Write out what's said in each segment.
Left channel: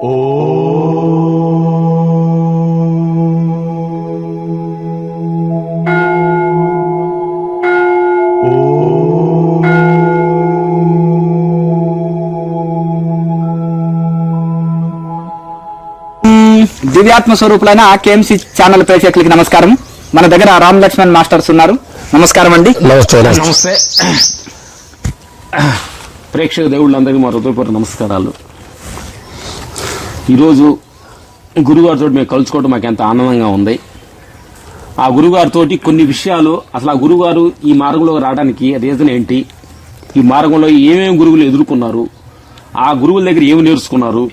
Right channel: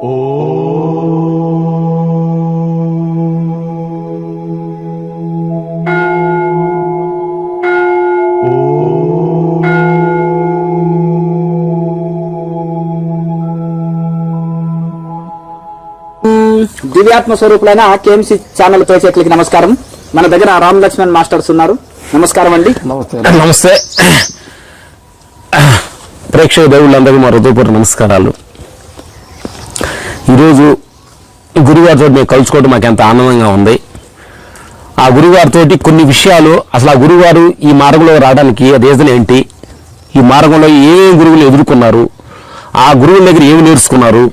దివ్యాత్మ స్వరూపులైన KMC channel ప్రేక్షకులకి నమస్కారం. మన దగ్గర రామ్ లక్ష్మణ్ మాస్టర్స్ ఉన్నారు. నమస్కారం అండి. నమస్తే ప్రేక్షక దేవుళ్ళందరికీ మా హృదయపూర్వక నమస్కారాలు. ఈరోజు గురుగారితో మేము కలుసుకోవడం మాకు ఎంత ఆనందంగా ఉంది. ఆ గురుగారితో కొన్ని విషయాలు, అసలు ఆ గురుగారు ఈ మార్గంలో రావడానికి రీజన్ ఏంటి, ఈ మార్గంలో ఏమేమి గురువులు ఎదుర్కొన్నారు, ఆ గురువుల దగ్గర ఏమి నేర్చుకున్నారు,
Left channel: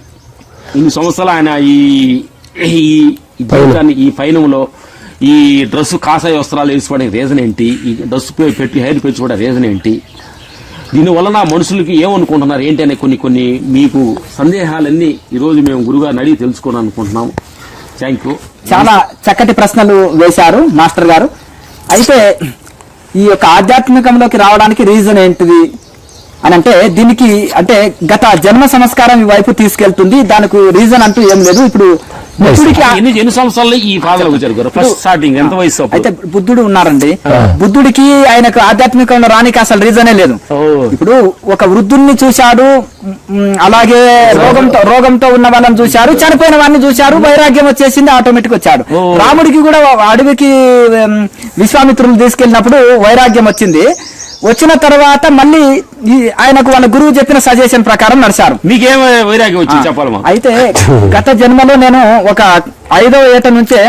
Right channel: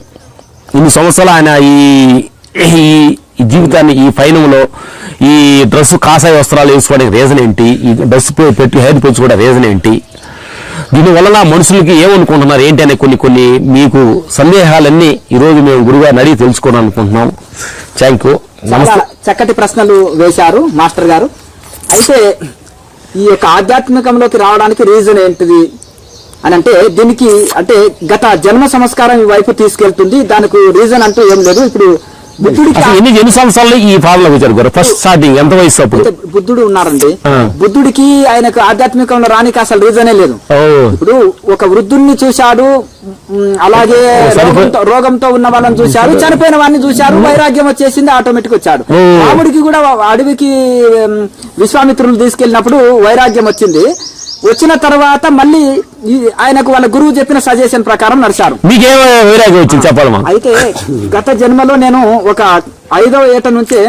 ఇన్ని సంవత్సరాలు ఆయన ఈ జీవితాన్ని ఈ పయనంలో ఈ డ్రెస్ కాషాయ వస్త్రాలు వేసుకోవడానికి రీజన్ ఏంటి, ఈ డ్రెస్ పెట్టి హెయిర్ పెంచుకోవడానికి రీజన్ ఏంటి, దీనివల్ల మనుషులకి ఏమనుకుంటున్నారు ఏంటి అనే కొన్ని మీకు సందేహాలన్నీ ఈరోజు మేము గురుగారిని అడిగి తెలుసుకోవడం అనుకుంటున్నాం. Thank you. చాలా చక్కటి ప్రశ్నలు వేశారు మాస్టర్ గారు. అయితే ఈ యొక్క ఆధ్యాత్మికంలోకి రావడానికి రీజన్ ఏంటిది అని అంటే, దీనికి అంటే గత జన్మ సంస్కారం ఈ వైపు తీసుకెళ్తుంది. దానికి రీజన్ అంటూ ఏం లేదు. ఇప్పుడు ఎన్ని సంవత్సరాలు ఈ పాదలకు వచ్చారు? ఫస్ట్ స్టార్టింగ్ ఎంత వయసు? అయితే బుద్ధుడు ఉన్నారండి. బుద్ధుడికి ఆయనకు ఆధ్యాత్మికంలో రానికి అసలు రీజనే లేదు. ఇప్పుడు ఒక వృద్ధుడిని చూశాడు, అలాగే రోగంతో ఉన్న వాళ్ళని చూశారు, చనిపోయిన వాళ్ళని చూశారు, వైరాగ్యం వచ్చేసింది, ఆటోమేటిక్ వచ్చాడు. రాముడికి కూడా అడవికి విశ్వామిత్రులు తీసుకెళ్ళినప్పుడు వైరాగ్యం వచ్చింది. వచ్చిన తర్వాత మళ్ళీ ఆయనకు వాళ్ళ గురువు చెప్పిన సజెషన్ ప్రకారం నడిచారు. మీకేం వైరాగ్యం వచ్చింది చెప్పాలి. అయితే గత జన్మలో నేను ఒక 5వ ఏట నుంచే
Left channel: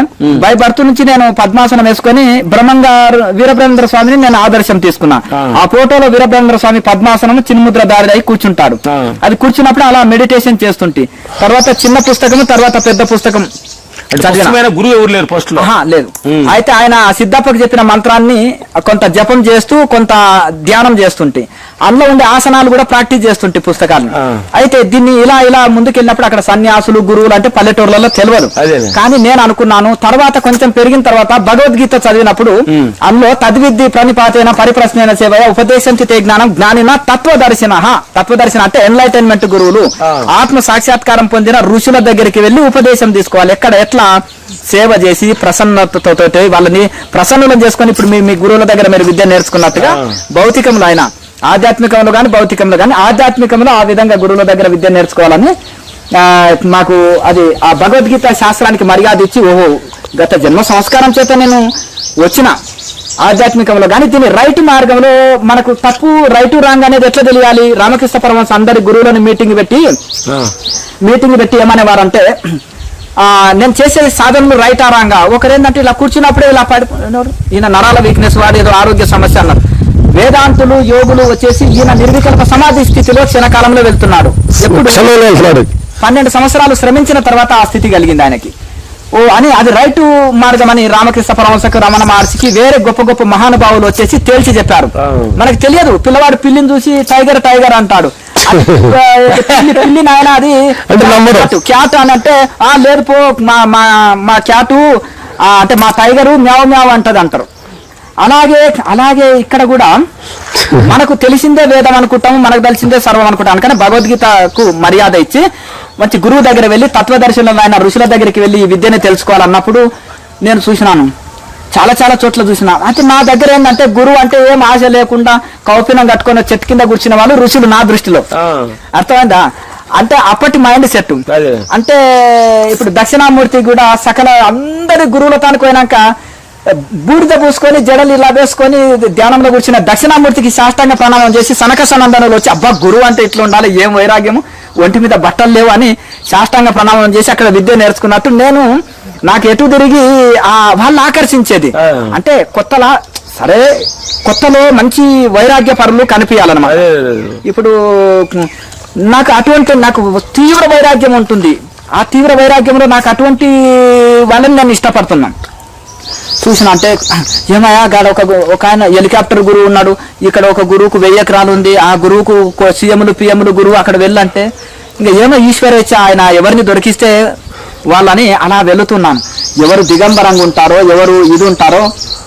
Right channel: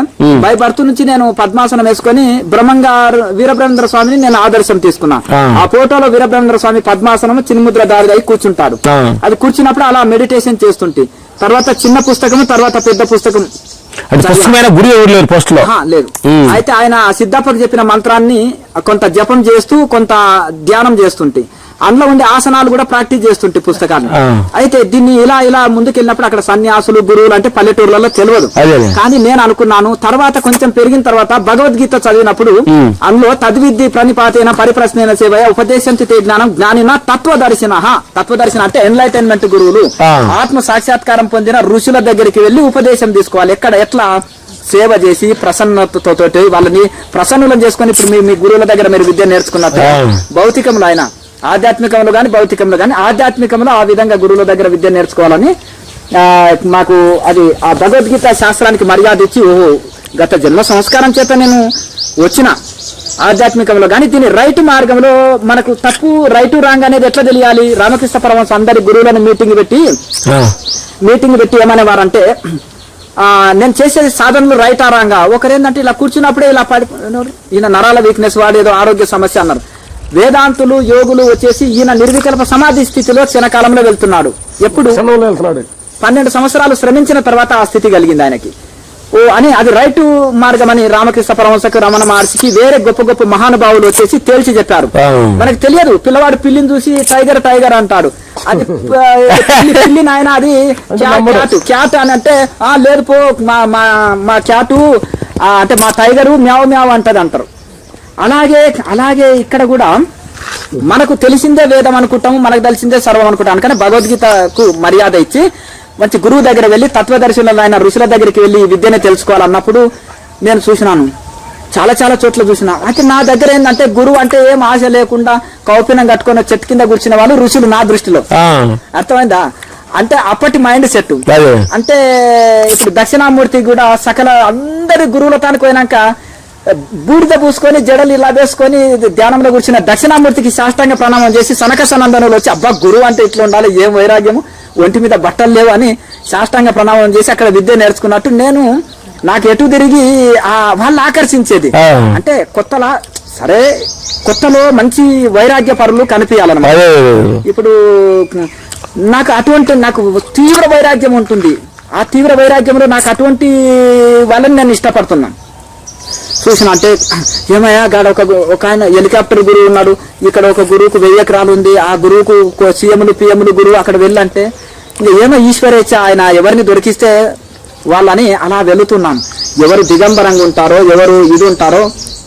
బై బర్త్ నుంచి నేను పద్మాసనం వేసుకుని బ్రహ్మంగారు వీరబ్రహ్మేంద్ర స్వామిని నేను ఆదర్శం తీసుకున్నా. ఆ ఫోటోలో వీరబ్రహ్మేంద్ర స్వామి పద్మాసనం చిన్ముద్ర దారి అయి కూర్చుంటాడు. అది కూర్చున్నప్పుడు అలా మెడిటేషన్ చేస్తుంటే తర్వాత చిన్న పుస్తకం, తర్వాత పెద్ద పుస్తకం గురువు ఎవరు లేరు పోస్ట్ లో లేదు. అయితే ఆయన సిద్ధప్పకు చెప్పిన మంత్రాన్ని కొంత జపం చేస్తూ కొంత ధ్యానం చేస్తుంటే అందులో ఉండే ఆసనాలు కూడా ప్రాక్టీస్ చేస్తుంటే పుస్తకాలు. అయితే దీన్ని ఇలా ముందుకెళ్ళినప్పుడు అక్కడ సన్యాసులు గురువులు అంటే పల్లెటూర్లలో తెలియదు. కానీ నేను అనుకున్నాను, తర్వాత కొంచెం పెరిగిన తర్వాత భగవద్గీత చదివినప్పుడు అందులో తద్విద్ది ప్రణిపాతేన పరిప్రశ్న సేవయ ఉపదేశంతి తే జ్ఞానం జ్ఞానిన తత్వదర్శన అంటే ఎన్లైటైన్మెంట్ గురువులు, ఆత్మ సాక్షాత్కారం పొందిన ఋషుల దగ్గరికి వెళ్లి ఉపదేశం తీసుకోవాలి. ఎట్లా సేవ చేసి ప్రసన్నతతో వాళ్ళని ప్రసన్నులను చేసుకుని ఇప్పుడు మీ గురువుల దగ్గర మీరు విద్య నేర్చుకున్నట్టుగా భౌతికంలో అయినా ఆధ్యాత్మికంలో గాని భౌతికంలో గాని ఆధ్యాత్మికంలో ఆ విధంగా గురువుల దగ్గర విద్య నేర్చుకోవాలని మాకు అది ఆ భగవద్గీత శాస్త్రానికి మర్యాద ఇచ్చి, ఓహో గత జన్మ సంస్కారం చేత నేను వచ్చిన ఆధ్యాత్మికంలో కానీ దీని రైట్ మార్గంలో మనకు తప్పు రైట్ రాంగ్ అనేది ఎట్లా తెలియాలి. రామకృష్ణ పరమహంస అందరి గురువులను మీటింగ్ పెట్టి ఏమనేవారంటే, నేను చేసేది సాధనలు రైట్ ఆ రాంగా. ఒకరేంటంటే ఇలా కూర్చున్నప్పుడే ఇలా ఈయన నరాల వీక్నెస్ వాడు ఏదో ఆరోగ్య సమస్య అన్నారు. వేదాంతులు యోగులు వచ్చేసి ఈయన నిర్వికల్ప సమాధి స్థితిలో క్షణకాలంలో వెళ్తున్నాడు. ఎప్పుడు 12 సంవత్సరాలు శ్రమించిన తర్వాత ఆ స్థితి కలిగింది ఆయనకి. అని అది రైట్ మార్గం అని రామకృష్ణ పరమహంసకు, రమణ మహర్షికి, వేరే గొప్ప గొప్ప మహానుభావులు వచ్చేసి తేల్చి చెప్పారు. మనకి తెలియదు. పిల్లవాడు పిల్లిని చూసి టైగర్ అంటాడు. పిల్లి నాయన అది క్యాట్ అని అంటే, లేదు పో మా క్యాటు అంటే మా టైగరు మ్యావ్ అంటది అంటారు. అలాగే ఇక్కడ కూడా మనకు తెలిసిందే వేదం అనుకుంటాం, మనకు తెలిసిందే సర్వం అనుకుంటాం. కానీ భగవద్గీతకు మర్యాద ఇచ్చి మంచి గురువు దగ్గర వెళ్ళి తత్వదర్శనంలో ఆయన ఋషుల దగ్గరికి వెళ్ళి ఈ విద్యని తెలుసుకోవాలన్నప్పుడు నేను చూసినాను, చాలా చోట్ల చూసిన. అయితే నా దగ్గర ఏంటంటే గురువు అంటే ఏం ఆశ లేకుండా కౌపినం కట్టుకున్న చెట్టు కింద కూర్చున్న వాళ్ళు ఋషులు నా దృష్టిలో. అర్థమైందా? అంటే అప్పటి మైండ్ సెట్. అంటే ఇప్పుడు దక్షిణామూర్తి కూడా సకల అందరి గురువులతానికి పోయినాక బూడిద పూసుకొని జడలు ఇలా వేసుకొని ధ్యానంలో కూర్చున్న దక్షిణామూర్తికి సాష్టాంగ ప్రణామం చేసి సనక సనందనులు వచ్చి, అబ్బా గురువు అంటే ఇట్లా ఉండాలి, ఏం వైరాగ్యము, ఒంటి మీద బట్టలు లేవు అని సాష్టాంగ ప్రణామం చేసి అక్కడ విద్య నేర్చుకున్నట్టు నేను నాకు ఎటు తిరిగి వాళ్ళు ఆకర్షించేది. అంటే కొత్తలో మంచి వైరాగ్య పరులు కనిపించాలన్నమాట. ఇప్పుడు నాకు తీవ్ర వైరాగ్యం ఉంటుంది. ఆ తీవ్ర వైరాగ్యంలో నాకు అటువంటి వాళ్ళని నేను ఇష్టపడుతున్నాను. చూసిన అంటే ఏమయ్యా గాడ ఒక ఆయన హెలికాప్టర్ గురువు ఉన్నాడు, ఇక్కడ ఒక గురువుకు 1000 ఎకరాలు ఉంది, ఆ గురువుకు సీఎంలు పిఎంలు గురువు అక్కడ వెళ్ళంటే ఇంకా ఏమో ఈశ్వరేచ్ఛ, ఆయన ఎవరిని దొరికిస్తే వాళ్ళని అలా వెళుతున్నాను. ఎవరు దిగంబరంగా ఉంటారో, ఎవరు ఇది ఉంటారో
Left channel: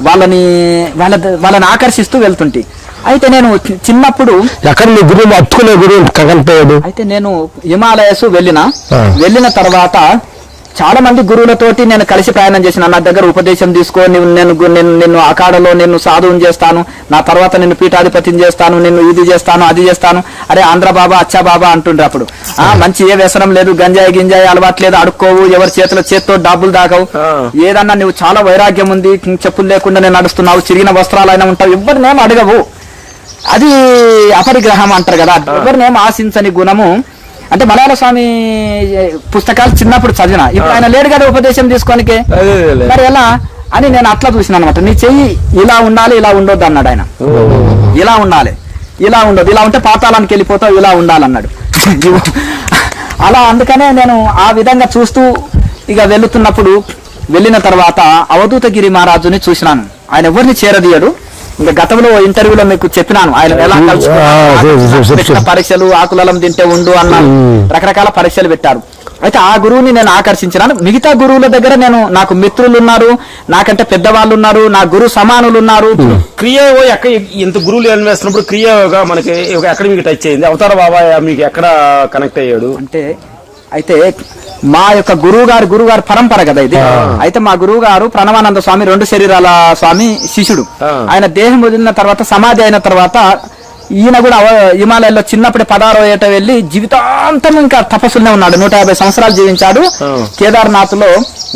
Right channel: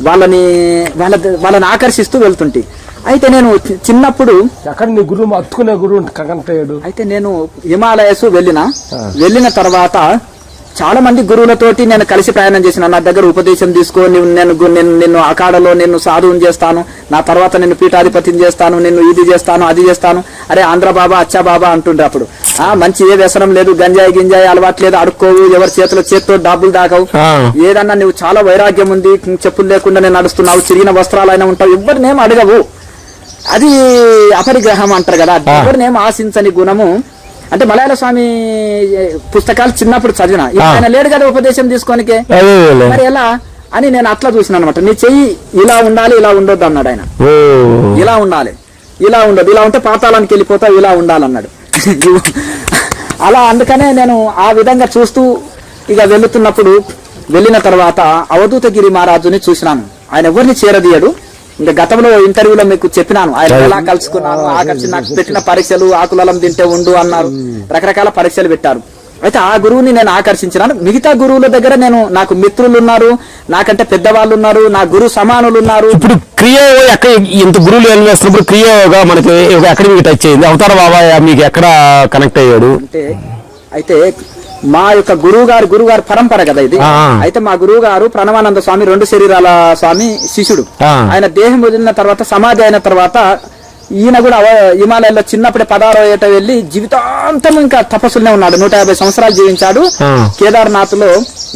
వాళ్ళని ఆకర్షిస్తూ వెళ్తుంటే అయితే నేను చిన్నప్పుడు ఎక్కడ నీ గురువు అత్తుకునే గురువు కనిపోయాడు? అయితే నేను హిమాలయస్ వెళ్ళిన తర్వాత చాలా మంది గురువులతోటి నేను కలిసి ప్రయాణం చేసిన. నా దగ్గర ఉపదేశం తీసుకొని నిన్ను అఖాడలో నిన్ను సాధువుని చేస్తాను, నా తర్వాత నిన్ను పీఠాధిపతిని చేస్తాను, నిన్ను ఇది చేస్తాను అది చేస్తాను, అరే ఆంధ్ర బాబా అచ్చా బాబా అంటుండే. అప్పుడు మంచి ఏ వ్యసనం లేదు, గంజాయి గింజాయి అలవాటు లేదు, అడుక్కోవు, ఎవరి చేతితో డబ్బులు దాగవు, ఏదన్నా నువ్వు చాలా వైరాగ్యం ఉంది, చెప్పులు లేకుండా నేను నడుస్తున్నావు, చిరిగిన వస్త్రాలైనా ఉంటావు, ఎవరినేం అడగవు. అది అపరిగ్రహం అంటారు కదా, ఎవరినేం ఆశించని గుణము. అంటే మలయాళ స్వామి పుస్తకాలు చిన్నప్పుడు చదివిన, ఇప్పుడు ఆయన లేడు కదా ఉపదేశం తీసుకోనికే, మరి ఎలా అని నేను అట్లా చూసిన అనమాట. నీ చెయ్యి ఇలా ఉండాలి, ఇలా ఉండొద్దు అన్నాడు ఆయన. ఇలా ఉండాలి, ఇలా ఉండదు, ఇలా ఉంటే పాతాళానికి వెళ్ళిపోతావు, ఇలా ఉండాలన్నాడు. అలా అందుకనే నేను ఆ విధంగా చూస్తూ ఇక వెళ్ళిన తర్వాత అవధూతగిరి మహారాజుని చూసినాను. ఆయన ఎవరిని చేరదీయడు. ఇంకా గతంలో ఇంటర్వ్యూలో మీకు చెప్పినాను, ఆయన ఎలా కలుసుకున్నాను, పరీక్షలు ఆకులం తింటే ఉండు అన్నారు, రకరకాల పరీక్షలు పెట్టారు. అయితే ఆ గురువుని నేను ఆకర్షించినాను. మిగతా గురువుల దగ్గర నాకు మిత్రులు ఉన్నారు, నాకంటే పెద్దవాళ్ళు ఉన్నారు, నా గురు సమానులు ఉన్నారు. క్రియ ఎక్కడ ఇంత గురువులు ఏం వేస్తున్నప్పుడు క్రియగా మనకి ఎక్కడ మీకు టచ్ అయింది? అవతార బాబా మీకు ఎక్కడ కనెక్ట్ అయ్యాడు అంటే, అయితే మా యొక్క గురువు గారు పరంపర కదా ఇది. అయితే మా గురువు గారు ప్రణవానంద స్వామి 2 శరీరాల స్వామి శిష్యుడు. ఆయన దేహం వదిలిన తర్వాత సమాధి అయిన తర్వాత ఈయన కూడా హిమాలయాల్లో చిన్నప్పుడే 16వ ఏట వెళ్లి జీవితాంతం ఇంకా తపస్సులనే ఉన్నాడు. 150 సంవత్సరాలు జీవించాడు. కేదార్నాథ్ లో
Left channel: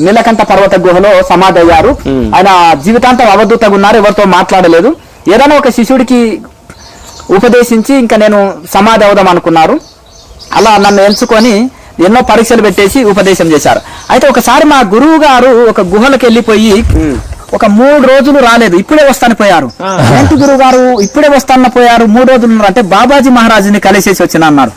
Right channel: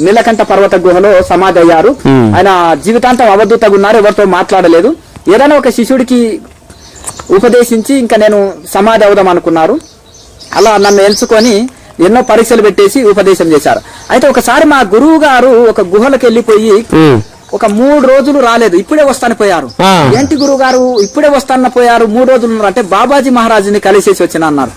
నీలకంఠ పర్వత గుహలో సమాధి అయ్యారు. ఆయన జీవితాంతం అవధూతగా ఉన్నారు, ఎవరితో మాట్లాడలేదు. ఏదైనా ఒక శిష్యుడికి ఉపదేశించి ఇంకా నేను సమాధి అవుదాం అనుకున్నారు. అలా నన్ను ఎంచుకొని ఎన్నో పరీక్షలు పెట్టేసి ఉపదేశం చేశారు. అయితే ఒకసారి మా గురువు గారు ఒక గుహలకు వెళ్ళిపోయి ఒక 3 రోజులు రాలేదు, ఇప్పుడే వస్తాను పోయారు. ఏంటి గురువు గారు ఇప్పుడే వస్తాను పోయారు, 3 రోజులు ఉన్నారు అంటే బాబాజీ మహారాజుని కలిసేసి వచ్చిన అన్నారు.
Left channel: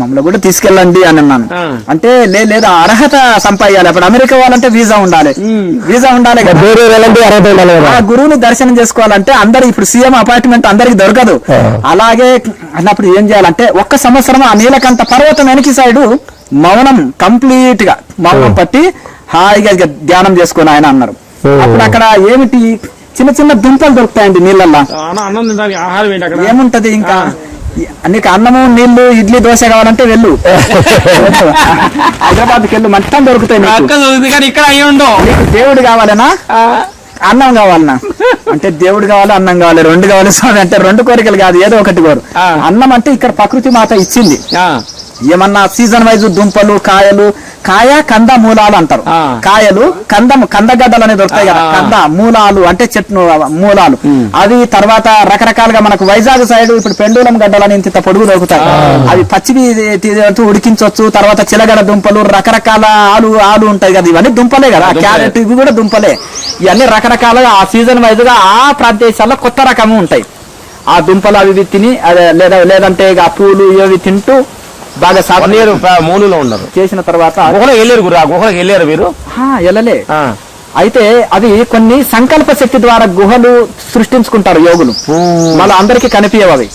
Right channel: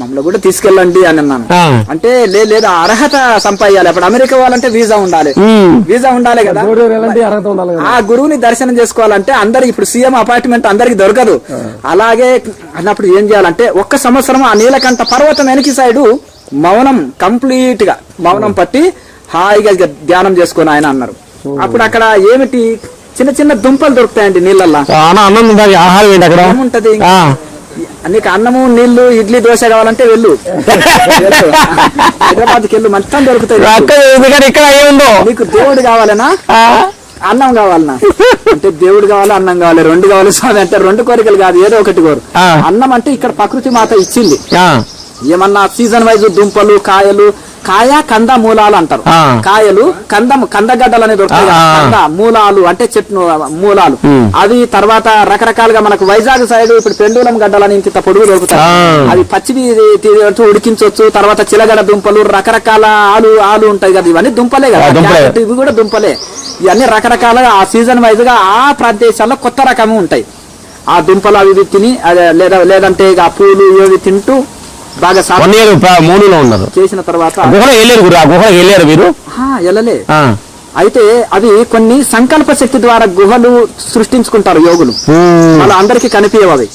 మమ్మల్ని కూడా తీసుకెళ్ళండి అని అన్నాను. అంటే లేదు అర్హత సంపాదించాలి, అప్పుడు అమెరికా వాళ్ళంటే వీసా ఉండాలి కదా, ఆ గురువుని దర్శనం చేసుకోవాలంటే అందరు ఇప్పుడు సీఎం అపార్ట్మెంట్ అందరికి దొరకదు. అలాగే అన్నప్పుడు ఏం చేయాలంటే 1 సంవత్సరం ఆ నీలకంఠ పర్వతం వెనక సైడు మౌనం కంప్లీట్ గా మౌనం పట్టి హాయిగా ధ్యానం చేసుకుని ఆయన అన్నారు. అప్పుడు అక్కడ ఏమిటి చిన్న చిన్న దుంపలు దొరుకుతాయండి నీళ్ళల్లో. ఆహారం ఏంటి అక్కడ ఏముంటది, ఇంకా నీకు అన్నము నీళ్లు ఇడ్లీ దోశ కావాలంటే వెళ్ళు, హైదరాబాద్కి వెళ్ళు, మొత్తం దొరుకుతాయి. నీకు దేవుడు కావాలనా అన్నం కావాలనా అంటే దేవుడు కావాలి అన్నం కావాలి 2 కావాలి స్వామి అంటే 2 కోరికలు కాదు, ఏదో ఒకటి కోరు. అన్నం అంటే ఇక్కడ ప్రకృతి మాత ఇచ్చింది. ఏమన్నా సీజన్ వైజ్ దుంపలు కాయ కంద మూలాలు అంటారు. కాయలు కందగడ్డలు అనేది దొరుకుతాయి కదా, కంద మూలాలు అంటే చెట్టు మూలాలు. అవి తర్వాత రకరకాలుగా మనకు వైజాగ్ సైడ్ ఇప్పుడు పెండూలం గడ్డలని ఇంత పొడుగు దొరుకుతాయి. అవి పచ్చివి ఉడికించవచ్చు. తర్వాత చిలగడ దుంపలు రకరకాల ఆలు ఉంటాయి కదా, ఇవన్నీ దుంపలే కదా. క్యారెట్ ఇవి కూడా దుంపలే. ఇవన్నీ రకరకాలుగా ఆ సీజన్ వైజ్ గా ఆ ప్రదేశాల్లో కొత్త రకము ఉంటాయి. ఆ దుంపలు అవి తిని లేదంటే ఆ పూలు ఇవి తింటూ బాగా మూలలో ఉన్నారు. చేసిన తర్వాత వెళ్ళారు మీరు? వెళ్ళలే. అయితే అవి కొన్ని సంకల్ప శక్తి ద్వారా గుహలు సృష్టించుకుంటారు యోగులు, మన అందరికి కనిపించవు అవి.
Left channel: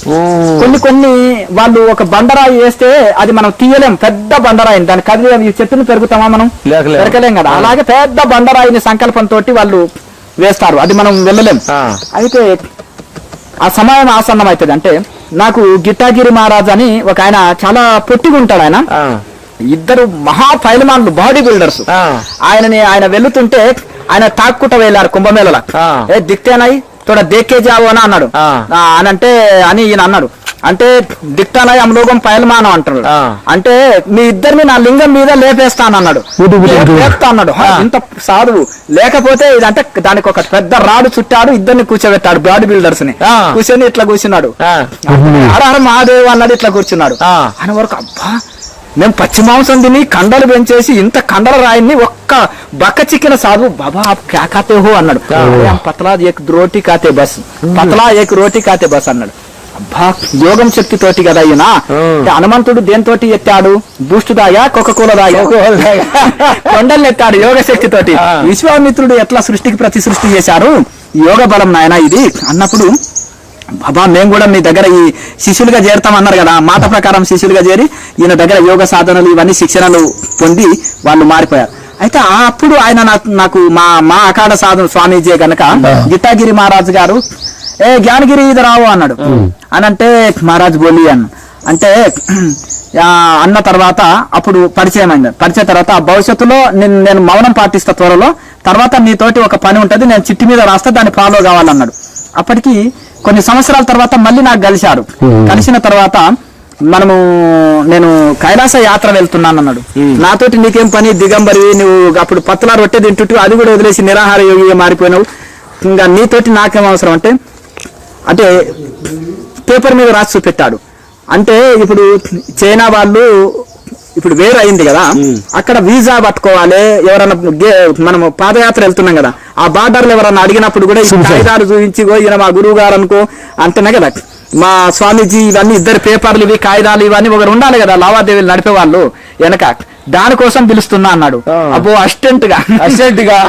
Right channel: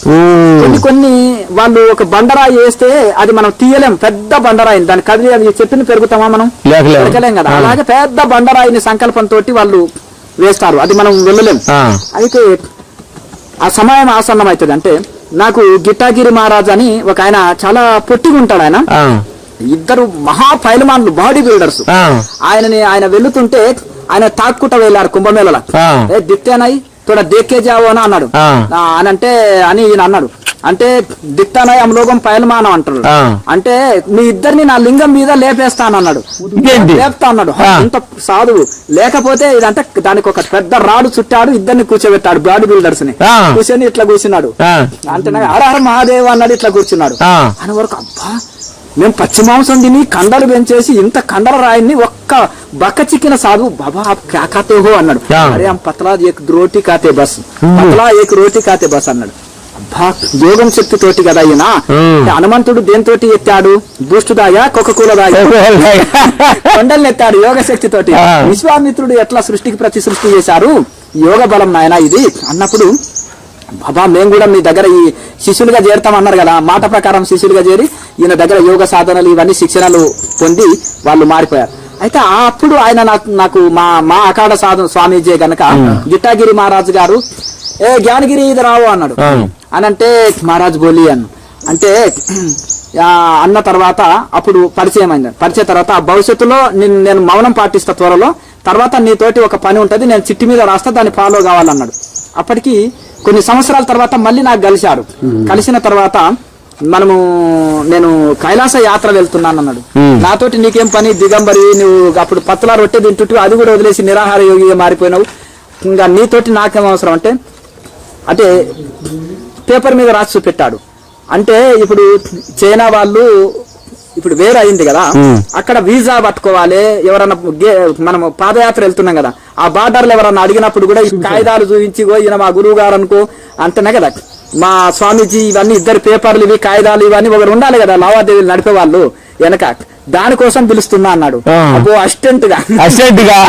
కొన్ని వాళ్ళు ఒక బండరాయి వేస్తే అది మనం తీయలేం, పెద్ద బండరాయి దాని కదిలి చెట్టుని పెరుగుతామా మనం పెరగలేం కదా. అలాగే పెద్ద బండరాయిని సంకల్పంతో వాళ్ళు వేస్తారు, అది మనం వెళ్ళలేం. అయితే ఆ సమయం ఆసన్నం అవుతుంది. అంటే నాకు గిట్టాగిరి మహారాజ్ అని ఒక ఆయన చాలా పొట్టిగా ఉంటాడు. ఆయన ఇద్దరు మహా పైలమాన్లు బాడీ బిల్డర్స్. ఆయన వెళ్తుంటే ఆయన తాక్కుంట వెళ్ళారు కుంభమేళలో. దిక్తేనాయి తోడ దేకే జావో అని అన్నాడు. అని ఈయన అన్నాడు. అంటే దిక్తానాయి అమలోగం పైలమానం అంటాడు. అంటే మీ ఇద్దరిని నా లింగం మీద లేపేస్తానన్నాడు. లేపుతా అన్నాడు. అంత సాధువు లేకపోతే ఇదంటే దానికి ఒక పెద్ద రాడు చుట్టాడు, ఇద్దరిని కూర్చోబెట్టాడు బాడీ బిల్డర్స్ ని. కూర్చొని ఇట్లా కూర్చున్నాడు. హరహర మహాదేవ్ అన్నాడు, ఇట్లా కూర్చున్నాడు. అని వరకు అబ్బా మేము పచ్చి మాంసం తిని కండలు పెంచేసి ఇంత కండల రాయిని ఒక్క బక్క చిక్కిన సాధువు బాబా క్యా కాతే హో అన్నాడు. పతలా ఏక్ రోటీ కాతే బస్, పతలా ఏక్ రోటీ కాతే బస్ అన్నాడు. అబ్బా యోగం శక్తి తోటి కదా ఈయన. హనుమంతుడు దేనితోటి ఎత్తాడు? బూస్ట్ దాగా కోకోకోలా దాగా కొండల్ని ఎత్తాడు యోగ శక్తి తోటి. విశ్వామిత్రుడు ఎట్లా సృష్టికి ప్రతి సృష్టి చేశారు, యోగ బలం నాయన ఇది అన్నప్పుడు బాబా మేము కూడా మీ దగ్గర ఈ శిష్యులుగా చేరుతామన్నారు కదా. మాట ప్రకారం శిష్యులుగా చేరి ఈయన దగ్గర యోగ సాధనలు ఇవన్నీ శిక్షణలు పొంది వాళ్ళు మారిపోయారు. అయితే అప్పుడు ఆయన నాకు మా అఖాడ సాధన స్వామీజీ గనక గిట్టాగిరి మహారాజు గారు ఏ జ్ఞానగిరి ఇది రావు అన్నాడు. అని అంటే మహారాజ్ బోలి అంటే అన్న తర్వాత అప్పుడు పరిచయం అయింది. పరిచయం తర్వాత భవిష్యత్తులో నేను మౌనం పాటిస్తా త్వరలో, తర్వాత నీతోటి ఒక పని ఉంటది, నేను చిట్టి మీద రాస్తా, దాన్ని ఫాలో కావాలన్నాడు. అప్పటికి కొన్ని సంవత్సరాల తర్వాత మళ్ళీ నాకు కలిశారు. కలిసిన తర్వాత నేను కైలాస యాత్ర వెళ్తున్నాను అన్నాడు. నాతోటి నీకేం పని, దిగంబరి, నువ్వు అప్పుడు పత్తులా రొట్టె తింటుంటూ అది కూడా వదిలేసి నిరాహార యోగిగా మారిపోయినావు, ఇంకా నీతోటి నాకేం అవసరం అంటే పేపర్ మీద రాసి చూపెట్టాడు. అంటే ఇప్పుడు చైనా వాళ్ళు ఇప్పుడు వేరు అయింది కదా, అక్కడ వీసా పట్టుకోవాలి. ఎవరన్నా మనం పాదయాత్ర వెళ్తున్నాం కదా, ఆ బార్డర్లు ఎవరన్నా అడిగినప్పుడు కూడా ఈ కాగితాలు చూపించి ఈయన మా గురువు గారు అనుకో అంతనే కదా, మా స్వామీజీ ఇవన్నీ ఇద్దరు పేపర్లు ఇవి కాగితాలు ఇవన్నీ ఒకరు ఉండాలి కదా లావాదేవీలు నడిపే వాళ్ళు వెనక, దానికోసం పిలుస్తున్నా అన్నాడు. అబ్బో అసిస్టెంట్ గా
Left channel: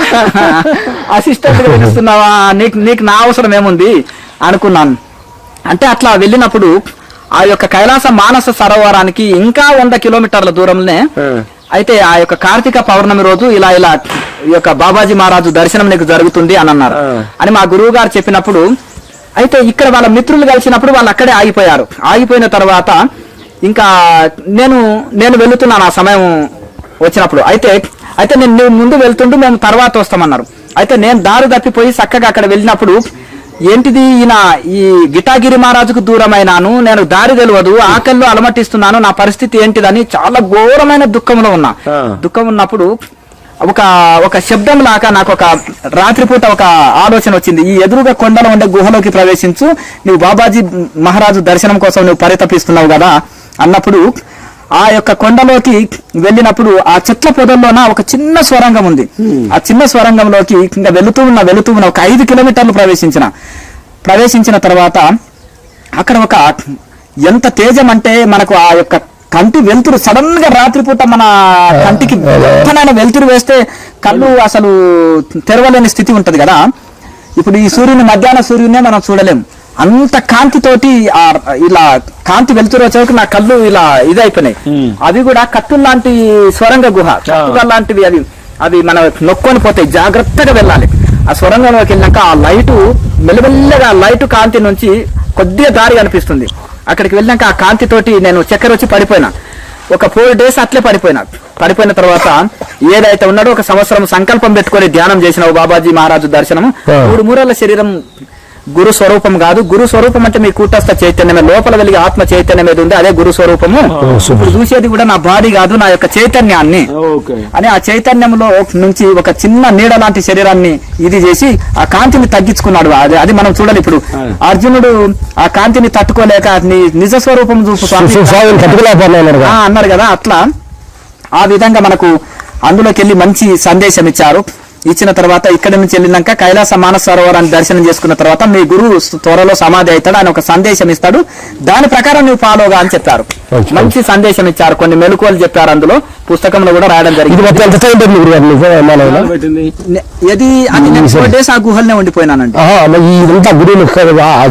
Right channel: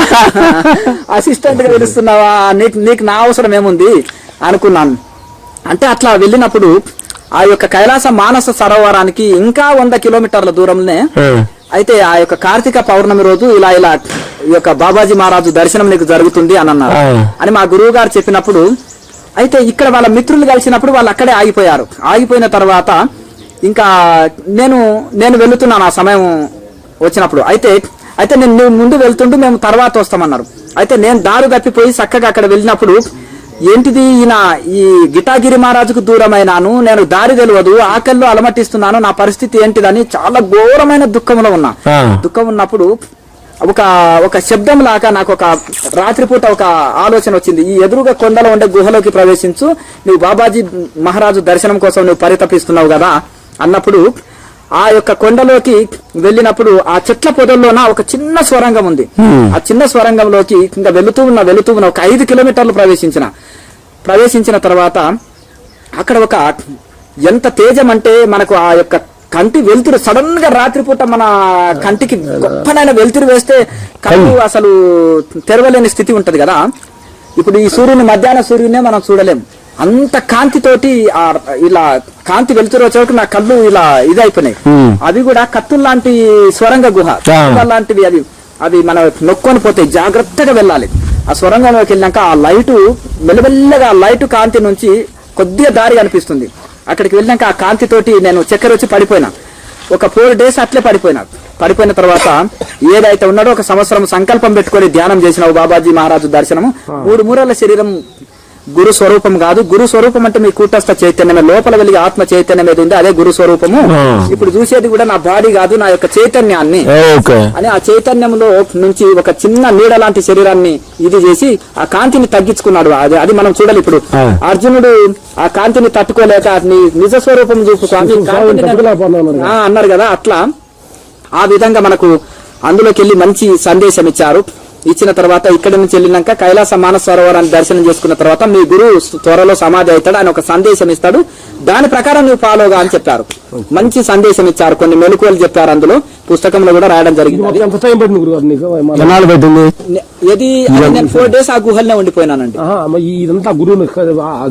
పిలుస్తున్నావా, నీకు నా అవసరం ఏముంది అనుకున్నాను. అంటే అట్లా వెళ్ళినప్పుడు ఆ యొక్క కైలాస మానస సరోవరానికి ఇంకా 100 కిలోమీటర్ల దూరంలోనే అయితే ఆ యొక్క కార్తీక పౌర్ణమి రోజు ఇలా ఈ యొక్క బాబాజీ మహారాజు దర్శనం నీకు జరుగుతుంది అని అన్నారు అని మా గురువు గారు చెప్పినప్పుడు, అయితే ఇక్కడ వాళ్ళ మిత్రులు కలిసినప్పుడు వాళ్ళు అక్కడే ఆగిపోయారు. ఆగిపోయిన తర్వాత ఇంకా నేను వెళుతున్నాను ఆ సమయం వచ్చినప్పుడు. అయితే నేను ముందు వెళ్తుంటూ మేము తర్వాత వస్తామన్నారు. అయితే నేను దారి తప్పిపోయి చక్కగా అక్కడ వెళ్ళినప్పుడు, ఏంటిది ఈయన ఈ గిటాగిరి మహారాజుకు దూరమైనాను, నేను దారి తెలియదు, ఆకలిలో అలమటిస్తున్నాను, నా పరిస్థితి ఏంటిదని చాలా ఘోరమైన దుఃఖంలో ఉన్నా. దుఃఖం ఉన్నప్పుడు ఒక శబ్దం లాగా నాకు ఒక రాత్రిపూట ఒక ఆలోచన వచ్చింది. ఈ ఎదురుగా కొండలో ఉండే గుహలోకి ప్రవేశించు, నువ్వు బాబాజీ మహారాజు దర్శనం కోసం నువ్వు పరితపిస్తున్నావు కదా అన్నప్పుడు, ఆ యొక్క కొండలోకి వెళ్ళినప్పుడు ఆ చెట్ల పొదల్లోన ఒక చిన్న స్వరంగం ఉంది. ఆ చిన్న స్వరంగంలోకి ఇంకా వెళుతూ ఉన్న ఒక 5 కిలోమీటర్లు ప్రవేశించిన తర్వాత అక్కడ ఒక ఎంత తేజం అంటే మనకు ఆ యొక్క కంటి వెలుతురు సడన్ గా రాత్రిపూట మన కంటికి ఎంతనైనా వెలుతురు వేస్తే కళ్ళు అసలు తెరవలేని స్థితి ఉంటది కదా. ఇప్పుడు ఈ మధ్యాహ్న సూర్యునే మనం చూడలేం, అంత కాంతితోటి ఇలా కాంతి వెలుతురు వచ్చేవరకు నా కళ్ళు ఇలా ఇదైపోయినాయి. అవి కూడా కత్తులు లాంటి స్వరంగ గుహ లాంటివి, అవి మన నొక్కొని పోతాయి, జాగ్రత్తగా వెళ్ళాలి. ఆ స్వరంగంలోకి వెళ్ళాక ఆ లైటు మెల్లమెల్లగా లైటు కాంతి నుంచి కొద్దిగా దారి కనిపిస్తుంది. అక్కడికి వెళ్ళాక ఆ కాంతితోటి నేను చక్కెర వచ్చి పడిపోయినా. ఒక 4 days అట్లే పడిపోయిన తర్వాత ఏదైతే ఉన్నాడో 1 సంవత్సరం సంకల్పం పెట్టుకొని ధ్యానం చేసిన బాబాజీ మహారాజు దర్శనము. 3 మూరల శరీరం గురు స్వరూపం కాదు. గురు స్వరూపం అంటే మీ కూటస్థ చైతన్యమే, లోపల వెలిగే ఆత్మ చైతన్యం ఏది ఉంది అదే గురు స్వరూపము. ఇప్పుడు చూసేది కూడా నా బాడీ కాదు, నా యొక్క చైతన్యాన్ని అని. ఆ చైతన్యంలో నుంచి ఒక చిన్న నీడ లాంటి శరీరాన్ని ఇది చేసి ఆ కాంతిని తగ్గించుకున్నాడు. అది మనం చూడాలి. ఇప్పుడు అర్జునుడు ఆ కాంతిని తట్టుకోలేక నీ నిజ స్వరూపం చూపు అన్నారు కదా, అట్లా ఆ విధంగా మనకు అందులోకి వెళ్ళి మంచి సందేశం ఇచ్చిన తర్వాత ఇక్కడ నుంచి వెళ్ళినాక కైలాస మానస సరోవరాన్ని దర్శనం చేసుకున్న తర్వాత మీ గురువు త్వరలో సమాధి అవుతాడు, ఆయన ఒక సందేశం ఇస్తాడు, దాని ప్రకారం నువ్వు ఫాలోగా అని చెప్పారు. మంచి సందేశం ఇచ్చారు, కొన్ని మెలకువలు చెప్పారు, అందులో పుస్తకంలో కూడా రాయడం జరిగింది. ఇది అది నేను 4 days ఆ గుహల్నే ఉండిపోయినానండి.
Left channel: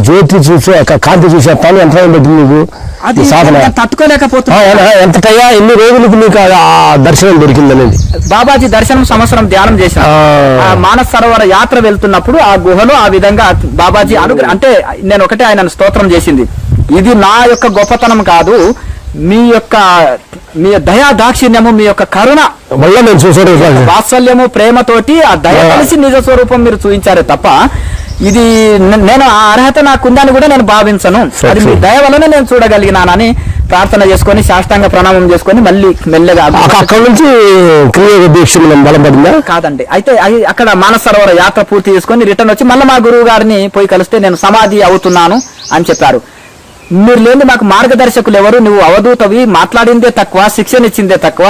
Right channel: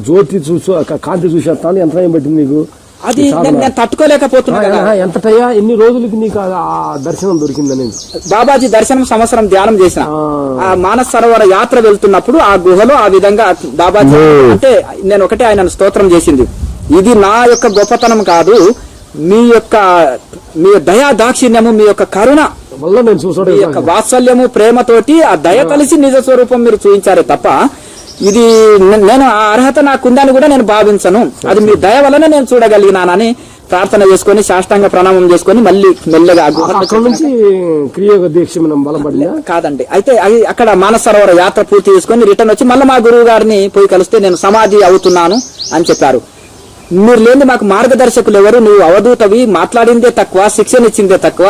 జ్యోతి చూసి కాంతి చూసే ఎంత నువ్వు తట్టుకోలేకపోతున్నా. ఎన్ని రోజులకు నీకు దర్శనం దొరికిందనేది బాబాజీ దర్శనం సంవత్సరం ధ్యానం చేశాను. ఆ మానస సరోవర యాత్ర వెళ్తున్నప్పుడు ఆ గుహలో ఆ విధంగా బాబాజీ అంటే నేను ఒకటే ఆయనను స్తోత్రం చేసింది, ఇది నా యొక్క గొప్పతనం కాదు, మీ దయా దాక్షిణ్యము, మీ యొక్క కరుణ, వాత్సల్యము, ప్రేమతోటి ఆ దయ కలిసి నిజ స్వరూపం మీరు చూపించారే తప్ప ఇది నేను ఆ అర్హత నాకుందని కూడా నేను భావించను, అది మీ దయ వల్లనే నేను చూడగలిగినానని ప్రార్థన చేసుకొని సాష్టాంగ ప్రణామం చేసుకొని మళ్ళీ మెల్లగా అక్కడ నుంచి కాదండి. అయితే అక్కడ మానస సరోవర యాత్ర పూర్తి చేసుకొని రిటర్న్ వచ్చి మళ్ళీ మా గురువు గారిని పోయి కలిస్తే నేను సమాధి అవుతున్నాను అని చెప్పారు. మీరు లేని మాకు మార్గదర్శకులు ఎవరు, నువ్వు అవధూతవి, మాట్లాడిందే తక్కువ, శిక్షణ ఇచ్చిందే తక్కువ,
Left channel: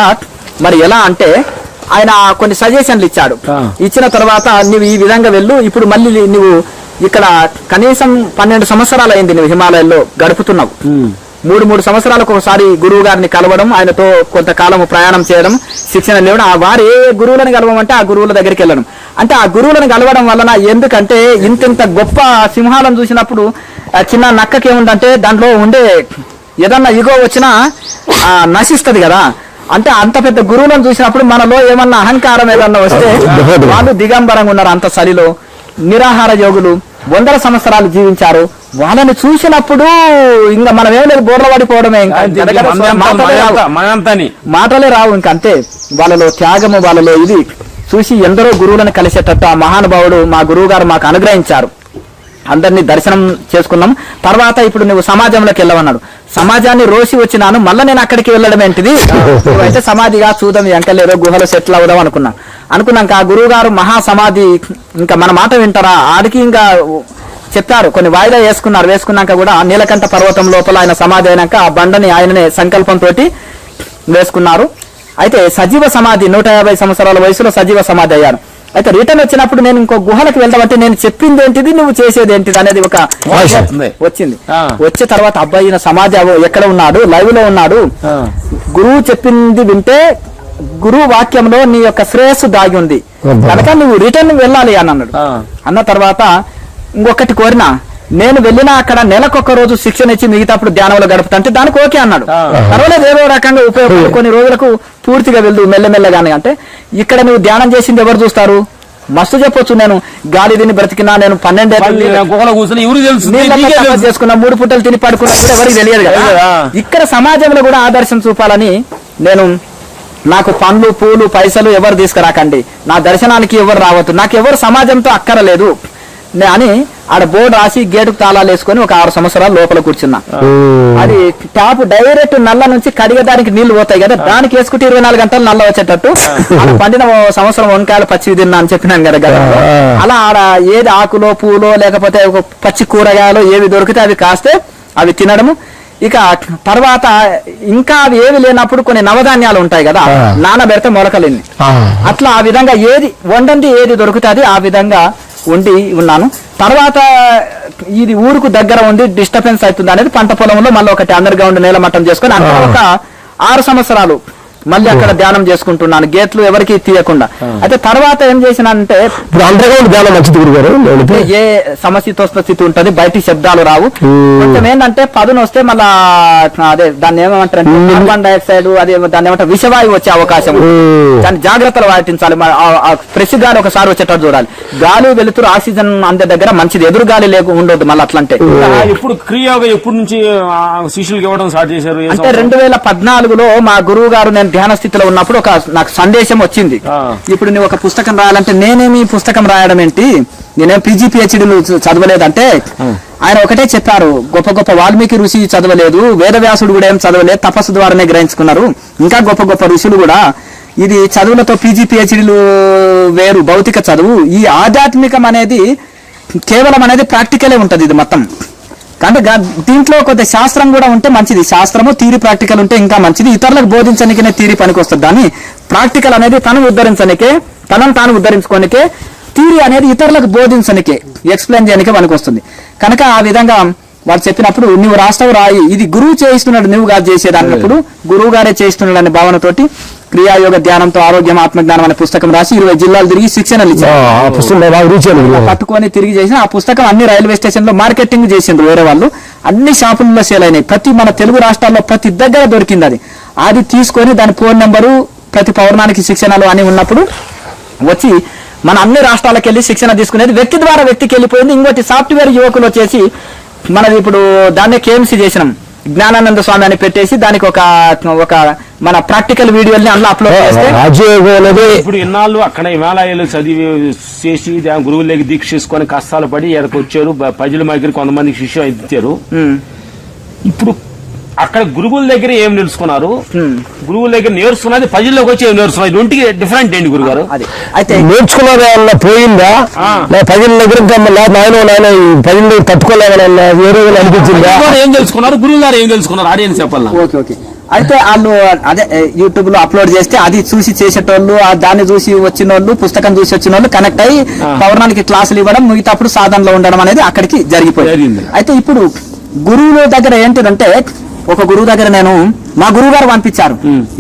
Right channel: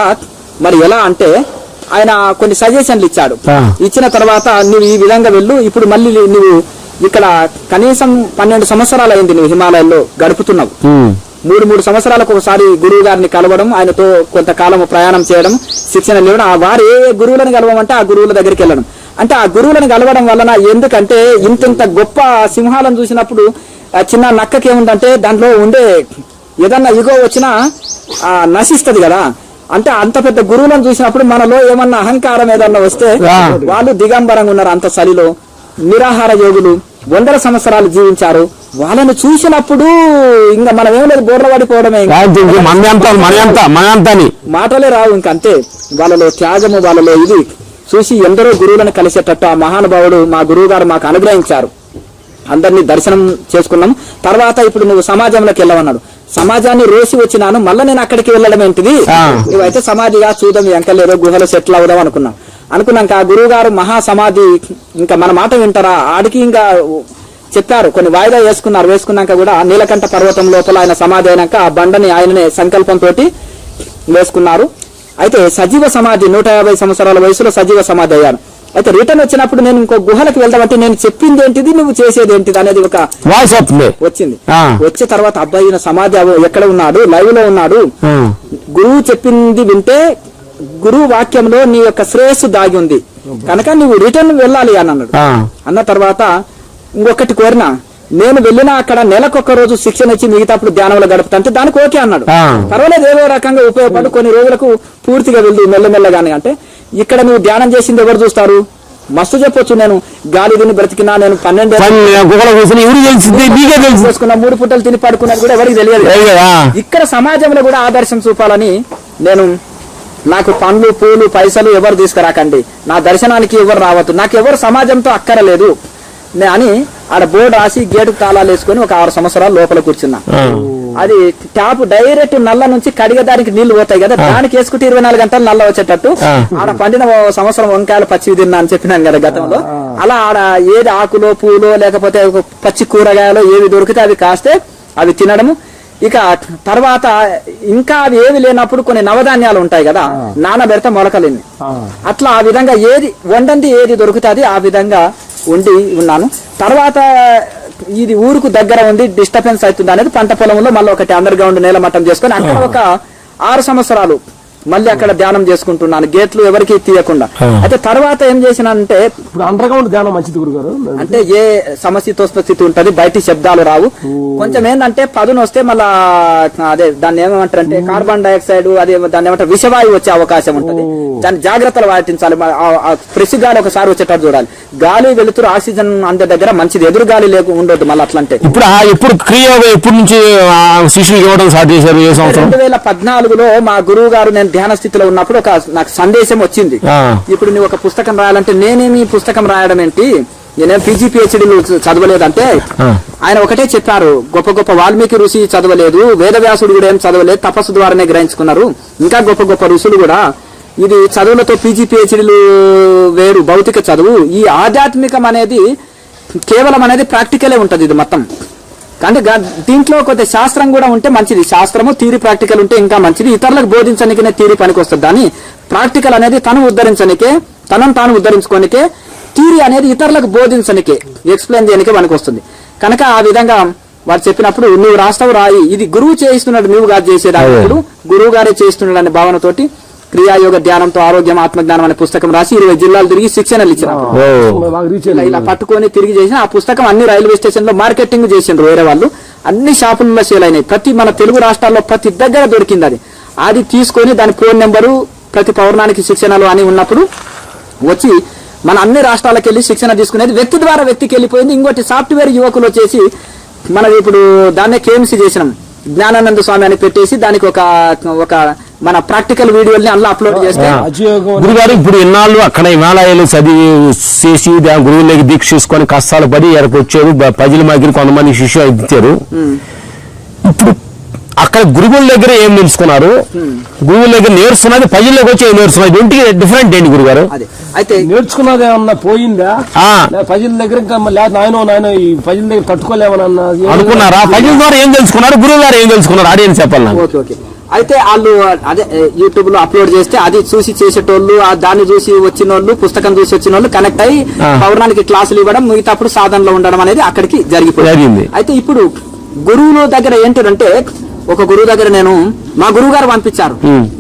మరి ఎలా అంటే ఆయన కొన్ని సజెషన్లు ఇచ్చాడు. ఇచ్చిన తర్వాత నువ్వు ఈ విధంగా వెళ్ళు, ఇప్పుడు మళ్ళీ నువ్వు ఇక్కడ కనీసం 12 సంవత్సరాలు అయింది నువ్వు హిమాలయాల్లో గడుపుతున్నావు. 3 సంవత్సరాలకు ఒకసారి గురువు గారిని కలవడం, ఆయనతో కొంతకాలం ప్రయాణం చేయడం, శిక్షణ ఇవ్వడం, వారు ఏ గురువులను కలవమంటే ఆ గురువుల దగ్గరికి వెళ్ళడం. అంటే ఆ గురువులను కలవడం వలన ఎందుకంటే ఇంత గొప్ప సింహాలను చూసినప్పుడు చిన్న నక్కకి ఏముందంటే దాంట్లో ఉండే ఏదన్నా ఇగో వచ్చినా నశిస్తుంది కదా. అంటే అంత పెద్ద గురువులను చూసినప్పుడు మనలో ఏమన్నా అహంకారం ఏదన్నా వస్తే వాళ్ళు దిగంబరంగా ఉన్నారు, అంత సరిలో నిరాహార యోగులు, వందల సంవత్సరాలు జీవించారు. వాళ్ళని చూసినప్పుడు ఇంకా మనం ఏం లేదు, బోర్ల పడిపోవడమే, మాటలే రావు. ఇంకా అంతే, వాళ్ళలో త్యాగము, వాళ్ళలో ఇది చూసి ఎందరో గురువులను కలిసేటట్టు ఆ మహానుభావుడు మా గురువు గారు మాకు అనుగ్రహించారు. అందరినీ దర్శనం చేసుకున్నాం. తర్వాత ఇప్పుడు నువ్వు సమాజంలోకి వెళ్ళవన్నాడు. సమాజాన్ని రోసి వచ్చినాను, మళ్ళీ నేను అక్కడికి వెళ్ళడం ఏంటిది, నువ్వైతే సమాధిగా చూద్దాం ఎంకలేరో గుహలో సెటిల్ అవుదాం అనుకున్నాక ఆ గురువు గారు మహా సమాధి, ఇంకా మన మాట వింటారా, ఆడికి ఇంకా చెప్పారు. కొన్ని వాయిదా వేసుకున్నాక కూడా నీలకంఠ పర్వతం లోపల ఆయన సమాధి అయినాక ఆ బండని ఆయననే సంకల్పంతో వేసుకున్నారు. అయితే సజీవ సమాధి 150 సంవత్సరాల వయసులో సజీవ సమాధి అయ్యారు. అయితే రిటర్న్ వచ్చినప్పుడు నేను ఇంకో గుహలకు వెళ్దామంటే నేను చెప్పింది ఏంటిది, నువ్వు చేసేది ఏంటిది అనేది ఒక వచ్చింది. వచ్చే తర్వాత అబ్బాయి ఈయన సమాధి ఎక్కడ ఉన్నాడు, లైవ్ లో ఉన్నాడు, గురువు చెప్పింది వింటే గురువు వాక్యంలో నీ యొక్క శ్రేయస్సు దాగి ఉంది కనుక నువ్వు రిటర్న్ వెళ్ళాలి అని అన్నాడు. అన్న తర్వాత ఇంకొకటి కోరినా, నేను వెళ్ళినా అక్కడ నెలకొక రోజు శిక్షణ ఇచ్చి మిగతాప్పుడు ధ్యానంలో గడుపుతుంటే దానికి ఓకే అన్నాడు. పర్వాలేదు, ఏదో రకంగా ఉపయోగపడి కొన్ని రోజులకు పూర్తిగా వెళ్ళు మెల్లమెల్లగానే. అంటే ఇక్కడ నువ్వు ధ్యానం చేసింది ఎవరు చూస్తారు, మస్తు చెప్పొచ్చు. నేను గాలి తిని బ్రతికినా, నేను 12 చేసుకున్నా, 3 పూటలు తిని పడుకున్నా కూడా ఎవరికి తెలియదు. ఇక్కడ సమాజంలో కూడా ఆదర్శం చూపాలని నేను, నాకు పండ్లు పూలు పైసలు ఎవరు తీసుకురాకండి, నా దర్శనానికి ఎవరు రావద్దు, నాకు ఎవరు సమాజంతో అక్కరలేదు అని ఆడ బోర్డు రాసి గేటుకు తాళాలు వేసుకుని ఒక 6 సంవత్సరాలు లోపల కూర్చున్నా. అది ట్యాప్ డైరెక్ట్ నల్ల నుంచి కడిగేదానికి నీళ్లు పోతాయి కదా, దానికి వేసుకుంటే 24 గంటలు నల్ల వచ్చేటట్టు. ఆడ పండిన సంవత్సరం వంకాయలు పచ్చివి తిన్నా అని చెప్పినాను కదా గతంలో. అలా ఆడ ఏది ఆకులో పూలో లేకపోతే పచ్చి కూరగాయలు ఏవి దొరికితే అవి కాస్తే అవి తినడము. ఇక తర్వాత ఇంకా అవి ఏవి లేనప్పుడు కొన్ని నవధాన్యాలు ఉంటాయి కదా, నానబెడితే మొలకలేని, అట్లా ఆ విధంగా ఏది వండంది ఏది దొరుకుతుంది ఆ విధంగా ఉండి ఉన్నాను. తర్వాత ఇది ఊరుకు దగ్గర ఉంది, డిస్టర్బెన్స్ అవుతుంది అనేది పంట పొలంలో మళ్ళీ ఒకటి అండర్ గ్రౌండ్ నేల మట్టం చేసుకుని అక్కడ ఒక 6 సంవత్సరాలు మళ్ళీ అక్కడ ధ్యానం చేసుకుంటున్నాను, గేట్లు ఎవరికి తీయకుండా. అయితే తర్వాత ఏం చేసినంటే అండర్ గ్రౌండ్ ధ్యానం మంచిది గురుగారు. ఏ సమశీతోష్ణ స్థితి ఉంటది, బయటికి శబ్దాలు రావు. కొంచెం ఏంటంటే పదును వస్తే మళ్ళా అదే దాన్ని ఏమంటారు, కార్బన్ డైఆక్సైడ్ అదే దాన్ని ఏమంటారు విషవాయువు వచ్చే అవకాశం ఉంటుంది. దాన్ని జాగ్రత్తలు పాటించాలి. ఫ్రెష్ గాలి ఒకసారి వచ్చేటట్టు చూడాలి. గాలి వెలుతురు ఆక్సిజన్ అందే దగ్గర మంచిది, ఎదురు గాలి ఉండొద్దు. మళ్ళీ అట్లంటే ఇప్పుడు క్రియ ఎప్పటి నుంచి శిష్యులు ఇవ్వడం స్టార్ట్ చేశారు? 2014లో మా గురువు గారు నేను ధ్యాన స్థితిలో ఉన్నప్పుడు నాకు సందేశం వచ్చింది. ఇప్పుడు నువ్వు ఒక పుస్తకం రాయాలంటే నేనేమి పుస్తకం రాయడం ఏంటి, నేనేం పీజీ పిహెచ్డీ చదవలేదంటే ఆయన ఒకటే చెప్పారు, గొప్ప గొప్ప వాల్మీకి ఋషి చదవలేదు, వేదవ్యాసుడు కూడా ఏం చదవలేదు, తపస్సు ద్వారానే గ్రహించుకున్నారు. ఇంకా గొప్ప గొప్ప ఋషులు కూడా ఇది చదువులతో పీజీ పిహెచ్డీలు వేరు, భౌతిక చదువు. ఈ ఆధ్యాత్మికం అనేది కేవలం అనేది ప్రాక్టికలే ఉంటది ఇది మొత్తం. కానీ దీంట్లో కొద్ది శాస్త్రం కూడా ఉంటే మంచిది. శాస్త్రము థియరీ ప్రాక్టికల్ ఉంటే ఇంకా మంచిది. ఇతరులకు బోధించడానికే థియరీ పనికి వస్తుంది, కానీ ప్రాక్టికల్ అనేది తను ఉద్ధరించనికే, తనను తాను ఉద్ధరించుకోనికే, థియరీ అనేది ఇతరులకు బోధించనికే, ఎక్స్ప్లెయిన్ చేయడానికే పనికి వస్తుంది. కనుక ఆ విధంగా వారు చెప్పినప్పుడు నువ్వు రాష్ట్రం రాయి, ఇది గురువు చేయిస్తున్నాడు, నువ్వు గారు చేసేదాన్నప్పుడు గురువు గారే చేయిస్తున్నాడు అనే భావనతోటి క్రియాయోగ ధ్యానంతో ఆరోగ్యం ఆత్మజ్ఞానం అనే పుస్తకం రాసి 20 జిల్లాలు తిరిగి శిక్షణలు ఇచ్చారు. పట్టుకొని తిరిగి చేసిన ఆ పుస్తకం అన్ని రైల్వే స్టేషన్ లో మార్కెటింగ్ చేసిండ్రు వేరే వాళ్ళు, అన్ని షాపుల్లో సేల్ అయినాయి. ప్రతి మన తెలుగు రాష్ట్రాల్లో ప్రతి దగ్గర దొరికింది. అది తీసుకొని దాని ఫోన్ నెంబరు, ప్రతి పౌర్ణానికి శిక్షణలు అని ఉన్నప్పుడు వచ్చి మన అన్ని రాష్ట్రాలకు వెళ్ళి శిక్షణ తీసుకునేది. వ్యక్తి ద్వారా వ్యక్తికి వెళ్ళిపోయింది. ఇంకోటి సాఫ్ట్వేర్ యువకులు వచ్చేసి మనది ఇప్పుడు దాన్నే కేఎంసీ చేసినాం, జ్ఞానానంద స్వామి అని పెట్టేసి దానికి ఒక మన ప్రాక్టికల్ వీడియోని అందులో అప్లోడ్ చేస్తే ఇప్పుడు ఇన్నాళ్ళు అక్కడ హిమాలయాలు చదివి చేసి గురువులకి దీక్ష చేసుకొని కష్టాలు పడి ఎక్కడికి వచ్చారు, ప్రజల మధ్య కొంతమంది శిష్యులు ఇచ్చారు. ఇప్పుడు అక్కడ గురువుల దగ్గర ఏం నేర్చుకున్నారు, గురువుల దగ్గర నేర్చుకున్నది ప్రజల్లోకి వచ్చి ఏం నేర్చుకున్నారు, ఇంటికి డిఫరెంట్ ఏంటి గురుగారు? అయితే నేర్చుకున్నది ఏమన్నా పోయిందా, ప్రజల దగ్గర నాయన ప్రజల దగ్గర తట్టుకోలేమన్నా ఏం తెలుసుకున్నారు, గురువు గారు ఏం తెలుసుకున్నారు, ఆడియన్స్ చెప్పాలి. Okay okay. అయితే వాళ్ళు అదే యూట్యూబ్ లో అప్లోడ్ చేస్తే అది చూసి చేసేటోళ్ళు, దాన్ని చూసి వచ్చిన వాళ్ళు, పుస్తకం చూసి వచ్చిన వాళ్ళు కనెక్ట్ అయ్యి పౌర్ణానికి క్లాసులు ఇవ్వడం, మిగతాప్పుడు సాధనలో ఉండడం అనేది అక్కడికి జరిగిపోయింది. అయితే ఇప్పుడు గురువుల దగ్గర ఏంటంటే ఒక గురువు దగ్గర నేను మా గురువు గారు పంపించారు.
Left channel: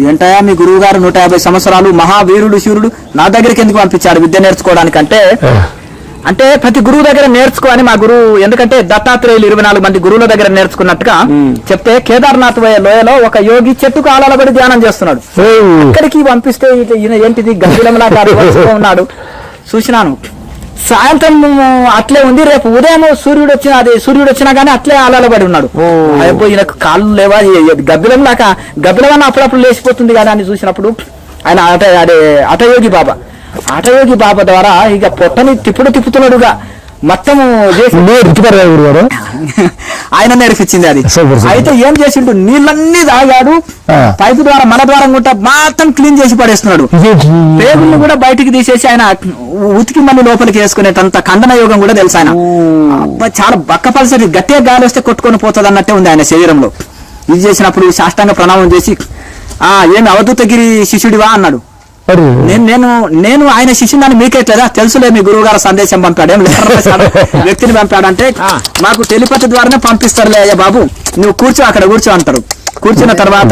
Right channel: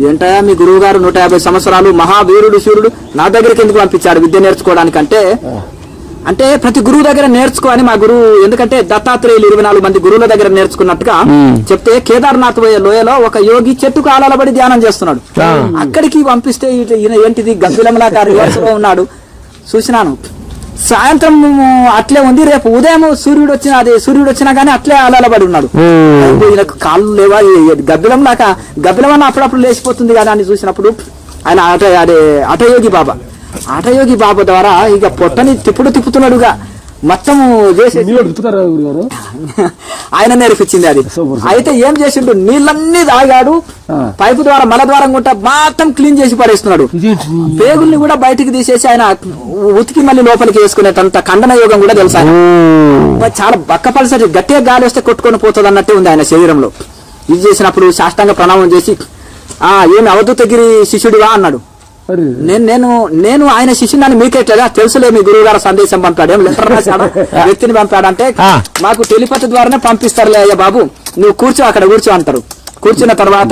ఏంటయా మీ గురువు గారు 150 సంవత్సరాలు మహావీరుడు శూరుడు, నా దగ్గరికి ఎందుకు పంపించారు విద్య నేర్చుకోవడానికి అంటే ప్రతి గురువు దగ్గర నేర్చుకో అని మా గురువు, ఎందుకంటే దత్తాత్రేయులు 24 మంది గురువుల దగ్గర నేర్చుకున్నట్టుగా చెప్తే కేదార్నాథ్ లోయలో ఒక యోగి చెట్టు కాలాలబడి ధ్యానం చేస్తున్నాడు. అక్కడికి పంపిస్తే ఈయన ఏంటిది గంభీరంలా ఉన్నాడు. చూసినాను సాయంత్రం అట్లే ఉంది, రేపు ఉదయం సూర్యుడు వచ్చినా గానీ అట్లే అలలబడి ఉన్నాడు. ఈయనకు కాళ్ళు లేవా, గబ్బిలం లాగా గబ్బిలం అన్న అప్పుడప్పుడు లేచిపోతుంది కదా అని చూసినప్పుడు ఆయన హఠయోగి బాబా ద్వారా ఇక పొట్టని తిప్పుతున్నాడుగా మొత్తం ఆయన నేర్పించింది అది. అయితే ఏం చేసిండు, నీళ్ళన్నీ తాగాడు, పైపు ద్వారా మల ద్వారం గుంట మొత్తం క్లీన్ చేసి పడేస్తున్నాడు. పేగుల్ని కూడా బయటికి తీసేసి ఆయన ఉతికి మళ్ళీ లోపలికి వేసుకునేటంత ఖండన యోగం కూడా తెలుసు ఆయన. చాలా బక్క పరిస్థితి, గట్టిగా గాలి వస్తే కొట్టుకొని పోతుంది అన్నట్టే ఉంది ఆయన శరీరంలో. ఇది చేసినప్పుడు సాష్టాంగ ప్రణామం చేసి ఏమి అవధూతగిరి శిష్యుడివా అన్నాడు. నేను ఆయన శిష్యుని మీకెట్లేదా, తెలుసులే మీ గురువు గారు సందేశం పంపాడు, ఏం లెటర్ రాశాడు, వ్యక్తిని పంపాడంటే మాకు టెలిపతి ద్వారానే పంపిస్తారులే అయ్యా బాబు, నువ్వు అక్కడ కూర్చో అంటారు. కూర్చున్న తర్వాత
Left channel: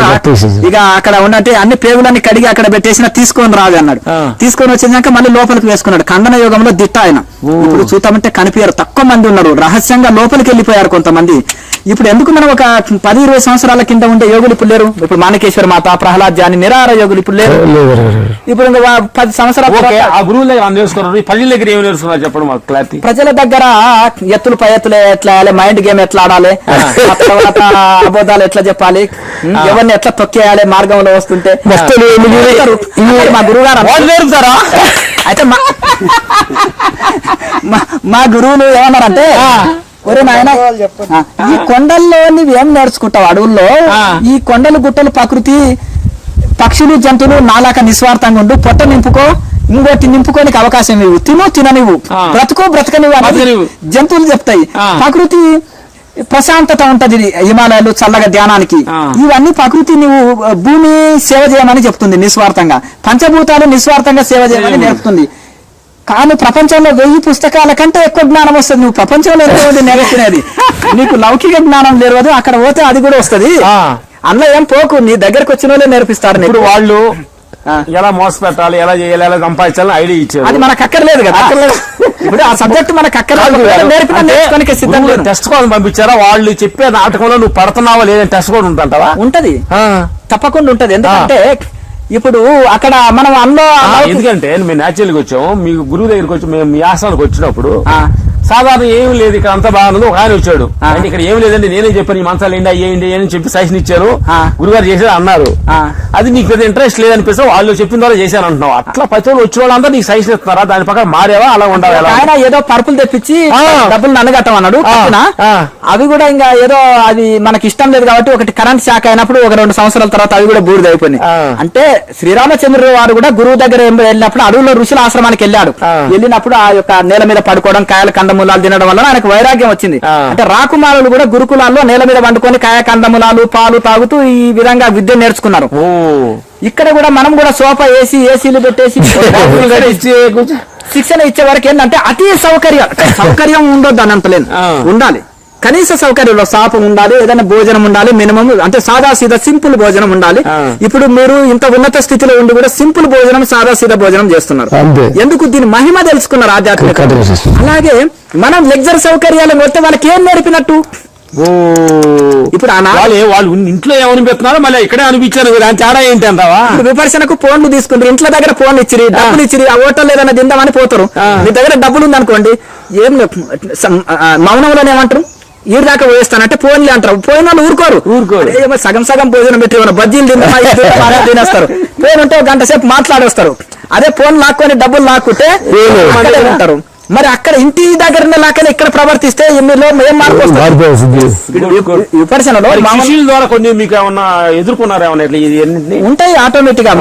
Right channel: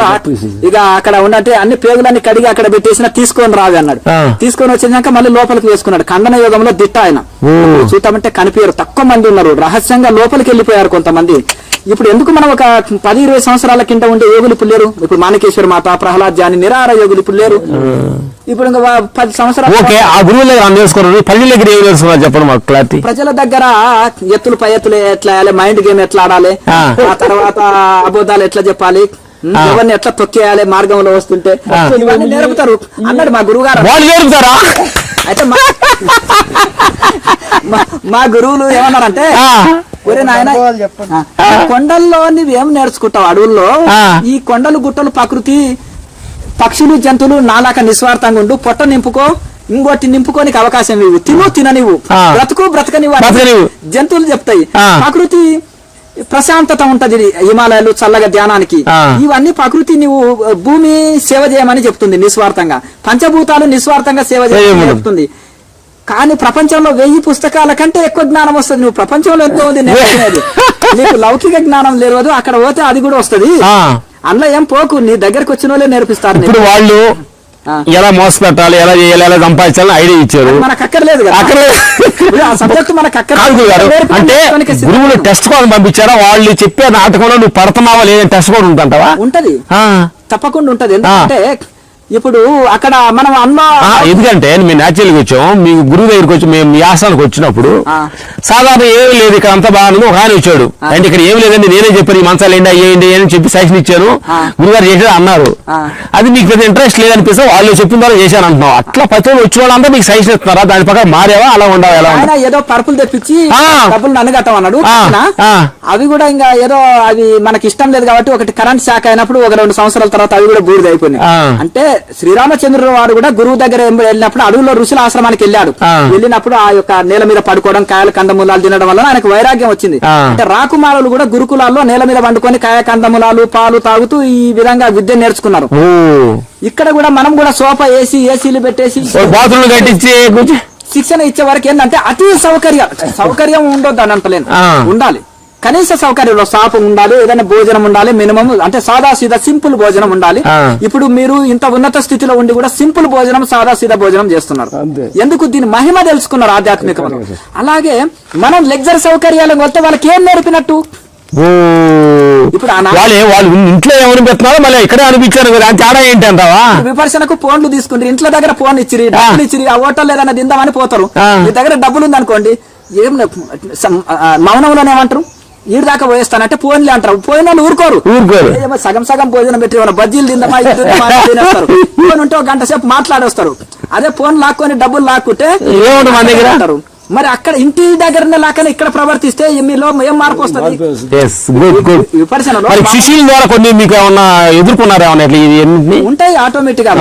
ఇక అక్కడ ఉన్నట్టు అన్ని పేగులన్నీ కడిగి అక్కడ పెట్టేసిన తీసుకొని రావి అన్నాడు. తీసుకొని వచ్చినాక మళ్ళీ లోపలికి వేసుకున్నాడు. ఖండన యోగంలో దిట్ట ఆయన. ఇప్పుడు చూద్దామంటే కనిపించారు, తక్కువ మంది ఉన్నారు, రహస్యంగా లోపలికి వెళ్ళిపోయారు కొంతమంది. ఇప్పుడు ఎందుకు మనం ఒక 10-20 సంవత్సరాల కింద ఉండే యోగులు ఇప్పుడు లేరు. ఇప్పుడు మాణికేశ్వర మాత, ప్రహ్లాద్ జాని, నిరాహార యోగులు ఇప్పుడు లేరు. ఇప్పుడు 10 సంవత్సరాలు ప్రజల దగ్గర ఎత్తులు పై ఎత్తులు ఎట్లా ఆడాలి, మైండ్ గేమ్ ఎట్లా ఆడాలి, ఆ తర్వాత అబోధాలు ఎట్లా చెప్పాలి, ఎవరిని ఎట్లా తొక్కేయాలి మార్గంలో వస్తుంటే మా గురువు గారు. అయితే మా గురువులు ఏమన్నారంటే, ఒరే నాయన ఈ కొండల్లో నువ్వేం నేర్చుకుంటావు, అడవుల్లో ఈ కొండలు గుట్టలు ప్రకృతి పక్షులు జంతువులు నాలాక నిస్వార్థంగా ఉండు, పొట్ట నింపుకో, ఇంకోటి నింపుకోనికి అవకాశం ఇవ్వు, తిననివ్వు, బ్రతకనివ్వు జంతువులు చెప్తాయి. ప్రకృతి ప్రశాంతత ఉంటది, హిమాలయాలు చల్లగా ధ్యానానికి, ఇవన్నీ ప్రకృతి నువ్వు భూమి సేవ చేయమని చెప్తుంది నిస్వార్థంగా, పంచభూతాలు నిస్వార్థంగా సేవ చేయమని చెప్తుంది. కానీ ప్రపంచంలో 1000 పుస్తకాల కంటే ఎక్కువ జ్ఞానం వస్తుంది. నువ్వు ప్రపంచంలో ఎక్కువ నేర్చుకునేది, నీకు లౌకిక జ్ఞానం లేదు, అక్కడ పోతే అది కూడా వస్తుంది. అన్న ఏం పోకు, నీ దగ్గరకు వచ్చిన వాళ్ళే నేర్పిస్తారు. వాళ్ళు ఎలా మోసపెట్టాలి, ఎలా చేయాలి, ఎలా సంపాదించాలని ఐడియా ఇచ్చారు. అది మనకు అక్కర్లేదు కదా, ఆ సబ్జెక్ట్ మనకు అక్కర్లేదు. టెస్ట్ కోసం పంపించారా, వాళ్ళు చెప్పే నాటకంలో నువ్వు పడుతున్నావా లేదని టెస్ట్ కూడా ఉంటుంటావా? ఉంటది, తప్పకుండా ఉంటది. ఎందుకంటే ఇప్పుడు అక్కడ మనం ఎందుకంటే మీ న్యాచురల్గా వచ్చాము, మీ గురువు దగ్గరికి వచ్చి మేము మీ ఆస్థానికి వచ్చినప్పుడు సాధారణ ఏమీ లేదు, ఇక్కడ అంతా బాగా ఒక ఆయన వచ్చాడు అంటే ఇక్కడ ఏమి లేదండి నేనే చెప్పాను ఈ మంచాలు ఏంటి అని చెప్పి సజెషన్ ఇచ్చాను, గురుగారు చేశాడు అన్నారు. అది మీకు ఇంట్రెస్ట్ లేదనిపిస్తే వాళ్ళు చెప్పిన ద్వారా చేశాను అంటున్నావు. అట్లా ప్రతి ఒక్కరు వచ్చే వాళ్ళంతా మీకు సజెషన్ ఇస్తున్నారా, దాని ప్రకారం మారేవా అలా ఉండాలి? ఆయన ఏదో పరుపులు తెప్పించి డబ్బులు నన్ను కట్టమన్నాడు, అవి కూడా ఇంకా ఏదో అది మనకి ఇష్టం లేదు కాబట్టి ఒకటి కరెంట్ షాక్ అయినప్పుడు ఒక 2 సంవత్సరాల తర్వాత అవి కూడా బూడిద అయిపోయినాయి. అంటే శ్రీరామచంద్ర వారు కూడా గురువు దగ్గర వెళ్ళినప్పుడు అడవుల్లో ఋషుల ఆశ్రమానికి వెళ్ళాడు. వెళ్ళినప్పుడు ఆ యొక్క నేల మీద పడుకోవడం, కాయలు కందమూలాలు తినడం వల్ల ఆయనకు వైరాగ్యం వచ్చింది. అంటే రాకుమారులు కూడా గురుకులాల్లో నేల మీద పండుకొని కాయ కందమూలాలు పాలు తాగుతూ ఈ విధంగా విద్య నేర్చుకున్నారు. ఇక్కడ కూడా మనం కూడా సోఫా వేసి ఏసీలు పెట్టేసి శిక్షణ ఇచ్చే వరకు ఏంటంటే అతి సౌకర్యం ఉండొద్దు అని అంటలేను, ఉండాలి కనీస సౌకర్యంలో సాపం ఉండాలి, ఏదైనా భోజనం ఉండాలి, మినిమం అంటే సాదా సీదా సింపుల్ భోజనం ఉండాలి. ఇప్పుడు మీరు ఇంత ఉన్నత స్థితిలో ఉండి కూడా సింపుల్ భోజనం సాదా సీదా భోజనం చేస్తున్నారు. ఎందుకు? దీని మహిమ తెలుసుకున్నారు ఆధ్యాత్మిక. అలాగే మనం లగ్జరీ సౌకర్యాలు మొత్తం వాళ్ళకి ఏం నేర్పినట్టు? ఇప్పుడు వాళ్ళు ఇంట్లో ఎవరు పెడుతున్నారు మళ్ళీ ఇక్కడే అనిపించారు, తేడా ఏంటి అంటావా? విమర్శనకు ఫోన్లు తీసుకుంటారు, ఇంట్లో దగ్గర ఫోన్ ఇచ్చిరి, డబ్బులు ఇచ్చిరి, ఆ హోటల్ ఏదైనా తిందామని పోతారు. మీ దగ్గర డబ్బులు ఉందనుకోండి, ఏం మౌనంలోనే ఏమంటారు, ఈడు దాకా పోయిస్తానంటే ఫోన్లే అంటారు. పోయిన ఊరుకోరు, సగం భోజనం పెట్టి బజ్జీలు తినేస్తారు. ఫోన్ అంటే 1 గంట సేపు మాట్లాడొస్తారు. అదే ఫోన్ లాక్కొని డబ్బులు లాక్కుంటే అంటారు. మరి అక్కడ ఇంటి దగ్గర లాక్కని ఇక్కడ ప్రవర్తిస్తే ఎన్నిలో ఏం మార్పు వస్తుంది? విమర్శనలో కొన్ని మీకు ఏమన్నా ఎదుర్కొన్నారా? ఉంటాయి ఆటోమేటిక్ గా.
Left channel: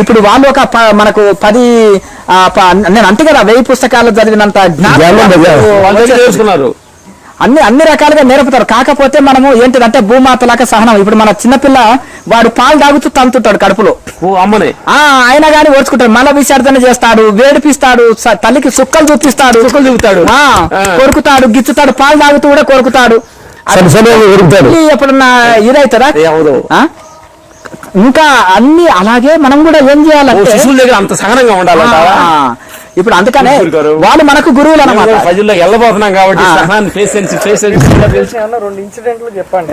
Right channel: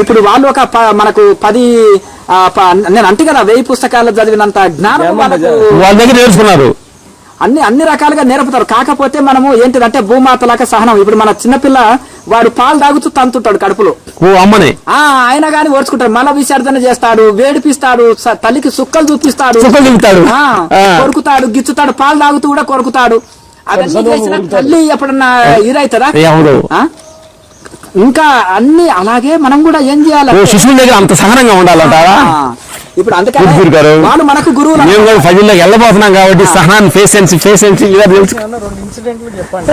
ఇప్పుడు వాళ్ళు ఒక మనకు 10 నేను అంతే కదా 1000 పుస్తకాలు చదివినంత జ్ఞానం నేర్చుకున్నారు. అన్ని రకాలుగా నేర్పుతారు. కాకపోతే మనము ఏంటిదంటే భూమాతలాగా సహనం. ఇప్పుడు మన చిన్నపిల్ల వాడు పాలు తాగుతూ తంతుంటాడు కడుపులో, అమ్మని ఆయన గాని ఓడ్చుకుంటాడు, మల విసర్జన చేస్తాడు, వేడిపిస్తాడు, తల్లికి సుక్కలు చూపిస్తాడు, కొరుకుతాడు, గిచ్చుతాడు, పాలు తాగుతూ కూడా కొరుకుతాడు. ఎప్పుడన్నా ఇదవుతుందా? ఇంకా అన్ని అలాగే మనం కూడా ఏం చేయాలంటే శిశువుల దగ్గర అంత సహనంగా ఉండాలంటారా? ఇప్పుడు అందుకని వాడు మనకు గురువులు వెళ్ళబోతున్నాం కాబట్టి సహనాన్ని 2 ఇన్సిడెంట్లు చెప్పండి.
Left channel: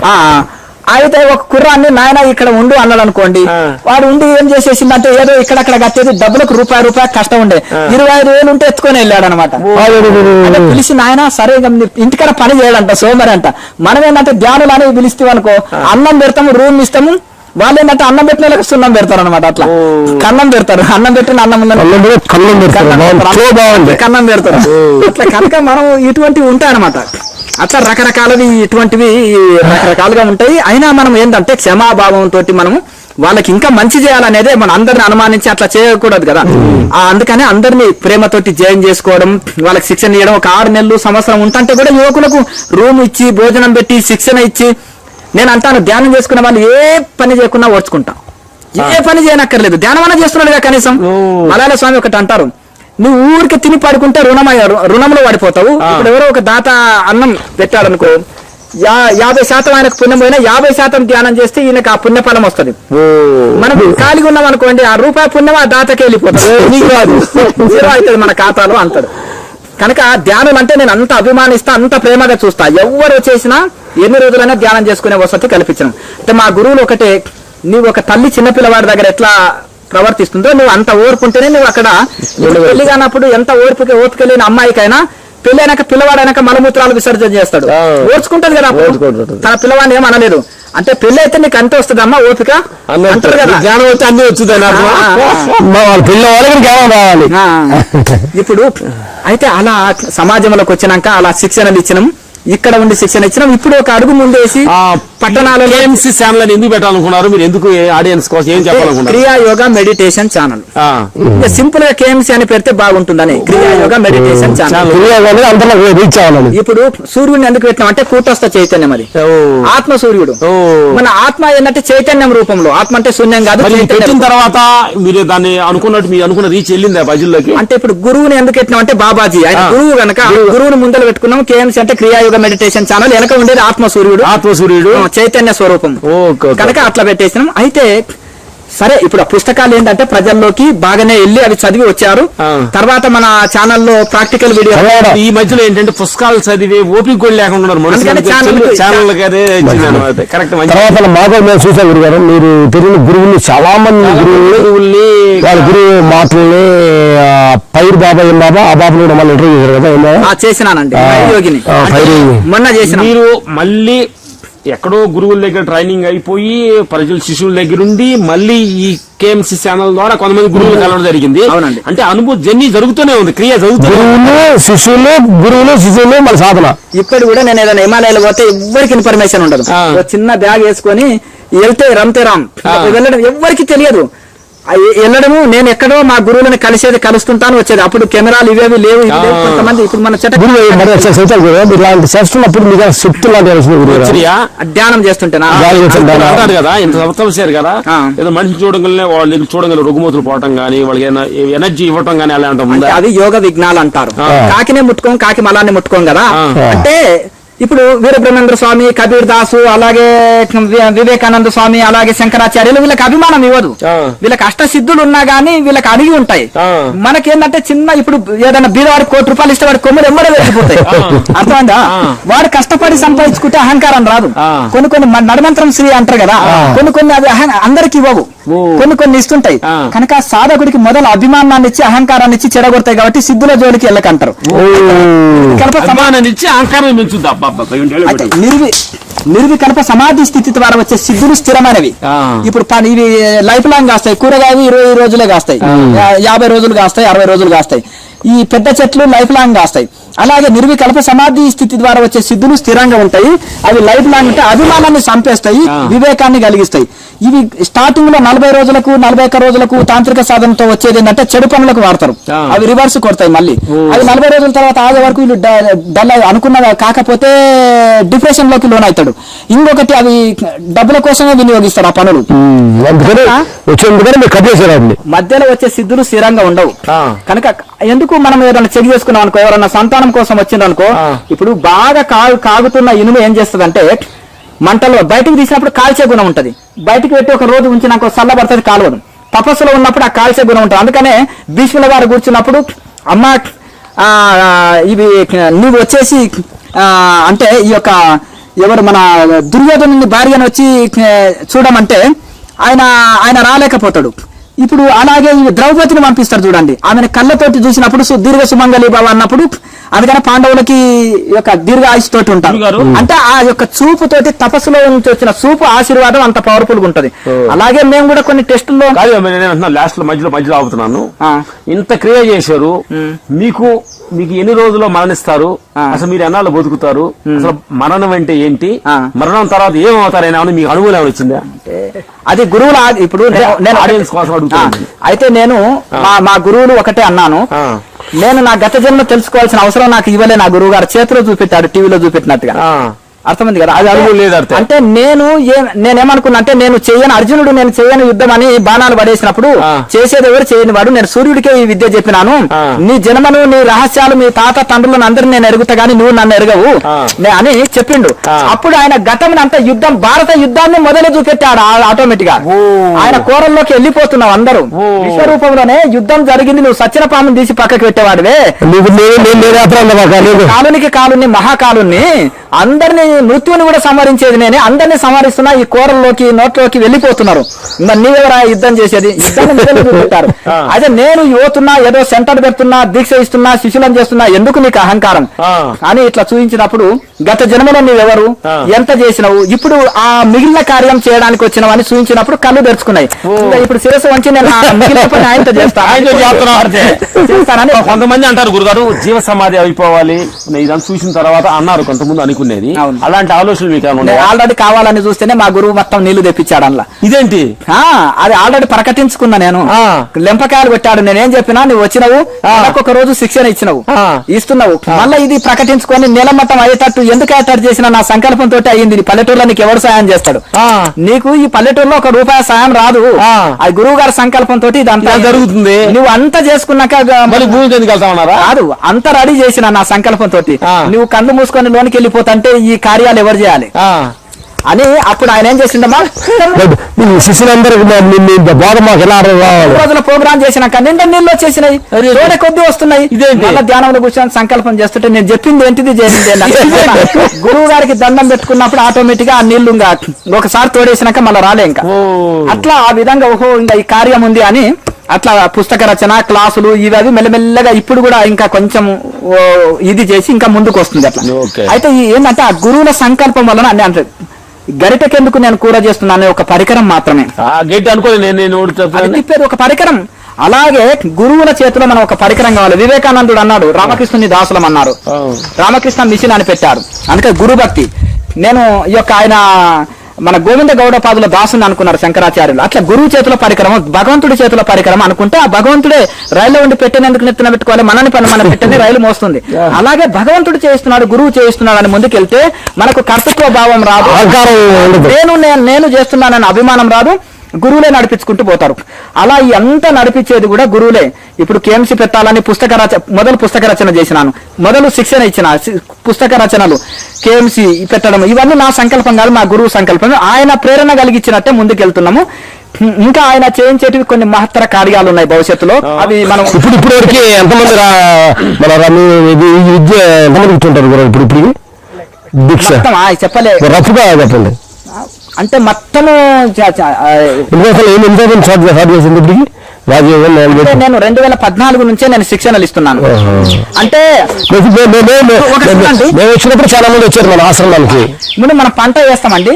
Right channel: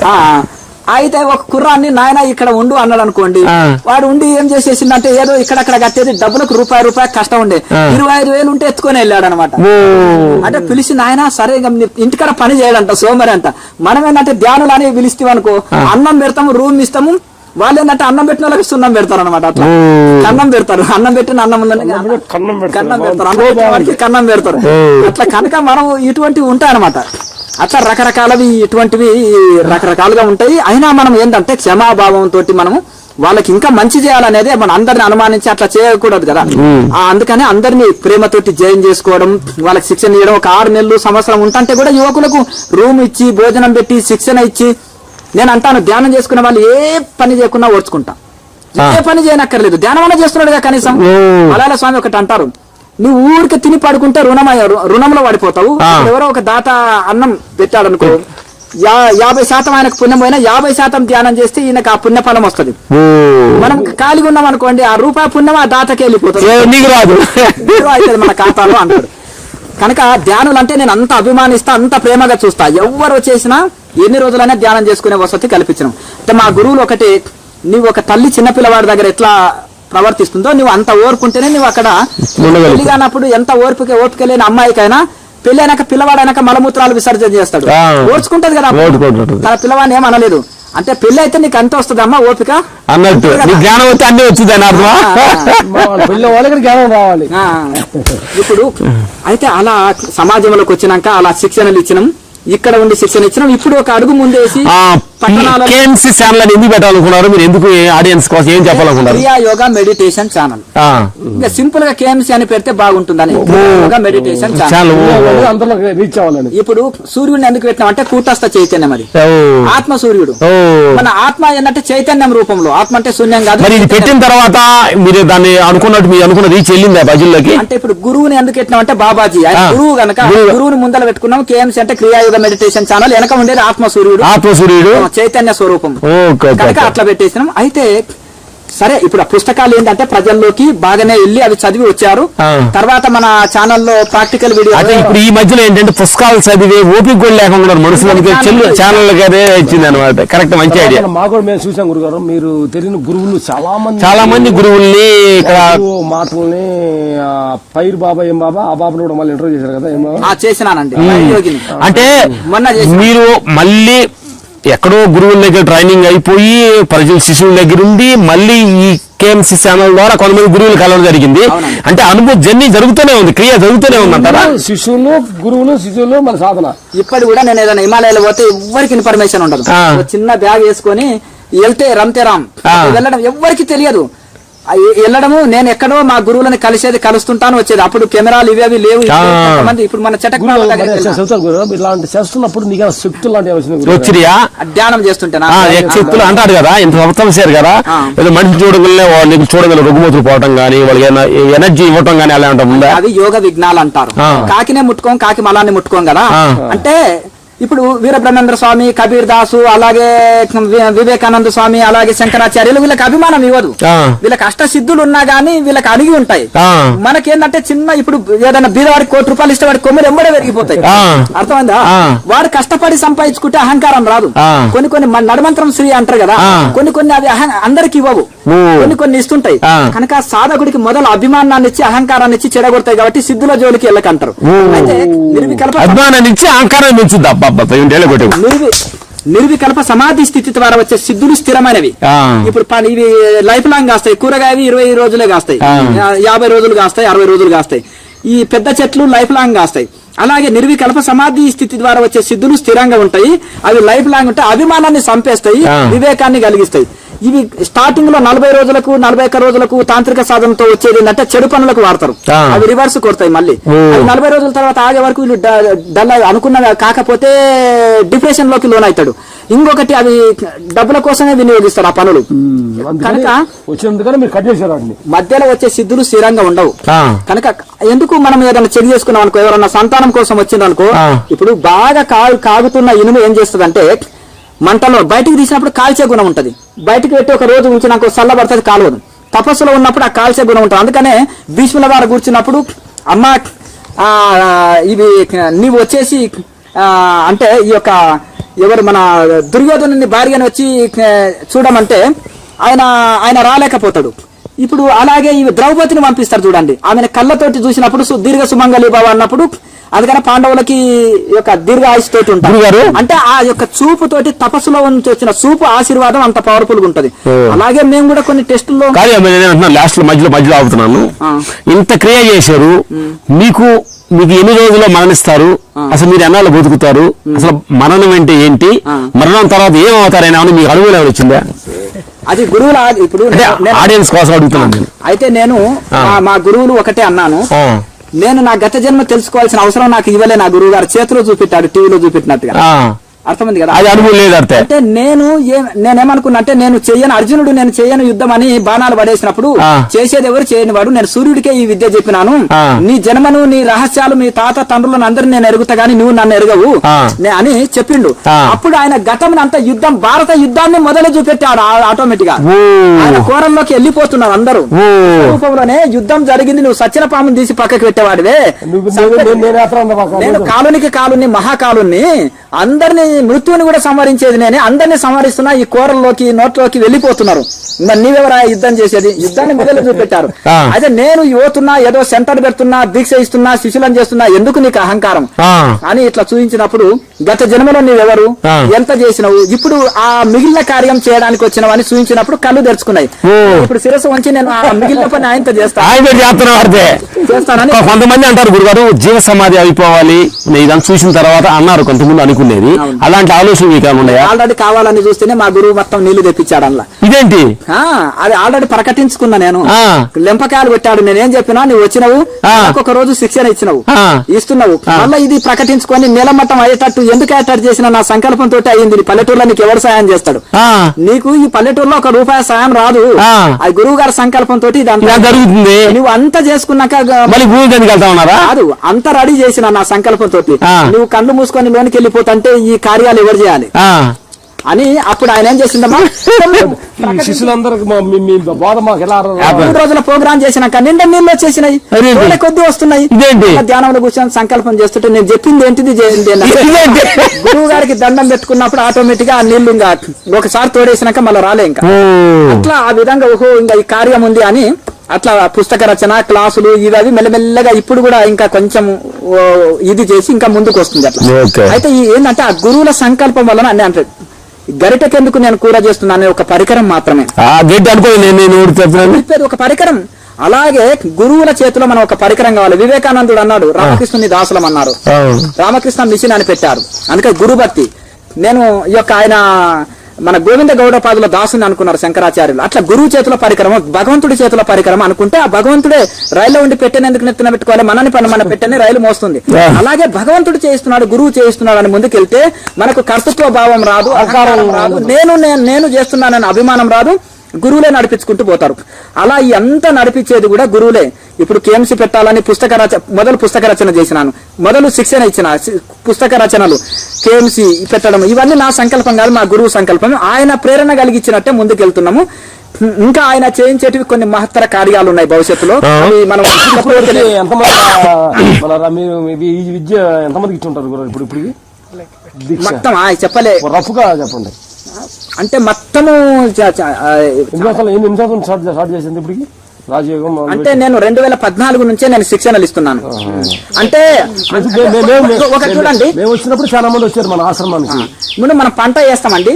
అయితే ఒక కుర్రాన్ని నాయన ఇక్కడ ఉండు అన్నాడు అనుకోండి, వాడు ఉండి ఏం చేసేసిందంటే ఏదో ఇక్కడక్కడ కట్టేది డబ్బులకు రూపాయి కష్టం ఉండే 25,000 ఉంటే ఎత్తుకొని వెళ్ళాడు అనమాట. అంటే పిలిచి నాయన సరే ఇంటికాడ పని చేయడంట సోమరి అంట. మనం ఏంటంటే ధ్యానులు అనేవి పిలిస్తే అనుకో అన్నం పెడతాము రూమ్ ఇస్తాము, వాళ్ళు ఏంటంటే అన్నం పెట్టిన వాళ్ళకి సున్నం పెడతారు అనమాట. అట్లా కన్నం పెడతారు, అన్నం పెట్టిన అన్నం కన్నం పెడతారు. అట్లా కనుక మనం ఇటువంటివి ఉంటాయి అనమాట. అట్లా రకరకాలవి ఇటువంటివి రకరకాలుగా ఉంటాయి. అయినా మనం ఏంటంటే క్షమాభావంతో మనము వాళ్ళకి ఇంకా మంచి చేయాలనేదే మన అందరిని అనుమానించి అట్లా చేయకూడదు కదా. అందుకనే అందరినీ ప్రేమతోటి జాయిన్ చేసుకోవడం, వాళ్ళకి శిక్షణ ఇవ్వడం. ఒక 6 నెలలు సంవత్సరం ఉంటే కూడా యువకులకు రూమ్ ఇచ్చి భోజనం పెట్టి శిక్షణ ఇచ్చి, నేను అంటాను ధ్యానం చేసుకున్న వాళ్ళు ఏ పని చేయకుండా ఓర్చుకుంటాం, ఏ పని చేయనక్కర్లేదు, ధ్యానం అలా చేస్తున్నాడు కనీసం. మలయాళ స్వామి ఒకటి అంటారు, నువ్వు ఊరికి తిని పడుకుంటే రుణంలో పడిపోతావు. ఎవరో ఒక దాత అన్నం పెట్టాడు అనుకో, 50% ఆయనకు పుణ్యం పోయినా 50% ధ్యానం చేస్తే ఈయనకు ఆ పుణ్య ఫలం వస్తుంది. మనం ఖాళీగా ఉన్నాం అనుకోండి, ఆ రూపాయి పుణ్యం ఆ దాతకే వెళ్ళిపోతుంది, జీరో అవుతుంది మన ఖాతాలో అంటాడు. కనుక ధ్యానులు అంటే నేను అంత అభిమానిస్తా, అంత ప్రేమగా చూస్తా. ఎవరు చేసినా ఎన్ని రోజులైనా ధ్యానం చేసుకునే వసతి కల్పించడం. అంటే మా గురువులు ఒకటే, నీవు ఒక తల్లి చిన్నపిల్లవాడి దగ్గర ఎట్లా ప్రవర్తిస్తుందో నువ్వు అంత ఓర్పుంటేనే నువ్వు అక్కడ పెళ్లి కానప్పుడు ఎంత ఓపిక లేని అమ్మాయికైనా పెళ్ళైనాక పిల్లవాడైనాక మలమూత్రాలు విసర్జన చేస్తాడు, ఓర్చుకుంటాడు కదా. తన పిల్లవాడిని ఏమనలేదు అంటే పెళ్లి అయితే నీకు అంత వస్తుంది అమ్మా ఓపిక ఇప్పుడు. అయితే అలా సమాజంలోకి వచ్చినాక అలా శిక్షణలు ఇచ్చినాం, ఇక్కడ ఉండి శిక్షణ ఇచ్చినాం. ఇప్పుడు ఒక అడుగు ముందేసి పట్టణాలలో ఎందుకు పెట్టాలనుకున్నారు మీరు? ఎందుకు ఆడియన్స్ కోసం ఏం చెప్పాలనుకున్నారు? క్రియా యోగా మెడిటేషన్ ఛానల్. సింపుల్ గా కేఎంసీ అని పెడితే బాగుంటుందని క్రియా యోగా మెడిటేషన్ ఛానల్. ఇప్పుడు సూర్యుడిని ఎందుకు పెట్టాం అంటే కూటస్థ చైతన్యం, అది ఆత్మ సూర్యుడు. మన ఆత్మ ఏంటంటే చైతన్యం రూపంలో, ఆత్మ అంటే శూన్యం కాదు. పెట్టిన తర్వాత మీరు దాన్ని అనుకున్నట్టు మీరు అనుకున్నది చెల్లిందా ప్రజల్లోకి? అంటే ఇప్పుడు గురువుని ఎందుకు పెట్టినాం అంటే బాబాజీ ఆయన గురువు కనుక గురువుని ముందర పెట్టుకున్నాం. కేఎంసీ అంటే క్రియా మెడిటేషన్ ఛానల్, వెనక ఉండేది ఆత్మసూర్యుడు చైతన్య స్వరూపం కనుక అట్లా పెట్టేసినాం. అయితే సరే ఇప్పుడు పుస్తకాలు ఏంటంటే ప్రజల్లోకి బాగానే వెళ్ళి అవి చదివి వచ్చారు. తర్వాత మన ఛానల్లో ప్రాక్టికల్ వీడియో ఈ మధ్యలో ఏంటంటే పుస్తకాలు చదివి ఓపిక కూడా లేకుండా మాకు మేము చూసాం గురుగారు, మీరు తెలియని గురువుల్ని చాలా మంది గురువుల్ని మాటల్ని పైరు బాబా ఏం బాబా ఆ బాబు కూడా మళ్ళీ ఇంటర్వ్యూ చేశారు కదా? చేసినానండి. అంటే మొన్న చేసి మీరు మళ్ళీ ఎక్కడో గురువుల దగ్గర ట్రైనింగ్ అయిపోయి ప్రజల శిశువుల దగ్గర ఉండి మళ్ళీ ఈ కేఎంసీ ఛానల్ ద్వారా కొంతమంది గురువులు కలవడం జరిగింది. అంటే అనుభవ జర్నీ జరుగుతూనే ఉంది, క్రియ జరుగుతూనే ఉంది. శిష్యులు గురువులు మన సాధన. ఇప్పుడు కూడా నేను ఏదైనా హిమాలయాలు పోతే ఎవరికి ఇన్ఫర్మేషన్ ఉండదు. చిన్న బ్యాగ్ వేసుకొని వెళ్తే రమ్తే రామ్ వెళ్ళడం ఎవరికి తెలియదు. వెళ్ళడము నేను ఎక్కడో మా గురువులని కలుస్తుంటాను వచ్చేది. అప్పుడు కెమెరాలు ఇవేవి లేవు. ఇప్పుడు మన ధ్యానం చేస్తుంటే అంటారు కదా ఇంత సంవత్సరం కదా ఏదో మనిషి చూడగల రుగ్మతులు పోవటం కానీ వాళ్ళకి ఎనర్జీ ఇవ్వటం కానీ అలా ఉంటుంది. అది యోగ విజ్ఞాలు అంటారు. కాకినే ముట్టుకోం, కాకి మలాన్ని ముట్టుకోం కదా. అంటే ఇప్పుడు వీరబ్రహ్మేంద్ర స్వామి, కబీర్ దాసు, అలాగే వివేకానంద స్వామి, అలాగే శంకరాచార్యులు వీళ్ళకి అభిమానం ఇవ్వదు. వీళ్ళకి అష్టసిద్ధులు ఉన్నా గానీ వీళ్ళకి అడిగి ఉంటాయి. మనకేంటంటే చిన్న ఇప్పుడు ఏదైనా బీదవాడికి ₹1 ఇస్తే వాడి కొమ్మలు ఎమ్మడే వెళ్ళిపోతాయి. అర్థమైందా? వాడు కష్టపడి సంపాదించుకుంటే అహంకారం రాదు. కొన్ని నడమంత్రం శ్రీ అంటారు కదా, కొన్ని అవి అందరికి ఇవ్వవు, కొన్ని ఇస్తుంటాయి. కనుక సాధకుడికి మొదలు అభిమానాన్ని ఇచ్చి అహంకారాన్ని ఇచ్చి చెడగొడతాయి. కాబట్టి సిద్ధుల జోలికి వెళ్ళకంటారు. అభిమానాన్ని ఇచ్చి అహంకారం పెంచుద్దా? నిర్వికల్ప సమాధి స్థితి ద్వారా వచ్చే సిద్ధులు స్థిరమైనవి. ఇప్పుడు ఇవి లైఫ్ లాంగ్ కాస్తాయి. కూరగాయలు 20 రోజులే కాస్తాయి, 50 రోజులు కాస్తాయి, 60 రోజులు కాస్తాయి. ఈ పెద్ద చెట్లు లైఫ్ లాంగ్ కాస్తాయి. అలాగే నిర్వికల్ప సమాధి స్థితి ద్వారా వచ్చే సిద్ధులు స్థిరంగా ఉంటాయి. అవి లైఫ్ లాంగ్ ఉంటే అభిమానాన్ని చంపేస్తాయి, వివేకాన్ని కలిగిస్తాయి. ఇవి స్టార్టింగ్ లో 40 రోజులకు 41 రోజులకు తాంత్రిక సాధనతో వచ్చేది ఏంటంటే చెడు పనులకు వాడతారు. అవి రివర్స్ కొడతాయి. మళ్ళీ అవి 40 రోజుల తర్వాత ఆగే వరకు వీళ్ళు డల్ అనుకున్న కాకపోతే డిప్రెషన్ లోకి లోన్ అవుతాడు. ఇంకొకటి అవి డబ్బుల కోసమే వినియోగిస్తారు ఆ పనులు. మధ్యలో వచ్చే సిద్ధులు స్థిరంగా ఉండవు. కనుక ఎందుకు మనం ఏదైనా చెక్ చేసుకున్నాం అనుకో, ఎవరన్నా సంతానం కోసం వచ్చిందనుకో, ఇప్పుడు బాగా కాగుతున్న ఇనుము ఏం చేస్తుందంటే మంటలో బయటకు తీసినప్పుడు కాల్చే గుణం ఉంటది. బయటకు పెట్టి ఒక రోజు ఉంచి నాకు చల్లబడుతుంది, కాలవదు. తపస్సులో ఉన్నప్పుడు ఆ కాల్చే గుణం ఉంటుంది. అందుకనే భీష్ముల వారు కూర్చున్నప్పుడు అమ్మ ఇవి నీవు వచ్చేసి అంటే ఈ యొక్క ఎవరు మన దుర్యోధను భార్యను వచ్చి చూడమంటే ఆయన రాలేకపోతాడు. ఇప్పుడు అలాగే ఈ ద్రౌపదిని పంపిస్తారు చూడండి, ఆమెను కళ్ళతోటి చూసినప్పుడు దీర్ఘ సుమంగళి బాబు అన్నప్పుడు అందుకని పాండవులకి యొక్క దీర్ఘ ఆయుష్ తోటి ఉంటారు. అంటే ఆ యొక్క చూపుతోటి తపస్సులో నుంచి వచ్చిన చూపు ఆశీర్వాదం అంత పవర్ఫుల్ గా ఉంటది. అలాగే మేము కూడా కొన్ని టెస్టుల్లో లాస్ట్ మధ్యలో ఆగుతున్నాను, ఇంత క్రియ చేశారు, మీకు ఎన్ని రోజుల్లో మరణిస్తారు, అసలు మీరు ఎన్నాళ్ళు బతుకుతారు, అసలు మరణం అంటే ఏంటి, మరణం తర్వాత ఏం అవుతారైనా అని మీకు అనుమానం వచ్చిందా? అది గురువుల ఇప్పుడు ఆడియన్స్ కోసం అడుగుతాను. అయితే నేను మా గురువులు ఒకటే అన్నాను, నేను నా గత జన్మ తెలుసుకోవాల్సిన అవసరం నాకు ఇవ్వలే, నా గురువు గారు చేతిలో చూపెట్టారు, టీవీలో చూపెట్టినట్టుగా. అర్థమైంది కదా? అంటే నేనేమనుకున్నా అంటే నేను చేయని యుద్ధం అని బాణాలు పడేసినప్పుడు చేసేది ఎవరు చేయని వాడు, నేను సూర్యుడికే ఈ విద్య చెప్పినాను, నీ జన్మను నీ రహస్యాలు మీ తాత తండ్రులను అందరినీ నేను ఎరుగుతా గానీ నువ్వు నన్ను ఎరగవు అని చెప్పిండు. అప్పుడు ఆయన గతం అంతా యుద్ధం, భారత యుద్ధాన్ని మొదలు చూపెట్టాడు ఆటోమేటిక్ గా. ఆయన కోరల్లోకి వెళ్ళిపోతున్నావు అందరూ. రూపంలోనే యుద్ధం జరిగింది, నువ్వు సచ్చిన పామును తీసి పక్కకి పెట్టేవాడివే, కాలునికి కాలుని మహాకాలుని అందరినీ మృత్యుని కూడా సంహరించేది నేనే, అందరినీ సంహరిస్తున్నా, ఈ కూరల్లోకి నోట్లోకి వెళ్ళిపోతున్నారు, నీవెవరా యుద్ధం చేసేది, యుద్ధాన్ని మొదలు చూపెట్టారు. అయితే నేను యువతున్నా, ఏదో సెంటర్ పెడుతున్నా, దీక్ష ఇస్తున్నా, శిష్యులను చేస్తున్నా, ఎందుకు నీకు అహంకారం అని ఇట్లా చూపించినప్పుడు గత జన్మలో నీవెవరు, ఎంత చేసినవు, ఇప్పుడు ఆ మిగిలిన కార్యం చేయడానికి వచ్చినవు అని చూపించినప్పుడు కళ్ళు తెరుచుకున్నాయి. ఇప్పుడు శిరస్సు వంచి నేను మిగిలిన పని ఆయనతో చేస్తానని కొంతమంది అంటారు గురుగారు జీవ సమాధి అయిపోవాలి ఇదంతా చూసిన తర్వాత అన్నారు కొంతమంది అనుకునేది, అలాంటి ఆలోచన మీకు ఆల్రెడీ కావాలని చూస్తేనే మా గురువు మొత్తం నీళ్లు తెప్పించాడు అలా. ఇదేంటి అది ఆల్రెడీ ప్రకటించుకున్నా నేను, లెంపకాయలు పెట్టాడు, నేనేం చెప్పినా నువ్వు వచ్చినవు, ఒక రోజు శిక్షణ ఇస్తున్నావు, మళ్ళీ ఇది ప్రకటించుకొని నీలమట్టం అయ్యేటట్టు ఎందుకు అయ్యేటట్టు చేసిన నా సంకల్పంతో అయ్యింది. పల్లెటూరులో నీకు ఎవరు సాయం చేస్తాడు, నీకు ఈ పల్లెటూరులో ₹1 సాయం రాదు, అది గురువు గారి సంకల్పంతో ఇదంతా జరుగుతుంది. నువ్వు అంతా చేసుకున్నాక కాదు, అంతా రెడీ చేసిన నా సంకల్పంతో నువ్వు కళ్ళు మూసుకొని లోనికి వెళ్ళిపోతుంటే ఈ కార్యాలు ఎవరు చేయాలి అని అప్పుడు ఆయన ఏం చేసిందమ్మా, శిష్యులందరూ రోజుల ప్రోగ్రామ్ చేసినాక నిండా నీళ్ళు వచ్చేసినాయి, కొద్ది వస్తున్నాయి. ధ్యానంలో కూర్చొని సంకల్పం చేస్తుంటే నేను చెప్పింది ఏంటిది గురువు గారికి దండం పెట్టుకున్నప్పుడు ఆటోమేటిక్ గా ఆ నీళ్లు ఒకసారి తోడేసినాక మళ్ళీ రాలే ఇంకా. అట్లా ఆ విధంగా ఓహో ఇంకా ఈ కార్యం ఉంది అని అట్లా పుస్తక రచన క్లాసులు ఇవి మెల్లమెల్లగా ఇప్పుడు కూడా ఇంకా కొంచెం ఇది చేసి ఇంకా ముందుకు వస్తుంది అట్లా. అయితే ఏంటంటే ఆ గురువుల సంకల్పం వలన అన్ని అంటే గరిటకెందుకు నేను కూర చేస్తున్నాను ఒక పరికరం మాత్రమే, ఒక పరికరం. అలాగే గురువుల చేతిలో మనం ఒక పరికరం కావాలి. వివేకానందుడు అన్నాడు రామకృష్ణుని దాసులం అన్నారు, రామకృష్ణ మిషన్ అని పెట్టారు, అందుకే గురు భక్తి. నేను ఈ యొక్క ఆయన మన గోవింద గౌడపాదుల దాసుని అనుకున్నారు శంకరాచార్యులు. అట్లా గురువు చేతుల పరికరం, భగవంతుడి చేతుల పరికరం అనుకుంటే ఆ భగవంతుడే రైల్లో ఉండి పెట్టేందుకు నెత్తిన పెట్టుకోవాలి, మనని పని మనం పెట్టని రైలు మోస్తుంది. అలాగే భగవంతుడు చేయిస్తున్నాడు, గురువు చేయిస్తున్నాడు అని ముందుకెళ్తే మనకు కర్తృత్వ భావం రాదు, నేను చేస్తున్నానని అభిమానం రాదు, గురువులే నడిపించుకుంటూ పోతారు. అలా అంతా నడిపించేది కూడా గురువులే. ఇప్పుడు కేఎంసీ పెట్టాలని మొదలు పుస్తక రచన చేసినాను, మొదలు శిక్షణ ఇచ్చిన పుస్తక రచనలు కేఎంసీ పెట్టడం ఇవన్నీ నా సంకల్పం కాదు, మా గురువు సంకల్పం. ఆయన ప్రేరణ కలిగించినట్టే ముందుకెళ్తున్నాము. ఇంకా ఆయన చేయించేటివి కొన్ని మహత్తర కార్యాలు ఉన్నాయి భవిష్యత్తులో. అవి మనం చెప్పలే అంటే మొత్తము నేను 2014 నుంచే నేను శిక్షణలు ఇస్తున్నాను. అంటే వచ్చినప్పుడు చాలా మంది వచ్చారు మన ఆశ్రమానికి. ముందు మనం పంట వేస్తామండి,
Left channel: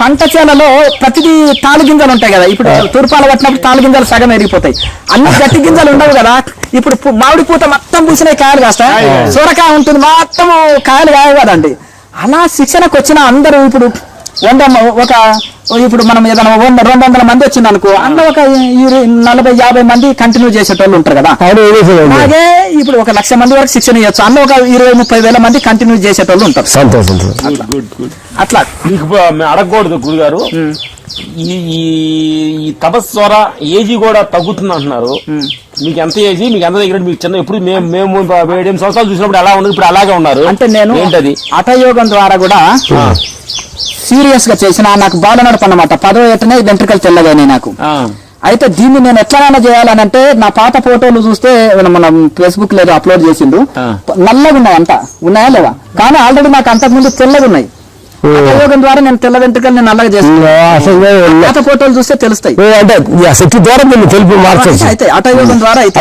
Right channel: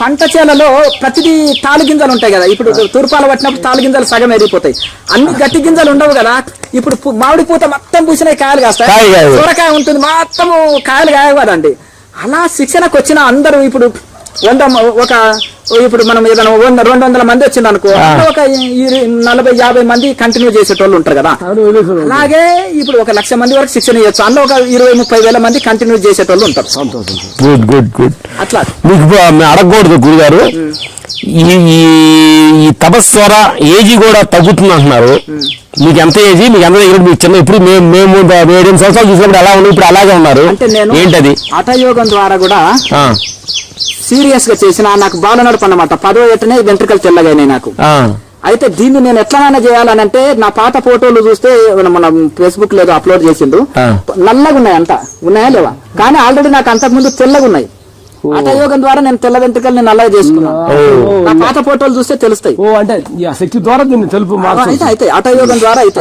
పంట చేలలో ప్రతిదీ తాలు గింజలు ఉంటాయి కదా, ఇప్పుడు తూర్పాలు పట్టినప్పుడు తాలు గింజలు సగం ఎరిగిపోతాయి, అన్ని గట్టి గింజలు ఉండవు కదా. ఇప్పుడు మామిడి పూత మొత్తం పూసిన కాయలు కాస్తాయి, సూరకాయ ఉంటుంది మొత్తం కాయలు కాయవు కదండి. అలా శిక్షణకు వచ్చిన అందరూ ఇప్పుడు ఇప్పుడు మనం ఏదైనా 200 మంది వచ్చింది అనుకో, అందులో ఒక 40-50 మంది కంటిన్యూ చేసేటోళ్ళు ఉంటారు కదా. అలాగే ఇప్పుడు 1,00,000 మంది వరకు శిక్షణ ఇవ్వచ్చు, అందులో ఒక 20-30 వేల మంది కంటిన్యూ చేసేటోళ్ళు ఉంటారు. అట్లా మీకు అడగకూడదు గురుగారు, ఈ తపస్వర ఏజీ కూడా తగ్గుతుంది అంటున్నారు. మీకు ఎంత ఏజీ, మీకు ఎంత మీకు చిన్న, ఇప్పుడు మేము 7 సంవత్సరాలు చూసినప్పుడు ఎలా ఉన్నారు, ఇప్పుడు అలాగే ఉన్నారు. అంటే నేను ఏంటది హఠయోగం ద్వారా కూడా సీరియస్ గా చేసిన నాకు బాల నడప అన్నమాట. 10వ ఏటనే వెంట్రుకలు తెల్లగానే నాకు. అయితే దీన్ని నేను ఎట్లనైనా చేయాలని అంటే నా పాత ఫోటోలు చూస్తే మనం ఫేస్బుక్ లో అప్లోడ్ చేసిండ్రు, నల్లగా ఉన్నాయి అంట, ఉన్నాయా లేవా, కానీ ఆల్రెడీ నాకు అంతకుముందు తెల్లగా ఉన్నాయి. హఠయోగం ద్వారా నేను తెల్ల వెంట్రుకలు నేను నల్లగా చేసుకున్నాను. పాత ఫోటోలు చూస్తే తెలుస్తాయి. అంటే ఆ శక్తి ద్వారా నేను తెలుపు మార్చవచ్చు. అయితే హఠయోగం ద్వారా అయితే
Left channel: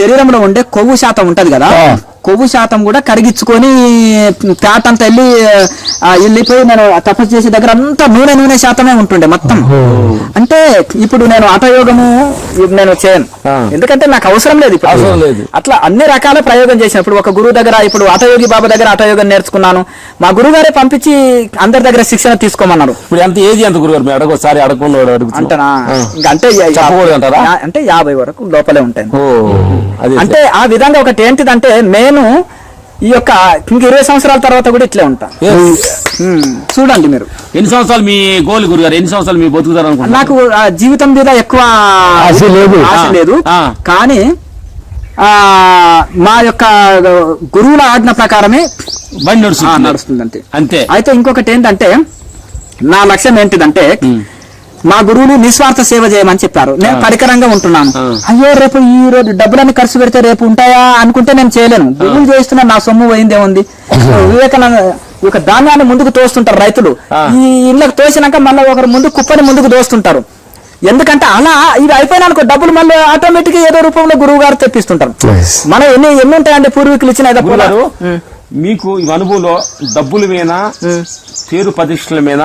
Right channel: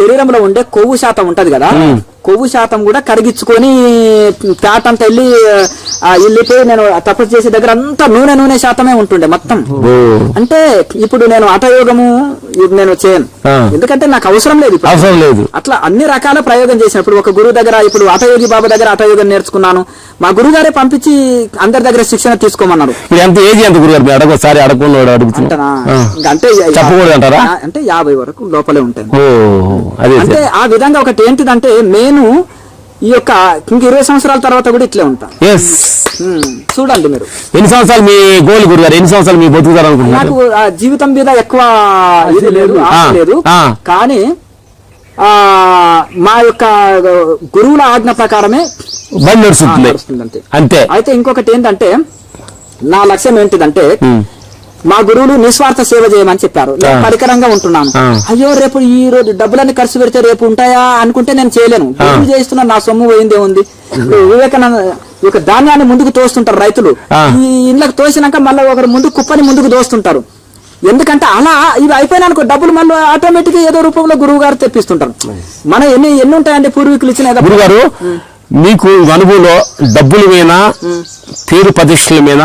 శరీరంలో ఉండే కొవ్వు శాతం ఉంటది కదా, కొవ్వు శాతం కూడా కరిగించుకొని ఫ్యాట్ అంతా వెళ్ళిపోయి నేను తపస్సు చేసే దగ్గర అంతా నూనె శాతమే ఉంటుండే మొత్తం. అంటే ఇప్పుడు నేను హఠయోగము నేను చేయను, ఎందుకంటే నాకు అవసరం లేదు. అట్లా అన్ని రకాల ప్రయోగం చేసినప్పుడు ఒక గురువు దగ్గర, ఇప్పుడు హఠయోగి బాబా దగ్గర హఠయోగం నేర్చుకున్నాను. మా గురువు గారే పంపించి అందరి దగ్గర శిక్షణ తీసుకోమన్నారు. అంటే 50 వరకు లోపలే ఉంటాయి. అంటే ఆ విధంగా ఒకటి ఏంటిదంటే నేను ఈ యొక్క ఇంక 20 సంవత్సరాల తర్వాత కూడా ఇట్లే ఉంటా. చూడండి మీరు ఎన్ని సంవత్సరాలు మీ గోల్ గురుగారు, ఎన్ని సంవత్సరాలు మీ బతుకుతారు? నాకు జీవితం మీద ఎక్కువ ఆశ లేదు, కానీ మా యొక్క గురువుల ఆజ్ఞ ప్రకారమే నడుస్తుంది అంతే. అయితే ఇంకొకటి ఏంటంటే నా లక్ష్యం ఏంటిదంటే మా గురువులు నిస్వార్థ సేవ చేయమని చెప్పారు. నేను పరికరంగా ఉంటున్నాను. అయ్యో రేపు ఈ రోజు డబ్బులన్నీ ఖర్చు పెడితే రేపు ఉంటాయా అనుకుంటే నేను చేయలేను. గురువు చేస్తున్నా, నా సొమ్ము పోయిందే ఉంది. వివేకానంద ఒక ధాన్యాన్ని ముందుకు తోస్తుంటారు రైతులు, ఈ ఇళ్ళకి తోసినాక మళ్ళీ ఒకరు ముందు కుప్పని ముందుకు దోస్తుంటారు. ఎందుకంటే అలా ఇవి అయిపోయినానుకో డబ్బులు మళ్ళీ ఆటోమేటిక్ గా ఏదో రూపంలో గురువు గారు తెప్పిస్తుంటారు. మనం ఎన్ని ఉంటాయండి పూర్వీకులు ఇచ్చిన గారు. మీకు అనుభవంలో డబ్బుల మీద, పేరు ప్రతిష్టల మీద,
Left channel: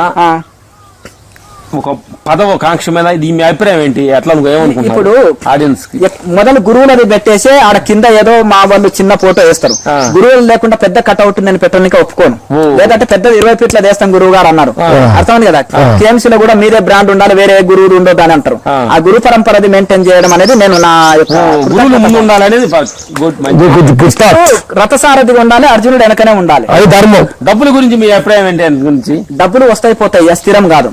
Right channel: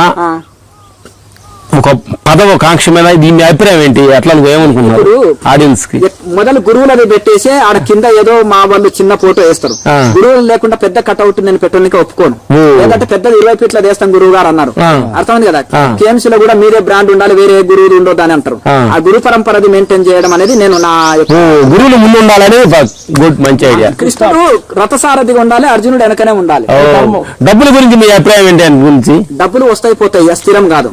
ఒక పదవ కాంక్ష మీద దీని అభిప్రాయం ఏంటి? అట్లా ఏమనుకుంటున్నారు ఆడియన్స్ కి? మొదలు గురువులది పెట్టేసి ఆడ కింద ఏదో మా వాళ్ళు చిన్న ఫోటో వేస్తారు. గురువులు లేకుండా పెద్ద కట్అవుట్ నేను పెట్టడానికి ఒప్పుకోను. లేదంటే పెద్ద 20 ఫీట్ల వేస్తాం గురువు గారు అన్నారు. అర్థమైంది కదా. కేఎంసీ లో కూడా మీరే బ్రాండ్ ఉండాలి, వేరే గురువులు ఉండొద్దు అని అంటారు. ఆ గురు పరంపరది మెయింటైన్ చేయడం అనేది నేను నా గురువులు ముందు ఉండాలని. రథసారథిగా ఉండాలి, అర్జునుడు వెనకనే ఉండాలి. డబ్బుల గురించి మీ అభిప్రాయం ఏంటి? అని గురించి డబ్బులు వస్తాయి పోతాయి, స్థిరం కాదు.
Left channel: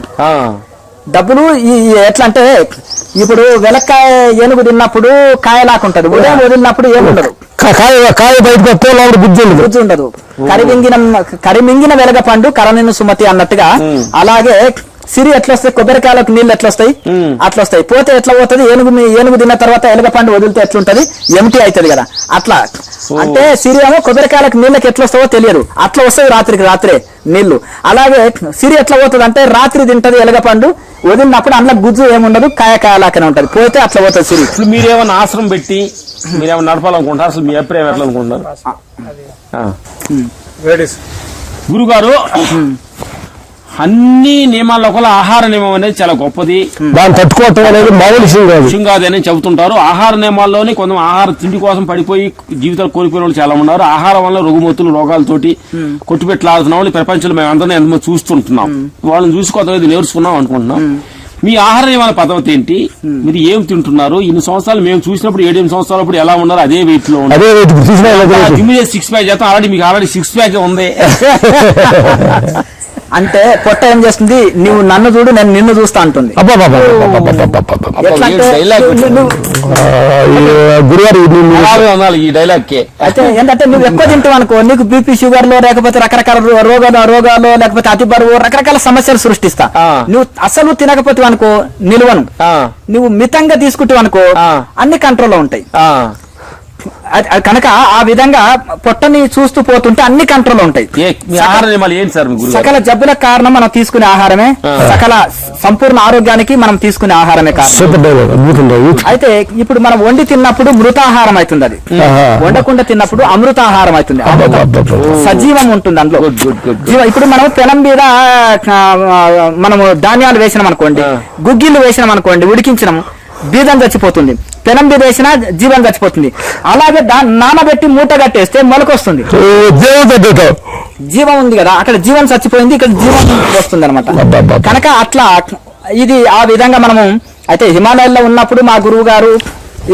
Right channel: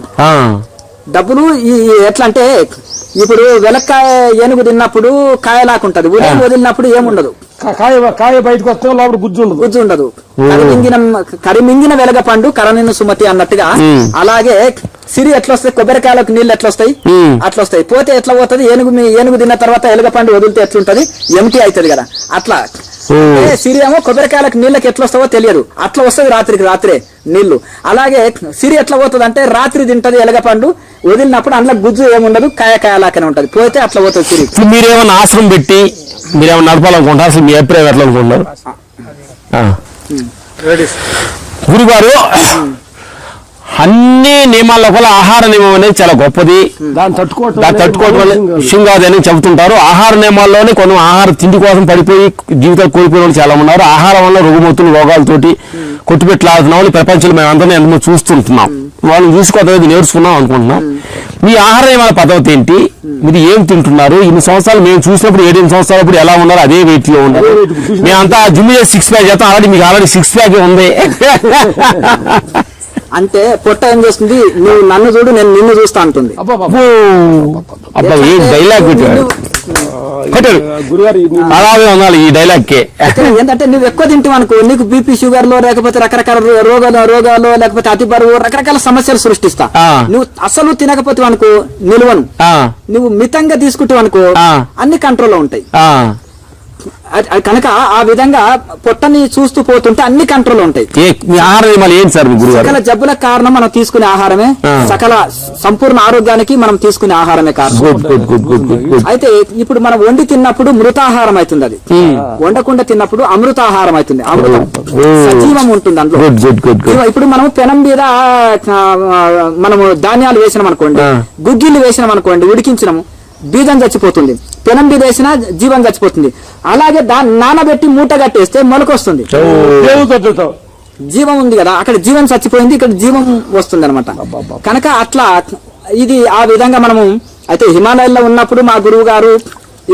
డబ్బులు ఎట్లా అంటే ఇప్పుడు వెలక్కాయ ఏనుగు తిన్నప్పుడు కాయలాకుంటది, ఉదయం వదిలినప్పుడు ఏముండదు, కాయ బయటకు బుజ్జి ఉండదు. కరిమింగిన వెలగ పండు కరనిన్ను సుమతి అన్నట్టుగా అలాగే సిరి ఎట్లొస్తాయి, కొబ్బరికాయలకు నీళ్ళు ఎట్లొస్తాయి అట్లొస్తాయి. పోతే ఎట్లా పోతుంది, ఏనుగు తిన్న తర్వాత ఎలుగ పండు వదిలితే ఎట్లుంటది, ఎంటీ అవుతుంది కదా. అట్లా అంటే సిరి ఏమో కొబ్బరికాయలకు నీళ్ళకి ఎట్లొస్తావో తెలియదు, అట్లా వస్తాయి రాత్రే నీళ్లు. అలాగే సిరి ఎట్లా పోతుంది అంటే రాత్రి తింటది ఎలుగ పండు, వదిలినప్పుడు అందులో గుజ్జు ఏముండదు, కాయలాగానే ఉంటది. పోతే అట్లా పోతుంది సిరి. మీరేమన్నా ఆశ్రమం పెట్టి మీరేమన్నా నడపాలనుకుంటారు? అసలు మీ అభిప్రాయం ఎట్లా అనుకుంటున్నారు? గురుగారు అన్ని నియమాల్లో కూడా ఆహార నియమం అనేది చాలా గొప్పది, దాన్ని తట్టుకోవటం కాదని చెబుతుంటారు. ఆహార నియమాల్లోనే కొన్ని ఆహార తిండి కోసం పడిపోయి జీవితాలు కోల్పోయిన వాళ్ళు చాలా ఉన్నారు. ఆహారం వల్ల రుగ్మతులు రోగాలతోటి కొట్టుపెట్టలాడుతున్న వాళ్ళు ప్రపంచంలో మేమందరం ఎంతో చూస్తుంటున్నాం. వాళ్ళని చూసి కొత్తగా నేర్చుకున్నాం అనుకుంటున్నాం. మీ ఆహార నియమాల పద్ధతి ఏంటి? మీరు ఏం తింటున్నారు? ఇన్ని సంవత్సరాలు మేము చూసినప్పుడు 7 సంవత్సరాలప్పుడు ఎలా ఉన్నారు అదే వెయిట్ లో ఉన్నారు. జిమ్ 6 ప్యాక్ చేస్తాం, ఆల్రెడీ 6 ప్యాక్ ఉంది. అంటే పొట్ట ఏం చేస్తుంది, నువ్వు నన్ను చూడు నేను నిన్ను చూస్తా అంటుంది. ఈ డైలాగ్ కి ఏంటంటే నువ్వు ఎక్కువ తింటావు అనుకో, నీకు బీపీ షుగర్ లో లేకపోతే రకరకాల రోగాలు లేకపోతే అతి బరువు రకరకాల సమస్యలు సృష్టిస్తా. నువ్వు అసలు తినకపోతే అనుకో నిలువను, నువ్వు మితంగా తీసుకుంటావు అనుకో అన్ని కంట్రోల్లో ఉంటాయి. కనుక ఆ విధంగా పొట్టని చూస్తూ పోతుంటే అన్ని కంట్రోల్లో ఉంటాయి. సకల జబ్బుల కారణం మనం తీసుకునే ఆహారమే, సకల సంపూర్ణ ఆరోగ్యానికి మనం తీసుకునే ఆహారమే కారణం. అయితే ఇప్పుడు మనం వండి తిన్నప్పుడు మృతాహారం అవుతుంది, అది వండకుండా తిన్నప్పుడు అమృతాహారం అవుతుంది. సజీవం ఉంటుంది అందులో. ఇప్పుడు మనం పెనం మీద మనము ధాన్యాలు వేసినాం అనుకోండి, గుగ్గిళ్ళు వేసినాం అనుకోండి, ఉడికించినాము, బీజం చచ్చిపోతుంది. పెనం మీద వేసినా జీవం చచ్చిపోతుంది. అలాగే దాన్ని నానబెట్టి మూట కట్టేస్తే మొలకొస్తుంది, జీవం ఉంది కదా. అక్కడ జీవం చచ్చిపోయింది, ఇక్కడ జీవం వస్తుంది అనమాట. కనుక అట్లా ఇది ఆ విధంగా మనము. అయితే హిమాలయాల్లో ఉన్నప్పుడు మా గురువు గారు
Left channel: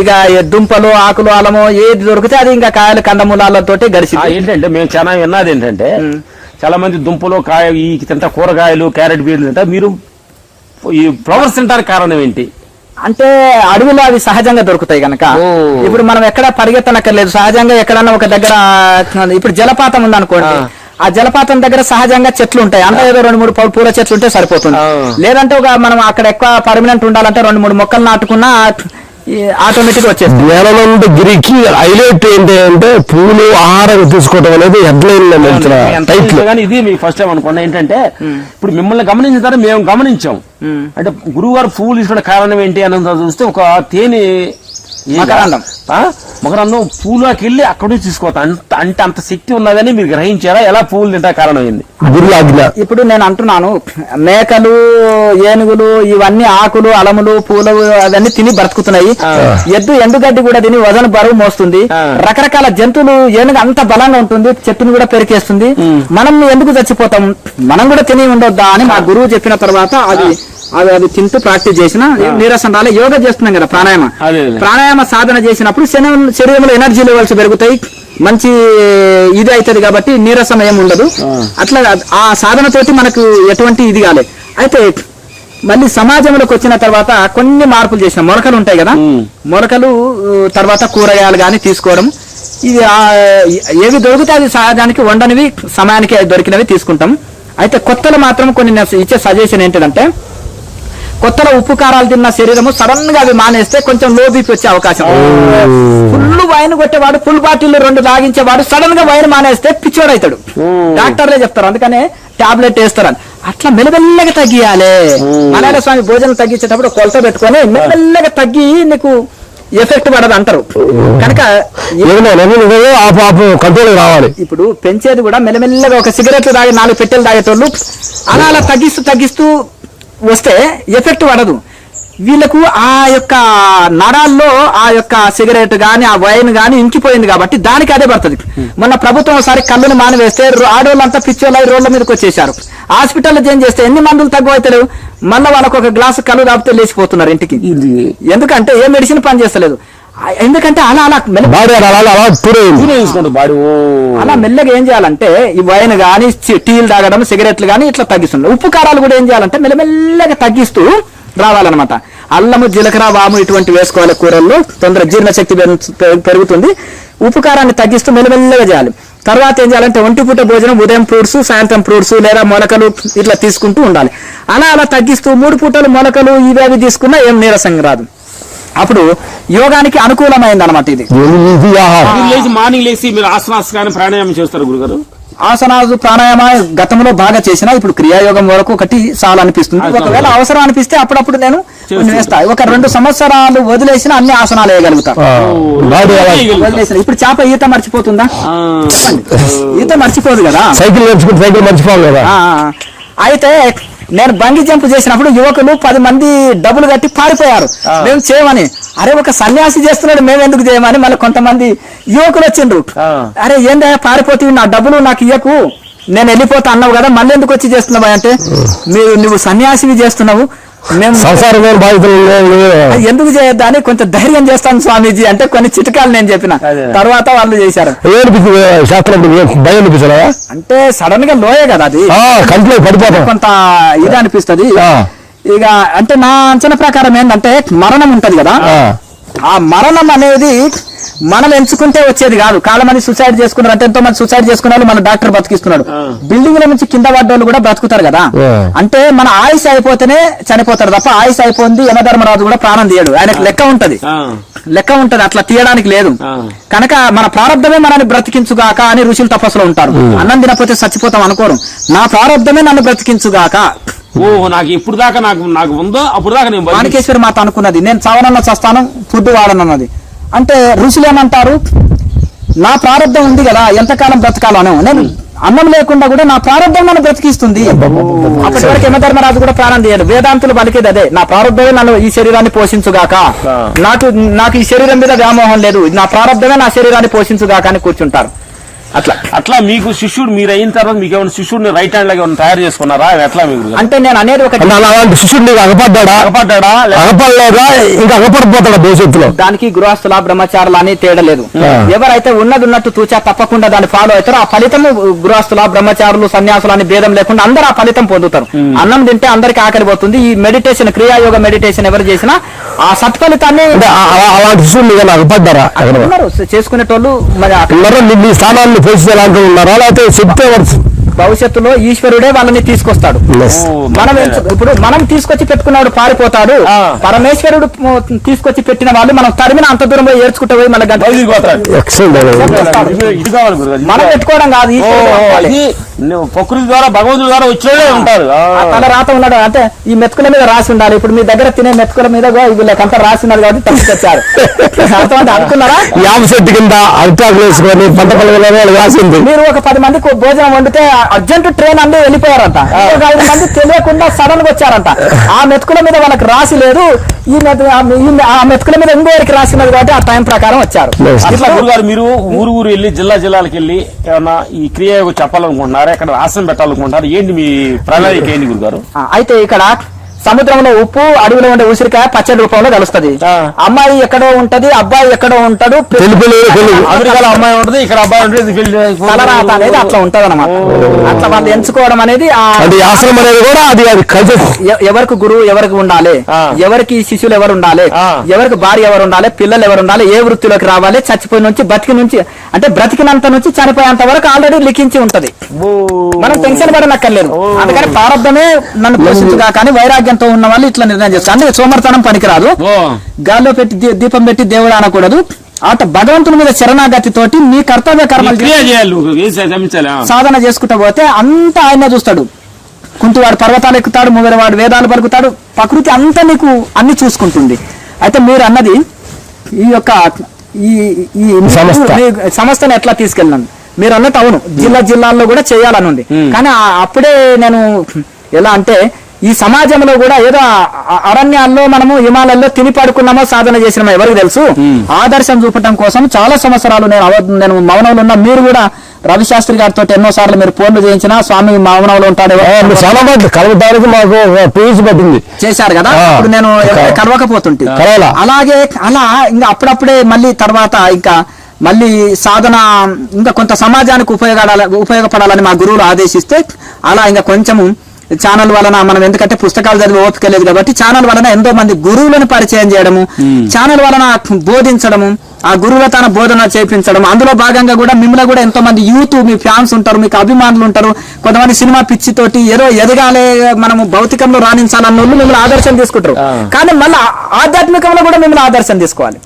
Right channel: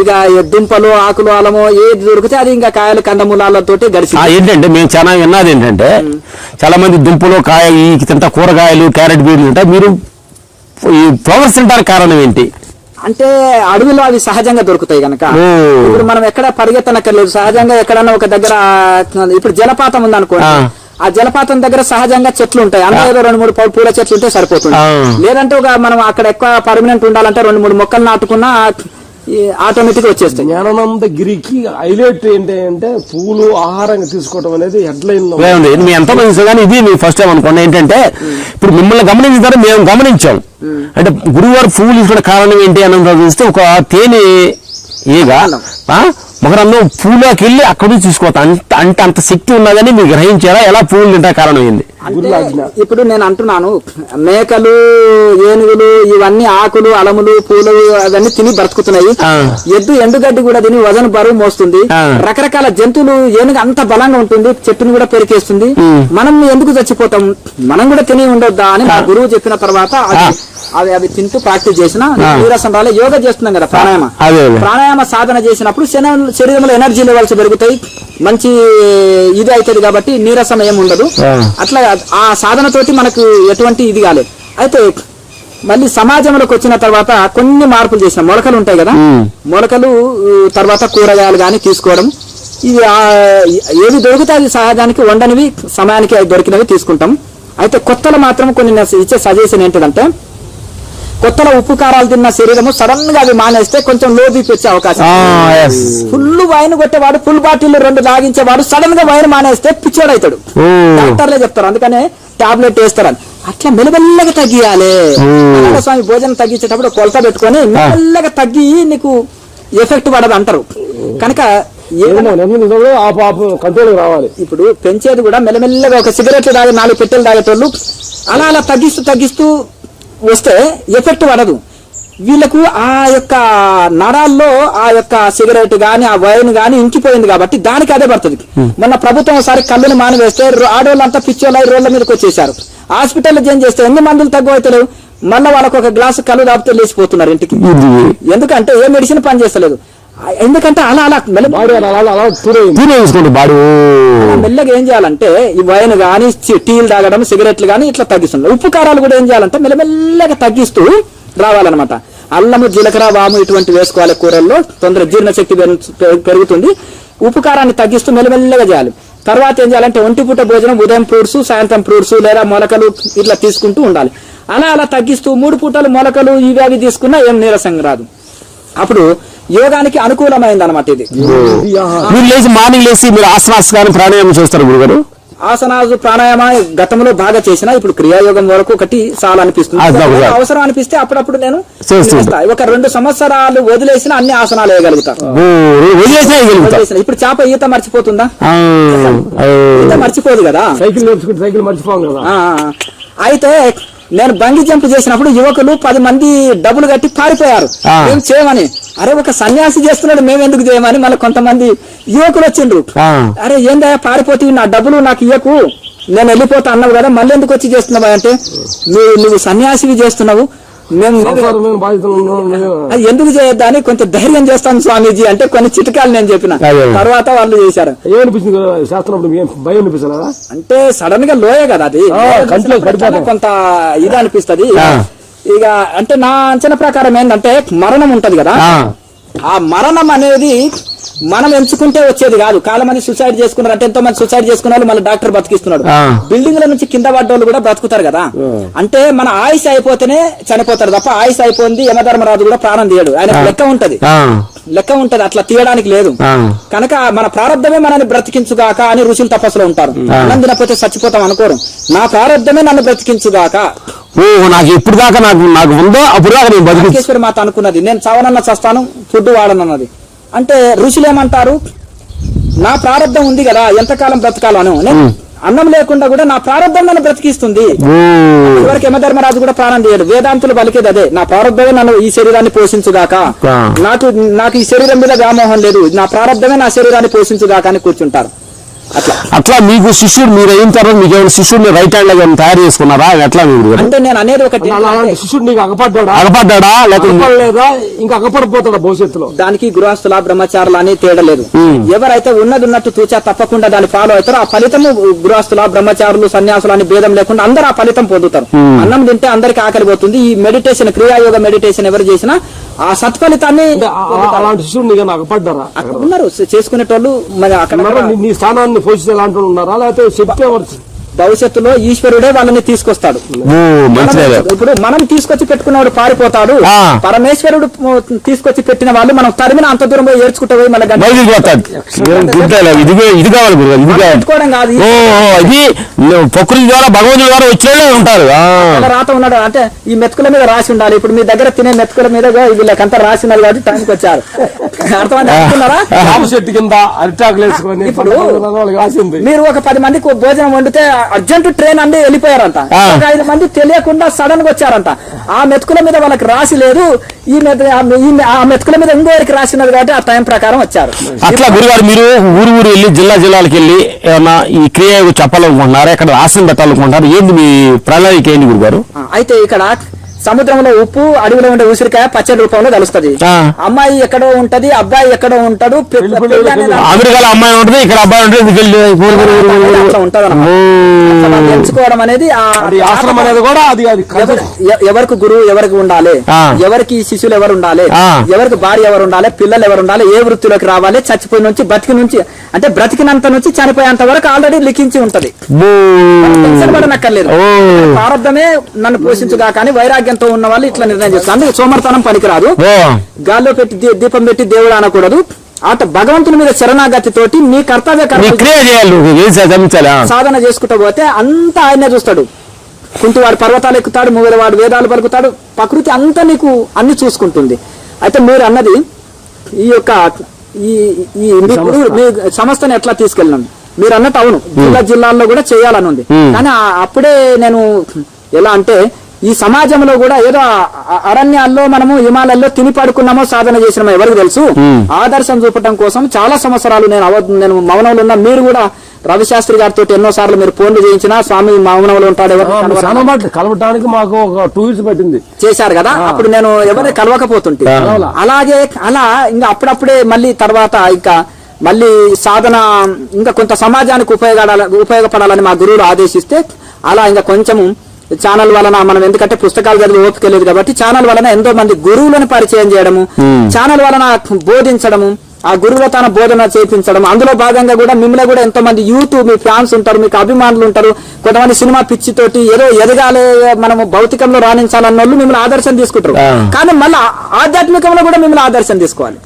ఇక దుంపలు ఆకులు అలము ఏది దొరికితే అది ఇంకా కాయలు కందమూలాలతో గడిచి. ఏంటంటే మేము చాలా విన్నది ఏంటంటే చాలా మంది దుంపలు కాయలు తింటా, కూరగాయలు క్యారెట్ బీడ్లు తింటా, మీరు ఫ్లవర్స్ తింటారు, కారణం ఏంటి? అంటే అడవిలో అవి సహజంగా దొరుకుతాయి కనుక. ఇప్పుడు మనం ఎక్కడ పరిగెత్తనక్కర్లేదు, సహజంగా ఎక్కడన్నా ఒక దగ్గర ఇప్పుడు జలపాతం ఉందనుకోండి, ఆ జలపాతం దగ్గర సహజంగా చెట్లు ఉంటాయి, అందులో ఏదో 2-3 పూల చెట్లు ఉంటే సరిపోతుంది. లేదంటే మనం అక్కడ ఎక్కువ పర్మనెంట్ ఉండాలంటే 2-3 మొక్కలు నాటుకున్నా ఆటోమేటిక్ గా వచ్చేస్తుంది. జ్ఞానానంద గిరికి హైలైట్ ఏంటి అంటే పూలు ఆహారం తీసుకోవడం అనేది కానీ ఇది మీ ఫస్ట్ టైం అనుకోండి. ఏంటంటే ఇప్పుడు మిమ్మల్ని గమనించిన తర్వాత మేము గమనించాం. అంటే గురువారు పూలు తీసుకోవడం కారణం ఏంటి అన్నది చూస్తే ఒక తేనె మకరందం పూలోకి వెళ్ళి అక్కడి నుంచి తీసుకోవద్దు. అంత శక్తి ఉన్నదని మీరు గ్రహించారా? ఎలా పూలు తింటా కారణం ఏంది? ఇప్పుడు నేను అంటున్నాను, మేకలు, ఏనుగులు ఇవన్నీ ఆకులు, అడములు, పూలు అవన్నీ తిని బ్రతుకుతున్నాయి. ఎద్దు ఎండుగడ్డి కూడా తిని వజన బరువు మోస్తుంది. రకరకాల జంతువులు, ఏనుగు అంత బలంగా ఉంటుంది, చెట్టును కూడా పెరికేస్తుంది. మనం ఎందుకు చచ్చిపోతాం? మనం కూడా తిని ఉండొద్దా అని మా గురువు చెప్పిన తర్వాత అది తింటూ ప్రాక్టీస్ చేసిన నీరసం రాలే. యోగా చేస్తున్నాం కదా, ప్రాణాయామ సాధన చేసినప్పుడు శరీరంలో ఎనర్జీ లెవెల్స్ పెరుగుతాయి, మంచి ఇది అవుతుంది కాబట్టి నీరసం ఏమి ఉండదు. అట్లా ఆ సాధనతోటి మనకు ఎటువంటి ఇది కాలేదు. అయితే మళ్ళీ సమాజంలోకి వచ్చిన తర్వాత కొన్ని మార్పులు చేసాం. మొలకలు ఉంటాయి కదా, మొలకలు తర్వాత కూరగాయలు కానీ తీసుకోవడం, ఇది ఏవి దొరికితే అది సహజానికి వండనివి, సమయానికి దొరికినవి తీసుకుంటాం. అయితే కొత్తలు మాత్రం కొన్ని ఇచ్చే సజెషన్ ఏంటిదంటే, కొత్తలో ఉప్పు కారాలు తిన్న శరీరము సడన్ గా అవి మానేస్తే కొంచెం లో బీపీ వచ్చే అవకాశం. ఫుల్ వైన్ కొట్టేవాడు, ఫుల్ బాటిల్ 2 తాగించేవాడు సడన్ గా వైన్ మానేస్తే పిచ్చోడు అవుతాడు. డాక్టర్లే చెప్తారు, అందుకనే టాబ్లెట్ వేస్తారని. అట్లా మెల్లమెల్లగా తగ్గియాలి. నారాయణ స్వామి భోజనం తగ్గించేటప్పుడు కొలత పెట్టుకొని మెల్లమెల్లగా తగ్గి నీకు ఎఫెక్ట్ పడదు అంటారు. కనుక కంట్రోల్ కావాలి. ఇప్పుడు పెంచేది కూడా మెల్లమెల్లగా ఒక సిగరెట్లు తాగి 4 పెట్టెలు తాగేటోళ్ళు అలా తగ్గిస్తూ వస్తే ఎఫెక్ట్ పడదు. వీళ్ళకు ఆ యొక్క నరాల్లో ఆ యొక్క సిగరెట్ గాని, ఆ వైన్ గాని ఇంకిపోయింది కాబట్టి దానికి అదే పడుతుంది. మొన్న ప్రభుత్వం ఒకసారి కళ్ళుని మానివేస్తే ఆడోళ్ళంతా పిచ్చోళ్ళై రోడ్ల మీదకి వచ్చేసారు. హాస్పిటల్లో చేంజ్ చేస్తే ఎన్ని మందులు తగ్గు అవుతారు, మళ్ళీ వాళ్ళకు ఒక గ్లాసు కళ్ళు తాపితే లేచిపోతున్నారు ఇంటికి. ఎందుకంటే ఏ మెడిసిన్ పని చేస్తలేదు. ఎందుకంటే అలా మెల్లగా ఏం చేయాలంటే ఈ వైన్ గానీ, టీలు తాగడం, సిగరెట్లు గానీ ఇట్లా తగ్గిస్తున్నారు. ఉప్పు కారాలు కూడా ఏం చేయాలంటే మెల్లమెల్లగా తగ్గిస్తూ రావాలన్నమాట. అల్లము, జీలకర్ర, వాము ఇటువంటి వేసుకోవాలి కూరల్లో, తొందర జీర్ణశక్తి పెరుగుతుంది. ఉప్పు కారాన్ని తగ్గిస్తూ మెల్లమెల్లగా చేయాలి. తర్వాత ఏం చేయాలంటే 1 పూట భోజనం, ఉదయం ఫ్రూట్స్, సాయంత్రం ఫ్రూట్స్ లేదా మొలకలు ఇట్లా తీసుకుంటూ ఉండాలి. అలా తగ్గిస్తూ 3 పూటలు మొలకలు ఇవేవి తీసుకున్నా ఏం నీరసంగా రాదు. అప్పుడు యోగానికి అనుకూలమైంది అనమాట ఇది. మార్నింగ్ లేచి మీరు ఆసనాస్ కానీ ప్రాణాయామం చేస్తారు గురుగారు? ఆసనాలు, ప్రాణాయామ గతంలో బాగా చేసిన, ఇప్పుడు క్రియాయోగం వరకు ఒకటి చాలా అనిపిస్తుంది. అవసరం అనిపిస్తే అప్పుడప్పుడు నేను ఒక 2 సంవత్సరాలు వదిలేసిన అన్ని ఆసనాలు వేయగలుగుతా. ఇప్పుడు చేప ఈత మర్చిపోతుందా? ఈత మర్చిపోదు కదా, సైకిల్ మర్చిపోదు కదా. అయితే నేను బంగి జంప్ చేసినప్పుడు యువకులు 10 మంది డబ్బులు కట్టి పారిపోయారు, మేము చేయమని. అరే ఒక సన్యాసి చేస్తున్నాడు, మేము ఎందుకు చేయమని మళ్ళీ కొంతమంది యువకులు వచ్చిండ్రు. అరే ఏందయ్యా పారిపోతే నా డబ్బులు నాకు ఇవ్వకు, నేను వెళ్ళిపోతా అన్నావు కదా, మళ్ళీ ఎందుకు వచ్చి చేస్తున్నావు అంటే, నువ్వు సన్యాసివి చేస్తున్నావు, మేము ఎందుకు చేయొద్దా అని కొంచెం ధైర్యం చేస్తాను స్వామీజీ అంటే కొన్ని చిట్కాలు నేను చెప్పిన తర్వాత వాళ్ళు చేశారు. అంటే సడన్ గా లోయే కదా అది, కొంత ఇది అనిపిస్తుంది. ఇక అంటే నా అంచనా ప్రకారం ఏంటంటే మరణం ఉంటది కదా, ఆ మరణం అనేది మనం ఎంచుకుంటే వచ్చేది కాదు. చాలా మంది సూసైడ్ చేసుకున్నారు, అంటే ఎంతో మంది సూసైడ్ చేసుకున్నారు, మన డాక్టర్ బతికిస్తున్నాడు. బిల్డింగ్ నుంచి కింద పడ్డోళ్ళు కూడా బ్రతుకుతారు కదా. అంటే మన ఆయుష్ అయిపోతేనే చనిపోతారు తప్ప ఆయుష్ అయిపోయింది యమధర్మరాజు కూడా ప్రాణం తీయడు, ఆయనకు లెక్క ఉంటది, అట్లా తీయడానికి లేదు. కనుక మన ప్రారంభమే మనల్ని బ్రతికించుగాక అని ఋషులు తపస్సులో ఉంటారు. అన్నం తినకపోతే చచ్చిపోతాం అనుకోరు, నా ప్రారంభమే నన్ను బ్రతికించుగాక. నాకు ఇప్పుడు దాకా నాకు ఉందో అప్పుడు దాకా నేను మాణికేశ్వరి మాత అనుకున్నది, నేను చావనన్నా చస్తాను, ఫుడ్ వాడనన్నది. అంటే ఋషులు ఏమంటారు, నా ప్రారంభం ఉంది కదా, ఎంతకాలం బ్రతకాలను, నేను అన్నం లేకుండా కూడా నా ప్రారంభం నన్ను బ్రతికిస్తుంది. అప్పుడు యమధర్మరాజు కూడా ప్రాణం తీయడు. వేదాంతులు పలికేది అదే, నా ప్రారంభమే నన్ను ఈ శరీరాన్ని పోషించుగాక, నాకు ఈ శరీరం మీద వ్యామోహం లేదు, నా ప్రారంభమే నా శరీరాన్ని పోషించుగాక అని కూర్చుంటారు. అట్లా మీకు శిష్యుడు మీరు అయిన తర్వాత మీకు ఏమైనా శిష్యుడిని రైట్ హ్యాండ్ లాగా తయారు చేసుకున్నారా? ఎట్లా మీరు అంటే నేను అనేది ఒక శిష్యుడు అగపడ్డా లేకపోలేదా ఇంకా అగపడిపోతాడా భవిష్యత్తులో? దానికి గృహస్థుల బ్రహ్మచారులు అని తేడలేదు. ఎవరైతే ఉన్నట్టు తూచా తప్పకుండా దాన్ని ఫాలో అవుతారో ఆ ఫలితం గృహస్థుల బ్రహ్మచారులు సన్యాసులు అని భేదం లేకుండా అందరూ ఆ ఫలితం పొందుతారు. అన్నం తింటే అందరికి ఆకలి పోతుంది. ఈ మెడిటేషన్, క్రియాయోగ మెడిటేషన్ ఎవరు చేసినా ఆ సత్ఫలితాన్ని అలాంటి శిష్యుడు అగపడ్డారా చేసుకునేటోళ్ళు మరి స్థానాన్ని పోషించాలంటూ ఉన్నారా, లేకపోతే చెప్తే భవిష్యత్తులో ఈశ్వరుడే వాళ్ళని తీసుకొస్తాడు. ఇప్పుడు మనం తీసుకొచ్చి పెట్టుకున్నవాడు పారిపోతాడు, పరమేశ్వరుడు తీసుకొచ్చి పెట్టిన వాళ్ళు మనం తరిమిన అంత దూరం పోయి ఏడ్చుకుంటూ పోయి మళ్ళీ పెట్టుకోవడం కాదు. ప్రకృతి ద్వారా భగవంతుడి ద్వారా వచ్చేదే ఉంటారు. రాత ఉన్నాడు అంటే ఈ మెతుకుల మీద రాసి ఉండాలి. ఇప్పుడు మీ దగ్గర తినే మెతుకుల మీద వీళ్ళకంతా రాసి ఉన్నారు కాబట్టి తప్పించారు. అనుకున్నారా? చెట్టు కింద అరిటాకులు వేసుకొని రాసింది. మీరు ఒక 10 మందికి భోజనం వండితే అర్జెంట్ ట్రైన్ అండి వెళ్ళిపోయారంట. ఒక 5 మంది తెలియకుండా సడన్ గా వచ్చారంట. ఆ మెతుకుల మీద వాళ్ళకి రాసి లేదు, ఆ మెతుకుల మీద ఇంకోరికి రాసినది కాబట్టి ఆ టైం ప్రకారం వచ్చారు. అట్లా గురుగారు మీరు ఊరు వెళ్ళి జిల్లాలకు వెళ్ళి ఏమన్నా ఈ క్రియ చెప్పాలనుకుంటున్నారా, ఎక్కడ రాసిన పెట్టాలనుకుంటున్నారు, ఏంటి మీ ప్రణాళిక ఏంటి గురుగారు? అయితే ఇక్కడ సముద్రంలో ఉప్పు, అడవిలో ఉండే ఉసిరికాయ పచ్చడి రూపంలో కలుస్తుంది. అమ్మాయి ఎక్కడో ఉంటది, అబ్బాయి ఎక్కడో ఉంటాడు. అమెరికాలో అమ్మాయి ఉంటుంది, ఇక్కడ అబ్బాయి ఉంటుంది. అట్లా ఉంటది అన్నమాట. అట్లా వాళ్ళు ఎంచుకోవడం అనేది ఆశ్రమం అనేది కూడా అది ఎవరికి గురువు ఎవరికి ఉండాలి, ఎవరికి శిష్యులు ఎవరు ఉండాలి, ఎవరికి భార్య ఎవరు ఉండాలి, పిల్లలు ఎవరు ఉండాలి, ఏ వృత్తిలోకి రావాలి, చచ్చిపోయిన నుంచి బతికి నుంచి అంటే బ్రతికినంత నుంచి చనిపోయేంత వరకు ఆల్రెడీ లిఖించి ఉంటది. మనం టెన్షన్ పడనక్కర్లేదు. అందుకని ప్రారంభమే నన్ను పోషించుగా కానీ వైరాగ్యంతో ఉన్న వాళ్ళు ఇట్లా నిర్ణయం చేస్తారు. అంటే సోమర్తనం పనికిరాదు, గాల్లో పెట్టి దీపం పెట్టి దేవుడు అనకూడదు. అటు భగవంతుడి మీద శరణాగతి తోటి నీ కర్తవ్య సాధన చేసుకుంటూ పోతే అంతా ఆయనే చూస్తాడు. కుంటివాడు పర్వతాలు ఎక్కుతాడు, మూగవాడు వేదాలు పలుకుతాడు, ప్రకృతి అంతా నీకు అన్ని చూసుకుంటుంది. అయితే మీరు అన్నది ఈ యొక్క ఈ సంస్థను ఎట్లా తీసుకెళ్ళాను మీరు అన్నట్టు అవును, జిల్లాల్లో కూడా చేయాలని ఉంది. కానీ అప్పుడే నేను ఎలా అంటే ఈ సమాజంలో కూడా ఏదో అరణ్యాల్లో మనము హిమాలయాల్లో తిని పడుకున్నామో సాధన చేసినామో ఎవరికి తెలుసు. ఆదర్శం చూపటం కోసం చాలా సంవత్సరాలు నేను మౌనంలో ఉన్నా. మీరు కూడా రవిశాస్త్రి గారితో ఎన్నో సార్లు మీరు ఫోన్లు చేయించినా స్వామి మౌనంలో ఉంటాడు కలవడానికి మాకు పెట్టింది చేశారు కదా. అప్పుడు నేను కలవకపోతుంటే అలాగే అలా ఇంకా అప్పుడప్పుడే మళ్ళీ తర్వాత ఇంకా మళ్ళీ సాధన ఇంకా కొంత సమాజానికి ఉపయోగపడాలని మా గురువులు ఆదేశిస్తే అలా ఇంకా కొంచెము ఛానల్ వలన మనం ఎందుకంటే పుస్తకాలు చదివి ఓపిక లేదు కాబట్టి ఛానల్ వలన ఎంతో మంది గురువులను పరిచయం చేయడము, ఛానల్ వలన బోధించడము, ఆ గురువుల తన బోధన చేయించడం. అందులో భాగంగా కూడా మిమ్మల్ని కూడా ఎంతో మంది యూత్ మీ ఫ్యాన్స్ ఉంటారు, మీకు అభిమానులు ఉంటారు. కొంతమంది సినిమా పిచ్చితోటి ఏదో ఎదగాలి మనము భౌతికంలో రాణించాలన్న వాళ్ళు మిమ్మల్ని ఆదర్శం తీసుకుంటారు. కానీ మళ్ళీ ఆధ్యాత్మికంలో కూడా మిమ్మల్ని ఆదర్శం తీసుకోవాలి.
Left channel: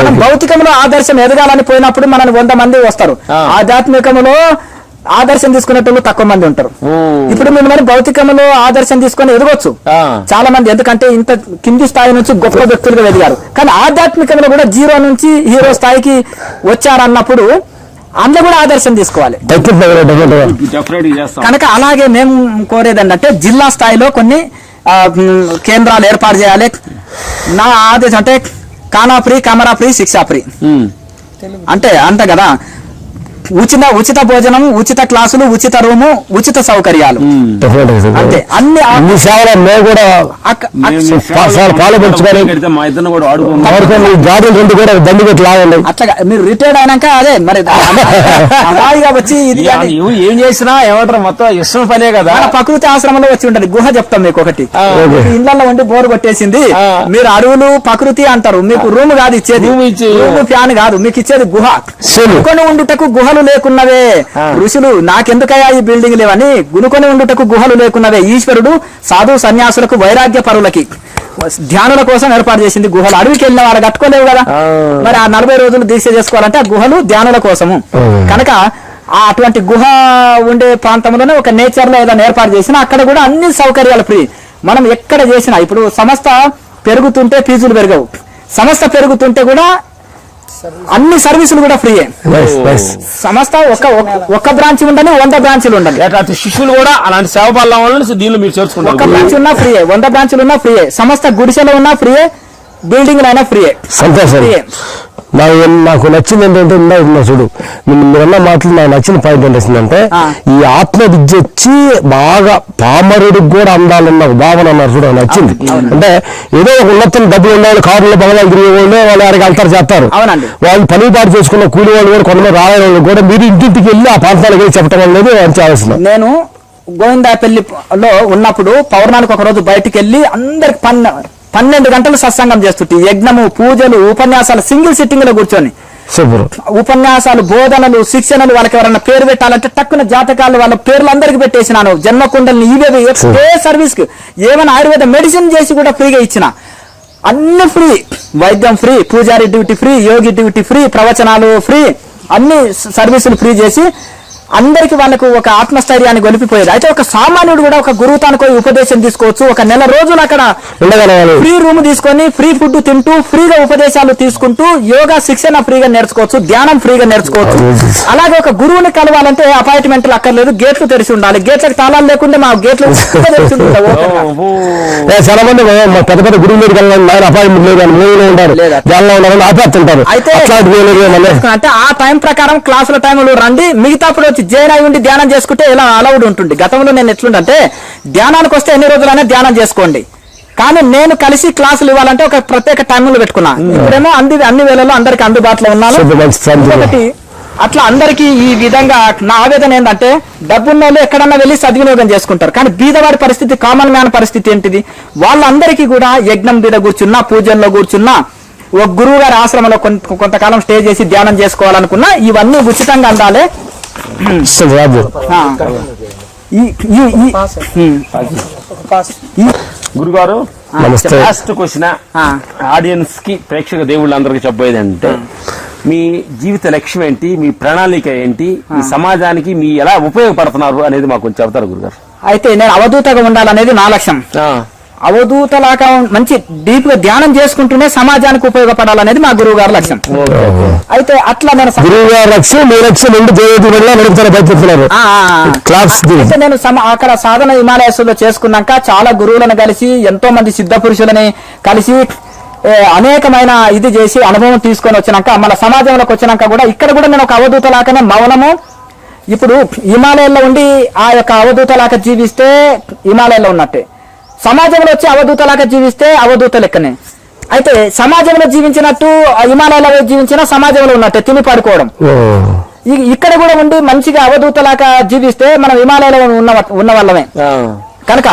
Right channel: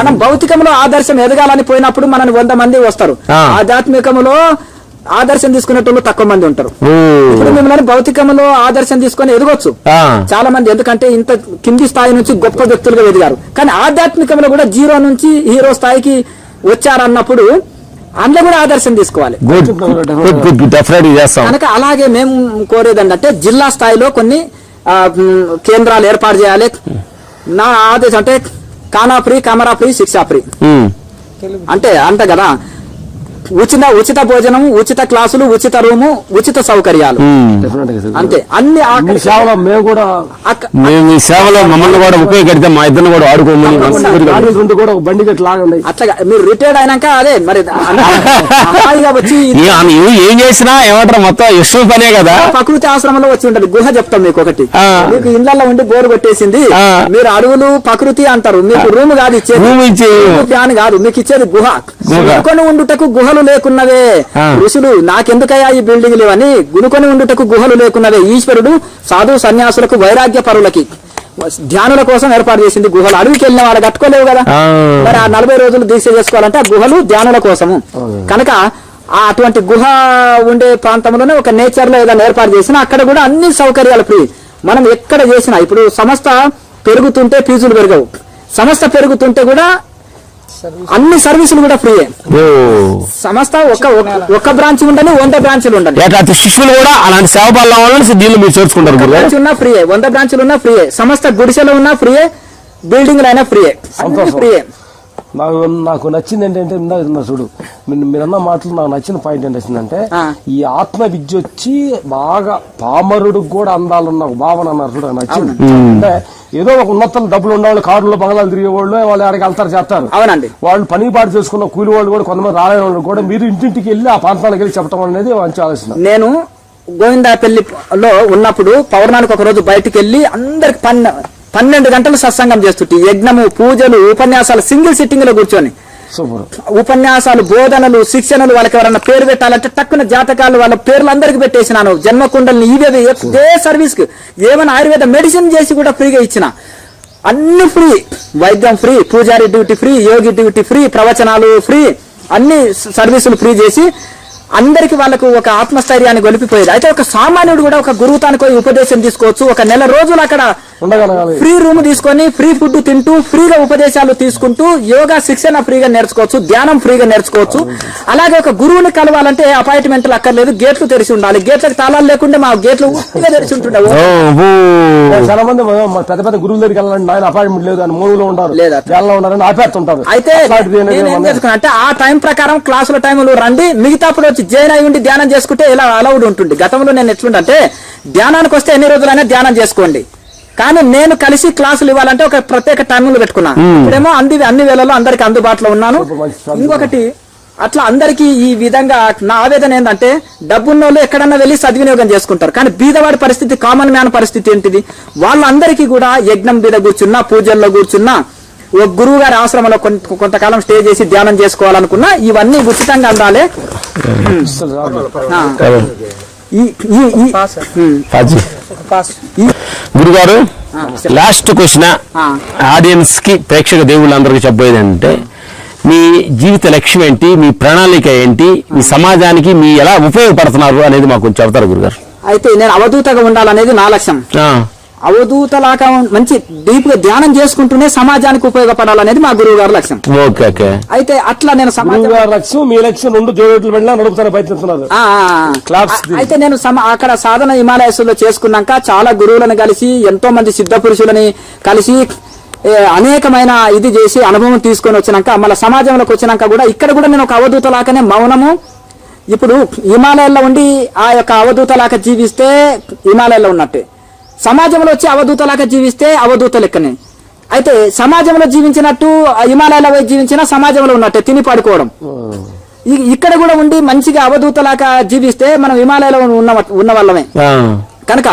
మనం భౌతికంలో ఆదర్శం ఎదగాలని పోయినప్పుడు మనని 100 మంది వస్తారు, ఆధ్యాత్మికంలో ఆదర్శం తీసుకునేటోళ్ళు తక్కువ మంది ఉంటారు. ఇప్పుడు మిమ్మల్ని భౌతికంలో ఆదర్శం తీసుకొని ఎదగొచ్చు చాలా మంది, ఎందుకంటే ఇంత కింది స్థాయి నుంచి గొప్ప వ్యక్తులుగా ఎదిగారు. కానీ ఆధ్యాత్మికంలో కూడా 0 నుంచి హీరో స్థాయికి వచ్చారన్నప్పుడు అందులో కూడా ఆదర్శం తీసుకోవాలి. కనుక అలాగే మేము కోరేది ఏంటంటే జిల్లా స్థాయిలో కొన్ని కేంద్రాలు ఏర్పాటు చేయాలి. నా ఆదేశం అంటే కానా ఫ్రీ, కెమెరా ఫ్రీ, శిక్షా ఫ్రీ అంటే అంత కదా. ఉచిత భోజనం, ఉచిత క్లాసులు, ఉచిత రూము, ఉచిత సౌకర్యాలు అంతే. అన్ని అట్లా మీరు రిటైర్డ్ అయినాక అదే మరి వచ్చి ఏం చేసినా ఏమంటారు మొత్తం ఇష్టం పనే కదా. ప్రకృతి ఆశ్రమంలో వచ్చి ఉంటది గుహ. చెప్తాం మీకు ఒకటి, ఇళ్లలో ఉండి బోర్ కొట్టేసింది, మీరు అడవులు ప్రకృతి అంటారు, మీకు రూమ్ కాదు ఇచ్చేది, ఫ్యాన్ కాదు మీకు ఇచ్చేది గుహ. గునుకొని ఉండుటకు గుహలు లేకున్నవే ఋషులు, నాకెందుకయ్యా ఈ బిల్డింగ్ లేవని గునుకొని ఉండుటకు గుహలు లేకున్నవే. ఈశ్వరుడు సాధు సన్యాసులకు వైరాగ్య పరులకి ధ్యానుల కోసం ఏర్పాటు చేసింది గుహలు. అడవికి వెళ్ళిన వాళ్ళు కట్టుకోలేవు కదా, మరి ఆ 40 రోజులు దీక్ష చేసుకోవాలంటే ఆ గుహలు ధ్యానుల కోసము. కనుక అటువంటి గుహ ఉండే ప్రాంతంలోనే ఒక నేచర్ లో ఏదైనా ఏర్పాటు చేసినా అక్కడ కూడా అన్ని సౌకర్యాలు ఫ్రీ. మనం ఎక్కడ చేసినా ఇప్పుడు సంస్థ పెరుగుతుంటే ఫీజులు పెరగవు, సంస్థ పెరుగుతుంటే కూడా అన్ని సర్వీసులు కూడా ఫ్రీయే. సంస్థ ఒక బ్రాంచ్ ఉండని 100 బ్రాంచ్లు ఉండాలి. శిష్యులు కూడా అలాంటి సేవ దీన్ని మీరు చేర్చుకుంటారు. ఒక బ్రాంచ్ ఉన్నా ఫ్రీయే, 100 బ్రాంచ్లు ఉన్నా ఫ్రీయే, సంస్థ గుడిసెలో ఉన్నా ఫ్రీయే, బిల్డింగ్ అయినా ఫ్రీయే. ఫ్రీయే. నాకు నచ్చింది ఏంటంటే చూడు మీరన్న మాటలు నాకు నచ్చిన పాయింట్ ఏంటంటే ఈ ఆత్మ విద్య వచ్చి బాగా పామరుడికి కూడా అందాలన్న భావన అన్నారు చూడ నచ్చింది. అంటే ఏదో ఒక ఉన్నతం డబ్బులు ఉన్నవాళ్ళు కారులో బంగాళాలు తిరిగే వాళ్ళు వాళ్ళు ఎవరికి అంతరు చేస్తారు, వాళ్ళు పనిపాటు చేసుకున్న కూలి వాళ్ళు కూడా కొంతమంది రాయడం కూడా మీరు ఇంటింటికి వెళ్ళి ఆ ప్రాంతాలకు వెళ్ళి చెప్పడం అనేది మంచి ఆలోచన. నేను గోవిందాపల్లిలో ఉన్నప్పుడు పౌర్ణానికి ఒక రోజు బయటికి వెళ్ళి అందరికి 12 గంటలు సత్సంగం చేస్తుంటే యజ్ఞము, పూజలు, ఉపన్యాసాలు సింగిల్ సిట్టింగ్ లో కూర్చొని సూపర్. ఉపన్యాసాలు, బోధనలు, శిక్షణలు, వాళ్ళకి ఎవరన్నా పేరు పెట్టాలంటే టక్కున జాతకాలు వాళ్ళ పేర్లు అందరికి పెట్టేసినాను. జన్మకుండల్ని ఇవే ఏ సర్వీస్ కి ఏమైనా ఆయుర్వేద మెడిసిన్ చేసి కూడా ఫ్రీగా ఇచ్చిన. అన్ని ఫ్రీ, వైద్యం ఫ్రీ, పూజారి డ్యూటీ ఫ్రీ, యోగి డ్యూటీ ఫ్రీ, ప్రవచనాలు ఫ్రీ, అన్ని సర్వీసులు ఫ్రీ చేసి అందరికి వాళ్ళకు ఒక ఆత్మస్థైర్యాన్ని గొలిపిపోయేది. అయితే ఒక సామాన్యుడు కూడా ఒక గురువు తానికి ఉపదేశం తీసుకోవచ్చు. ఒక నెల రోజులు అక్కడ ఫ్రీ రూమ్ తీసుకొని ఫ్రీ ఫుడ్ తింటూ ఫ్రీగా ఉపదేశాలు తీసుకుంటూ యోగా శిక్షణ ఫ్రీగా నేర్చుకోవచ్చు, ధ్యానం ఫ్రీగా నేర్చుకోవచ్చు. అలాగే ఒక గురువుని కలవాలంటే అపాయింట్మెంట్లు అక్కర్లేదు, గేట్లు తెరిచి ఉండాలి. గేట్లకు తాళాలు లేకుండా మా గేట్లు తెరిచి ఉంటావు. చాలా మంది పెద్ద పెద్ద గురువు దగ్గర అపాయింట్మెంట్ లేదు ఉంటారు, ధ్యానంలో ఉన్నారని ఆపేస్తుంటారు. అయితే అంటే ఆ టైం ప్రకారం క్లాసుల టైంలో రండి, మిగతాప్పుడు జైరాయి ఉండి ధ్యానం చేసుకుంటే ఇలా అలౌడ్ ఉంటుంది. గతంలో నేను ఎట్లుంటే ధ్యానానికి వస్తే ఎన్ని రోజులైనా ధ్యానం చేసుకోండి, కానీ నేను కలిసి క్లాసులు ఇవ్వాలంటే ఒక ప్రత్యేక టైంలో పెట్టుకున్నా. ఇప్పుడేమో అన్ని వేళల్లో అందరికి అందుబాటులో ఉన్నాను. ఒకటి అట్లా అందరికీ ఈ విధంగా నా ఆవేదన ఏంటంటే డబ్బున్న వాళ్ళు ఎక్కడన్నా వెళ్ళి సద్వినియోగం చేసుకుంటారు, కానీ బీదవాడి పరిస్థితి, కామన్ మ్యాన్ పరిస్థితి ఏంటిది? వాళ్ళందరికీ కూడా యజ్ఞం మీద కూర్చున్నా, పూజల్లో కూర్చున్నా, ఒక గురువు గారి ఆశ్రమంలో కొంతకాలం స్టే చేసి ధ్యానం చేసుకోవాలనుకున్నా ఇవన్నీ ఉచితంగా అందాలే. గురుగారు లాస్ట్ క్వశ్చన్ ఆడియన్స్ కి, ప్రేక్షక దేవుళ్ళందరికీ చెప్పబోయేది అంటే మీ జీవిత లక్ష్యం ఏంటి, మీ ప్రణాళిక ఏంటి, మీ సమాజానికి మీ ఎలా ఉపయోగపడుతున్నారు అనేది మాకు కొంచెం చెప్తారు గురుగారు. అయితే నేను అవధూతగా ఉండాలనేది నా లక్ష్యం. అవధూతలాగా మంచి డీప్ గా ధ్యానం చేసుకుంటూనే సమాజానికి ఉపయోగపడాలనేది మా గురువు గారి లక్ష్యం. అయితే అట్లా నేను అయితే నేను అక్కడ సాధన హిమాలయాస్లో చేసుకున్నాక చాలా గురువులను కలిసి, ఎంతో మంది సిద్ధ పురుషులని కలిసి అనేకమైన ఇది చేసి అనుభవం తీసుకొని వచ్చినాక మళ్ళీ సమాజంలోకి వచ్చినాక కూడా ఇక్కడ కూడా నేను ఒక అవధూతలాగానే మౌనము. ఇప్పుడు హిమాలయాల్లో ఉండి ఆ యొక్క అవధూతలాగా జీవిస్తే హిమాలయాల్లో ఉన్నట్టే, సమాజంలో వచ్చి అవధూతలాగా జీవిస్తే అవధూత లెక్కనే. అయితే సమాజంలో జీవించినట్టు హిమాలయాలో జీవించిన సమాజంలో ఉన్నట్టే తిని పడుకోవడం. ఇక్కడ కూడా ఉండి మంచిగా అవధూతలాగా జీవిస్తే మనం హిమాలయాలో ఉన్న వాళ్ళమే కనుక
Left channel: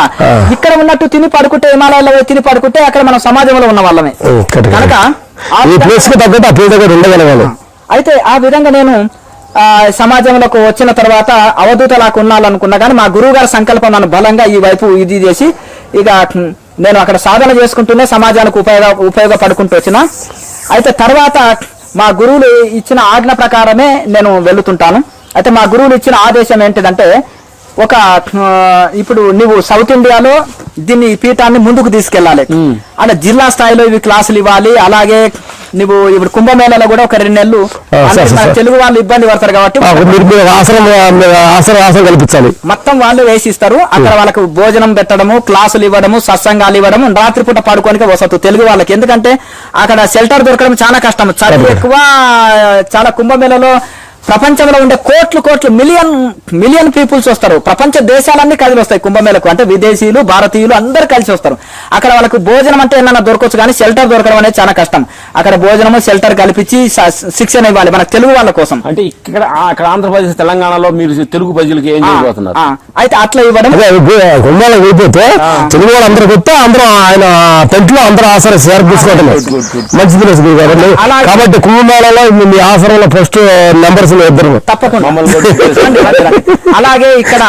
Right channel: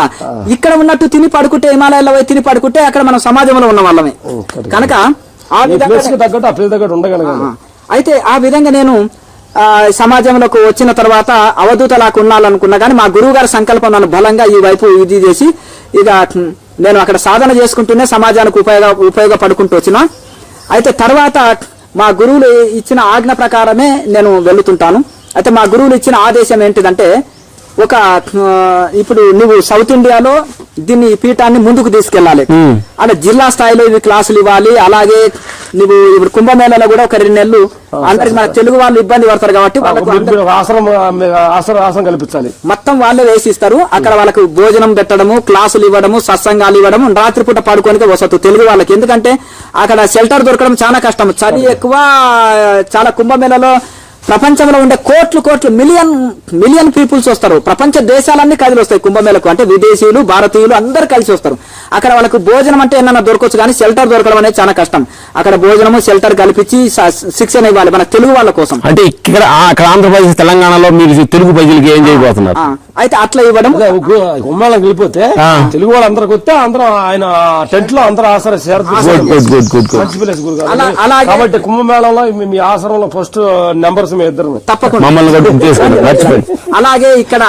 ఇక్కడ ఉన్నట్టు తిని పడుకుంటే, హిమాలయాలో తిని పడుకుంటే అక్కడ మనం సమాజంలో ఉన్న వాళ్ళమే కనుక అయితే ఆ విధంగా నేను సమాజంలోకి వచ్చిన తర్వాత అవధూతలాగా ఉండాలనుకున్నా, కానీ మా గురువు గారి సంకల్పం నన్ను బలంగా ఈ వైపు ఇది చేసి ఇక నేను అక్కడ సాధన చేసుకుంటూనే సమాజానికి ఉపయోగపడుకుంటూ వచ్చిన. అయితే తర్వాత మా గురువులు ఇచ్చిన ఆజ్ఞ ప్రకారమే నేను వెళుతుంటాను. అయితే మా గురువులు ఇచ్చిన ఆదేశం ఏంటిదంటే, ఒక ఇప్పుడు నువ్వు సౌత్ ఇండియాలో దీన్ని పీఠాన్ని ముందుకు తీసుకెళ్లాలి, అలా జిల్లా స్థాయిలో ఇవి క్లాసులు ఇవ్వాలి. అలాగే నువ్వు ఇప్పుడు కుంభమేళలో కూడా ఒక 2 నెలలు తెలుగు వాళ్ళు ఇబ్బంది పడతారు కాబట్టి కల్పించాలి, మొత్తం వాళ్ళు వేసిస్తారు. అక్కడ వాళ్ళకు భోజనం పెట్టడము, క్లాసులు ఇవ్వడము, సత్సంగాలు ఇవ్వడము, రాత్రిపూట పడుకోనికి వసతు తెలుగు వాళ్ళకి. ఎందుకంటే అక్కడ షెల్టర్ దొరకడం చాలా కష్టం, చలి ఎక్కువ. చాలా కుంభమేళలో ప్రపంచంలో ఉండే కోట్లు మిలియన్ పీపుల్స్ వస్తారు, ప్రపంచ దేశాలన్నీ కలిసి వస్తాయి కుంభమేళకు. అంటే విదేశీయులు, భారతీయులు అందరు కలిసి వస్తారు. అక్కడ వాళ్ళకు భోజనం అంటే ఏమన్నా దొరకవచ్చు, కానీ షెల్టర్ దొరకడం అనేది చాలా కష్టం. అక్కడ భోజనము, షెల్టర్ కల్పించి శిక్షణ ఇవ్వాలి మన తెలుగు వాళ్ళ కోసం. అంటే ఇక్కడ ఆంధ్రప్రదేశ్, తెలంగాణలో మీరు తెలుగు ప్రజలకి ఏం చేయబోతున్నారు? అయితే అట్లా ఇవ్వడం అయిపోతే తెలుగు వాళ్ళు అందరూ కొత్త అందరూ ఆయన టెంట్లో అందరూ ఆసరా కాబట్టి కుంభమేళలో మీ ఆసరంలో ఫస్ట్ నెంబర్స్ తప్పకుండా. అలాగే ఇక్కడ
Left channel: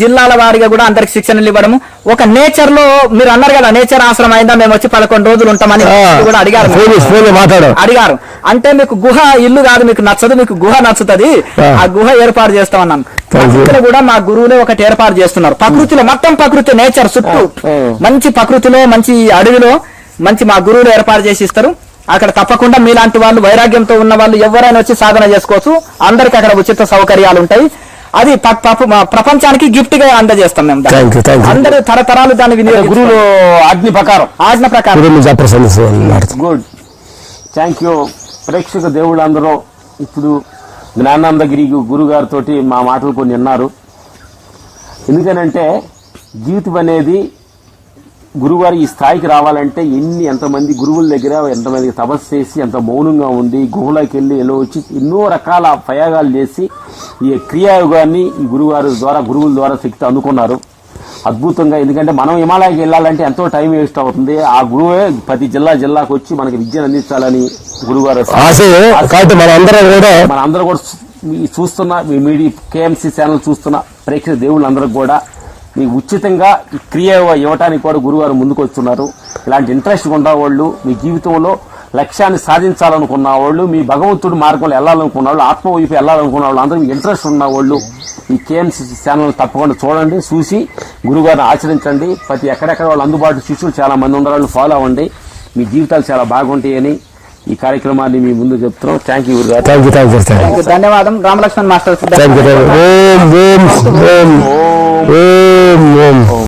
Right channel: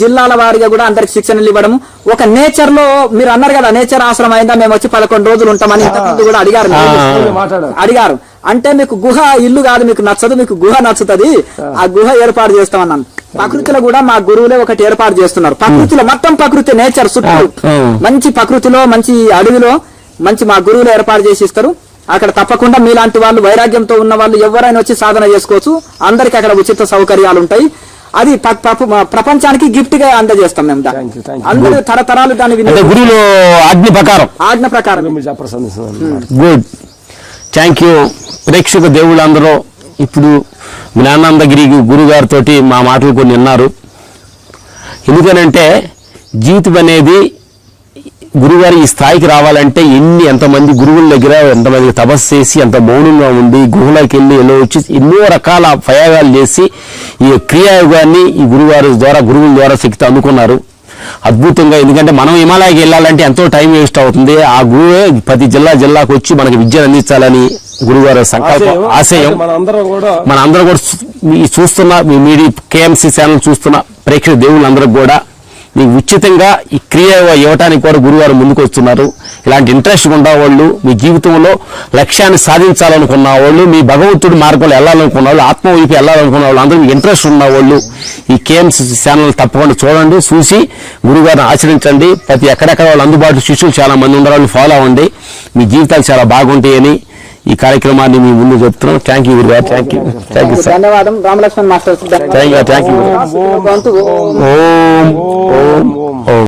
జిల్లాల వారిగా కూడా అందరికి శిక్షణలు ఇవ్వడము. ఒక నేచర్ లో మీరు అన్నారు కదా, నేచర్ ఆశ్రమం అయిందా, మేము వచ్చి 11 రోజులు ఉంటామని కూడా అడిగారు. అంటే మీకు గుహ ఇల్లు కాదు, మీకు నచ్చదు, మీకు గుహ నచ్చుతుంది, ఆ గుహ ఏర్పాటు చేస్తామన్నాను. ప్రకృతిలో కూడా మా గురువులే ఒకటి ఏర్పాటు చేస్తున్నారు. ప్రకృతిలో మొత్తం ప్రకృతి, నేచర్ చుట్టూ మంచి ప్రకృతిలో, మంచి అడవిలో మంచి మా గురువులు ఏర్పాటు చేసి ఇస్తారు. అక్కడ తప్పకుండా మీలాంటి వాళ్ళు, వైరాగ్యంతో ఉన్న వాళ్ళు ఎవరైనా వచ్చి సాధన చేసుకోవచ్చు. అందరికి అక్కడ ఉచిత సౌకర్యాలు ఉంటాయి. అది ప్రపంచానికి గిఫ్ట్ గా అందజేస్తాం మేము. అందరూ తరతరాలు దాన్ని ఆజ్ఞ ప్రకారం. Good, thank you. ప్రేక్షక దేవుళ్ళందరూ ఇప్పుడు జ్ఞానానందగిరి గురువు గారితో మా మాటలు కొన్ని విన్నారు. ఎందుకనంటే జీవితం అనేది గురువుగారు ఈ స్థాయికి రావాలంటే ఎంతమంది గురువుల దగ్గర ఎంతమంది తపస్సు చేసి ఎంత మౌనంగా ఉండి గుహలోకి వెళ్ళి వచ్చి ఎన్నో రకాల ప్రయోగాలు చేసి ఈ క్రియాయోగాన్ని ఈ గురువుల ద్వారా శక్తి అందుకున్నారు అద్భుతంగా. ఎందుకంటే మనం హిమాలయాకి వెళ్ళాలంటే ఎంతో టైం వేస్ట్ అవుతుంది. ఆ గురువే ప్రతి జిల్లాకు వచ్చి మనకి విద్యను అందించాలని గురుగారు కాబట్టి మనందరం కూడా ఈ చూస్తున్న మీ మీడియా కేఎంసీ ఛానల్ చూస్తున్న ప్రేక్షక దేవుళ్ళందరికీ కూడా మీకు ఉచితంగా ఈ క్రియ ఇవ్వటానికి కూడా గురువారు ముందుకు వస్తున్నారు. ఇలాంటి ఇంట్రెస్ట్ ఉన్న వాళ్ళు, మీ జీవితంలో లక్ష్యాన్ని సాధించాలనుకున్న వాళ్ళు, మీ భగవంతుడి మార్గంలో వెళ్ళాలనుకున్న వాళ్ళు, ఆత్మ వైపు వెళ్ళాలనుకున్న వాళ్ళు, అందరూ ఇంట్రెస్ట్ ఉన్న వాళ్ళు ఈ కేఎంసీ ఛానల్ తప్పకుండా చూడండి, చూసి గురుగారిని ఆచరించండి. ప్రతి ఎక్కడెక్కడ వాళ్ళు అందుబాటులో శిష్యులు చాలా మంది ఉన్న వాళ్ళు ఫాలో అవ్వండి. మీ జీవితాలు చాలా బాగుంటాయని ఈ కార్యక్రమాన్ని మీ ముందు చెప్తున్నాం. థ్యాంక్ యూ గురుగారు. ధన్యవాదం. రామలక్ష్మణ్ మాస్టర్. ఓం ఓం ఓం ఓం ఓం.